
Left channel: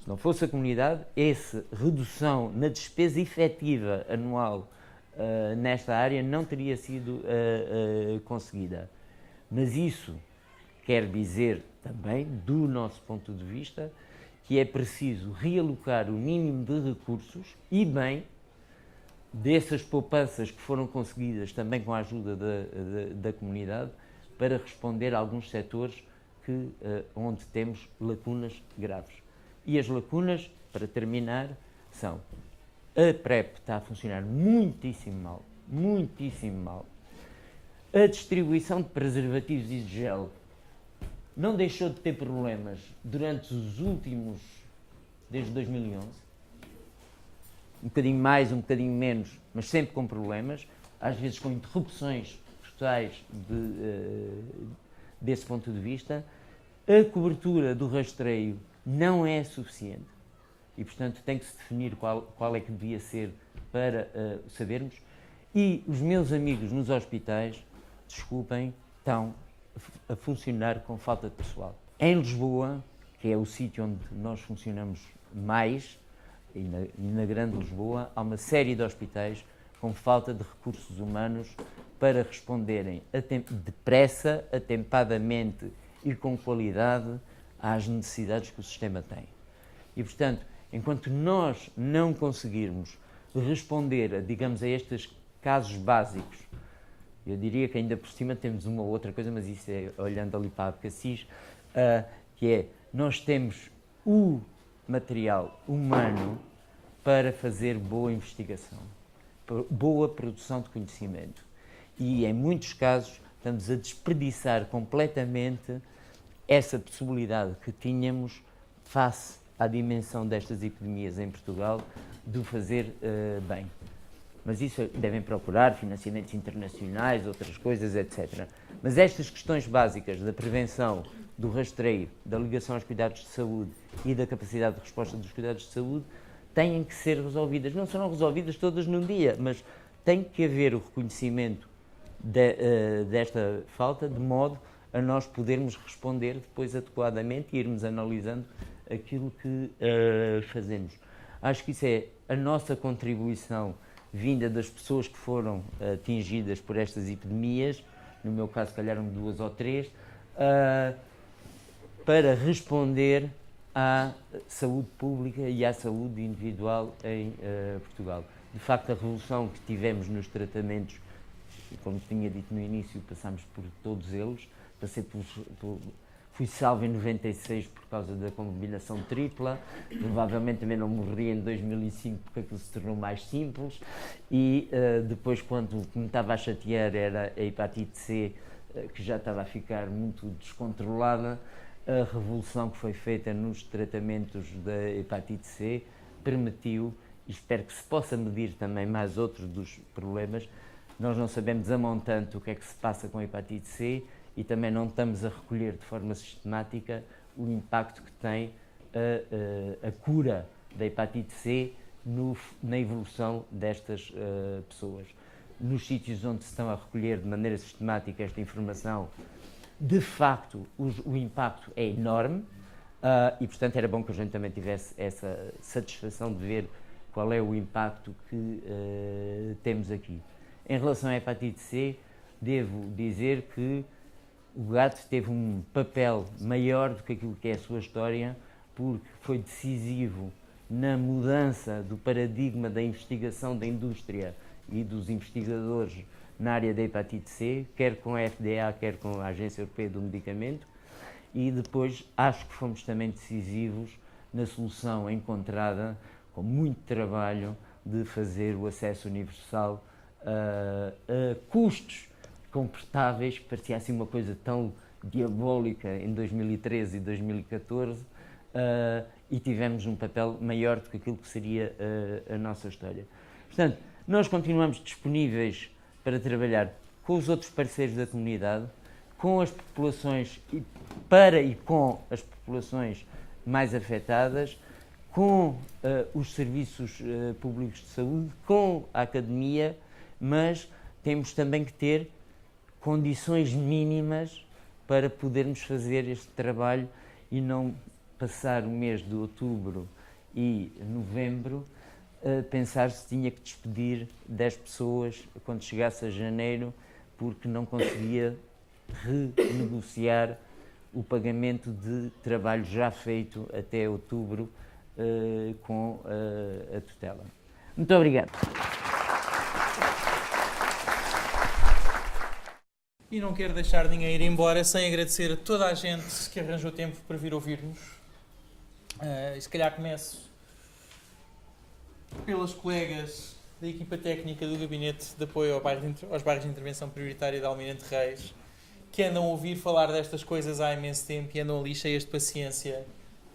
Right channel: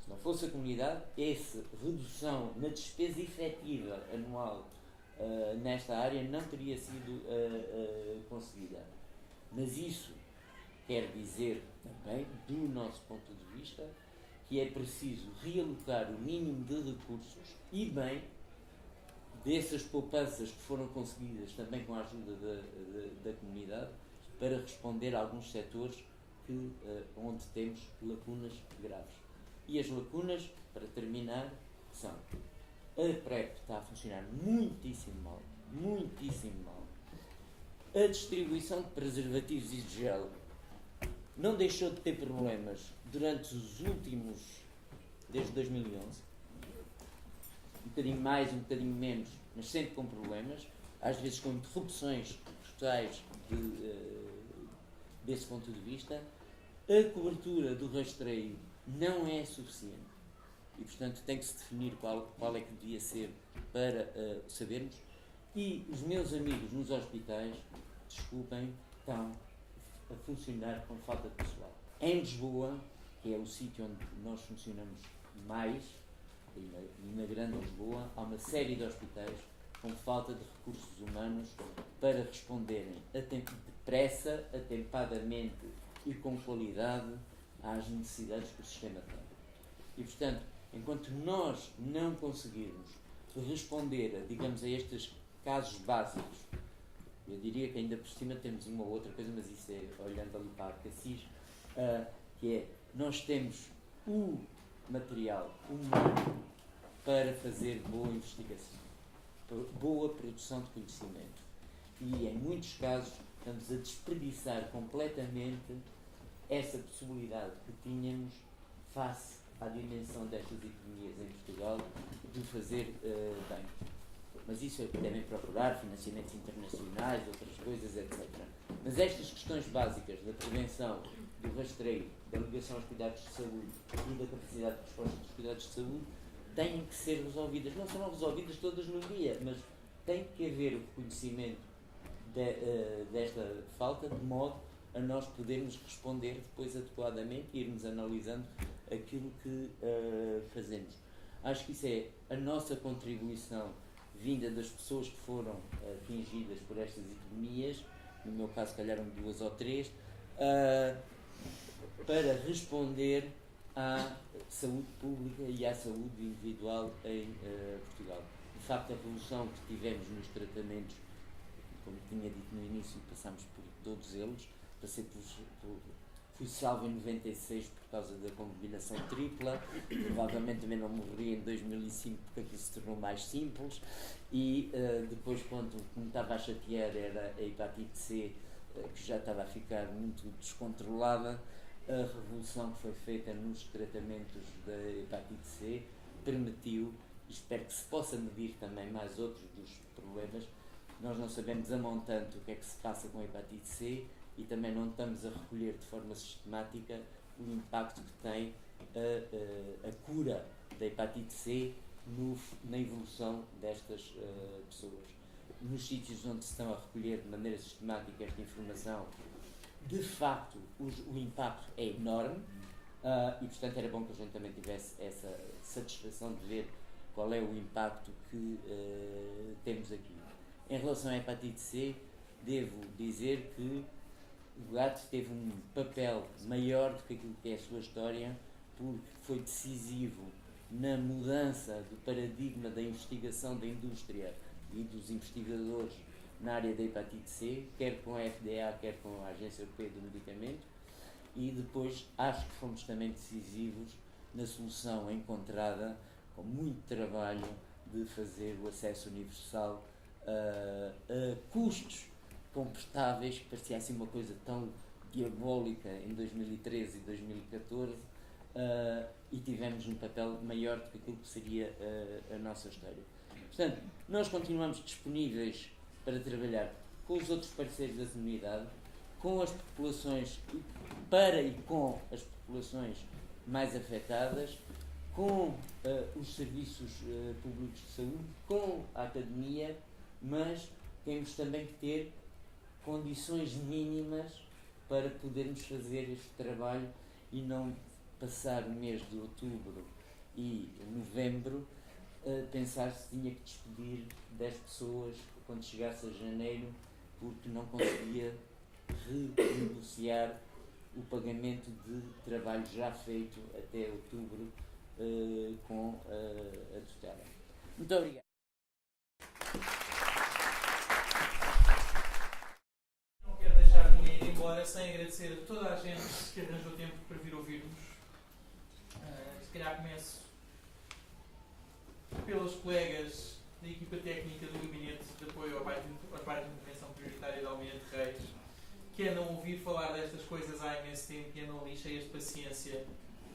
Se não fosse a comunidade, essa redução na despesa efetiva anual nesta área não teria sido conseguida. Mas isso quer dizer também, do nosso ponto de vista, que é preciso realocar o mínimo de recursos e bem dessas poupanças que foram conseguidas também com a ajuda da comunidade para responder a alguns setores onde temos lacunas graves. E as lacunas, para terminar, são: a PrEP está a funcionar muitíssimo mal. A distribuição de preservativos e de gel não deixou de ter problemas durante os últimos, desde 2011. Um bocadinho mais, um bocadinho menos, mas sempre com problemas, às vezes com interrupções totais desse ponto de vista. A cobertura do rastreio não é suficiente e, portanto, tem que se definir qual é que devia ser para sabermos. E os meus amigos nos hospitais, desculpem, estão a funcionar com falta de pessoal. Em Lisboa, que é o sítio onde nós funcionamos mais, e na Grande Lisboa, há uma série de hospitais com falta de recursos humanos para responderem depressa, atempadamente e com qualidade às necessidades que o sistema tem. E, portanto, enquanto nós não conseguirmos responder, digamos, a estes casos básicos, eu diria que ainda por cima temos uma outra coisa, mas isso é olhando ali para a Abcacis, que é, nós temos o material humano para fazer boa investigação, boa produção de conhecimento. E, em muitos casos, estamos a desperdiçar completamente essa possibilidade que tínhamos face à dimensão destas epidemias em Portugal, de o fazer bem. Mas isso devem procurar financiamentos internacionais, outras coisas, etc. Mas estas questões básicas da prevenção, do rastreio, da ligação aos cuidados de saúde e da capacidade de resposta dos cuidados de saúde têm que ser resolvidas. Não serão resolvidas todas num dia, mas tem que haver o reconhecimento desta falta, de modo a nós podermos responder depois adequadamente e irmos analisando aquilo que fazemos. Acho que isso é a nossa contribuição vinda das pessoas que foram atingidas por estas epidemias, no meu caso, se calhar 2 ou 3, para responder à saúde pública e à saúde individual em Portugal. De facto, a revolução que tivemos nos tratamentos, como tinha dito no início, passámos por todos eles, fui salvo em 96 por causa da combinação tripla, provavelmente também não morri em 2005 porque aquilo se tornou mais simples, e depois, quando me estava a chatear era a hepatite C, que já estava a ficar muito descontrolada. A revolução que foi feita nos tratamentos da hepatite C permitiu, e espero que se possa medir também mais outros dos problemas. Nós não sabemos a montante o que é que se passa com a hepatite C, e também não estamos a recolher de forma sistemática o impacto que tem a cura da hepatite C na evolução destas pessoas. Nos sítios onde se estão a recolher de maneira sistemática esta informação, de facto o impacto é enorme, e portanto era bom que a gente também tivesse essa satisfação de ver qual é o impacto que temos aqui. Em relação à hepatite C, devo dizer que o GAT teve um papel maior do que aquilo que é a sua história, porque foi decisivo na mudança do paradigma da investigação da indústria e dos investigadores na área da hepatite C, quer com a FDA, quer com a Agência Europeia do Medicamento, e depois acho que fomos também decisivos na solução encontrada, com muito trabalho, de fazer o acesso universal a custos confortáveis, que parecia assim uma coisa tão diabólica em 2013 e 2014, e tivemos um papel maior do que aquilo que seria a nossa história. Portanto, nós continuamos disponíveis para trabalhar com os outros parceiros da comunidade, com as populações, para e com as populações mais afetadas, com os serviços públicos de saúde, com a academia, mas temos também que ter condições mínimas para podermos fazer este trabalho e não passar o mês de outubro e novembro a pensar se tinha que despedir 10 pessoas quando chegasse a janeiro, porque não conseguia renegociar o pagamento de trabalho já feito até outubro com a tutela. Muito obrigado. E não quero deixar ninguém ir embora sem agradecer a toda a gente que arranjou tempo para vir ouvir-nos. E se calhar começo pelas colegas da equipa técnica do Gabinete de Apoio aos Bairros de Intervenção Prioritária de Almirante Reis, que andam a ouvir falar destas coisas há imenso tempo e andam ali cheias de paciência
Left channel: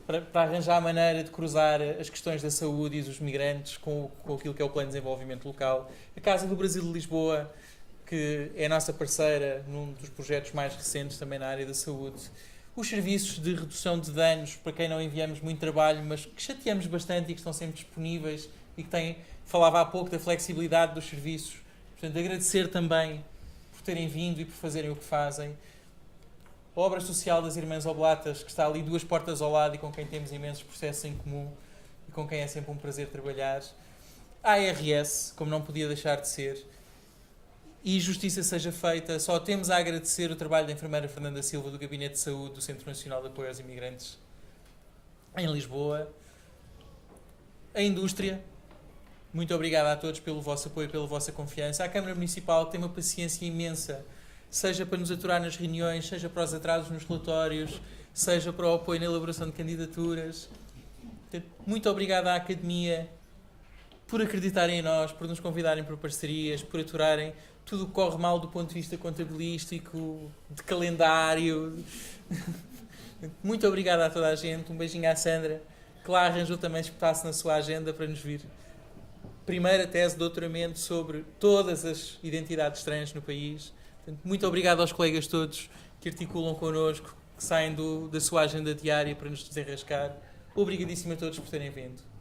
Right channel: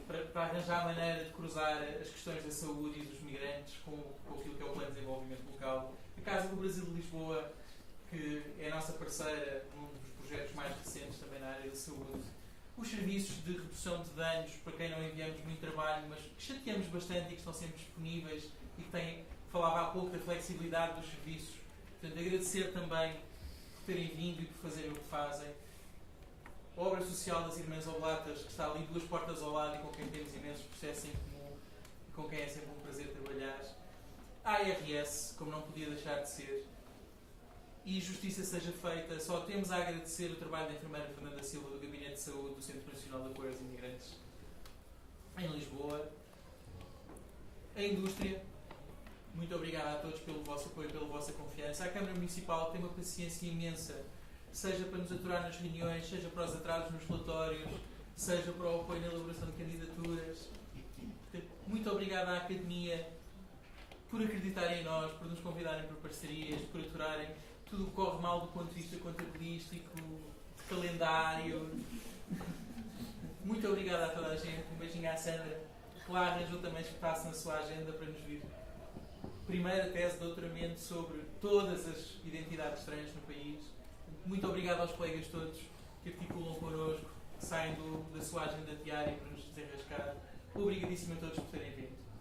para arranjar a maneira de cruzar as questões da saúde e dos migrantes com aquilo que é o Plano de Desenvolvimento Local. A Casa do Brasil de Lisboa, que é a nossa parceira num dos projetos mais recentes também na área da saúde. Os serviços de redução de danos, para quem não enviamos muito trabalho, mas que chateamos bastante e que estão sempre disponíveis e que têm, falava há pouco da flexibilidade dos serviços. Portanto, agradecer também por terem vindo e por fazerem o que fazem. A obra social das Irmãs Oblatas, que está ali 2 portas ao lado e com quem temos imensos processos em comum e com quem é sempre um prazer trabalhar. A ARS, como não podia deixar de ser. E justiça seja feita, só temos a agradecer o trabalho da enfermeira Fernanda Silva do Gabinete de Saúde do Centro Nacional de Apoio aos Imigrantes em Lisboa. A indústria, muito obrigado a todos pelo vosso apoio e pela vossa confiança. A Câmara Municipal tem uma paciência imensa, seja para nos aturar nas reuniões, seja para os atrasos nos relatórios, seja para o apoio na elaboração de candidaturas. Muito obrigado à Academia por acreditarem em nós, por nos convidarem para parcerias, por aturarem tudo o que corre mal do ponto de vista contabilístico, de calendário. Muito obrigado a toda a gente. Um beijinho à Sandra, que lá arranjou também espaço na sua agenda para nos vir. Primeira tese de doutoramento sobre todas as identidades estranhas no país. Muito obrigado aos colegas todos que articulam connosco, que saem da sua agenda diária para nos desenrascar. Obrigadíssimo a todos por terem vindo.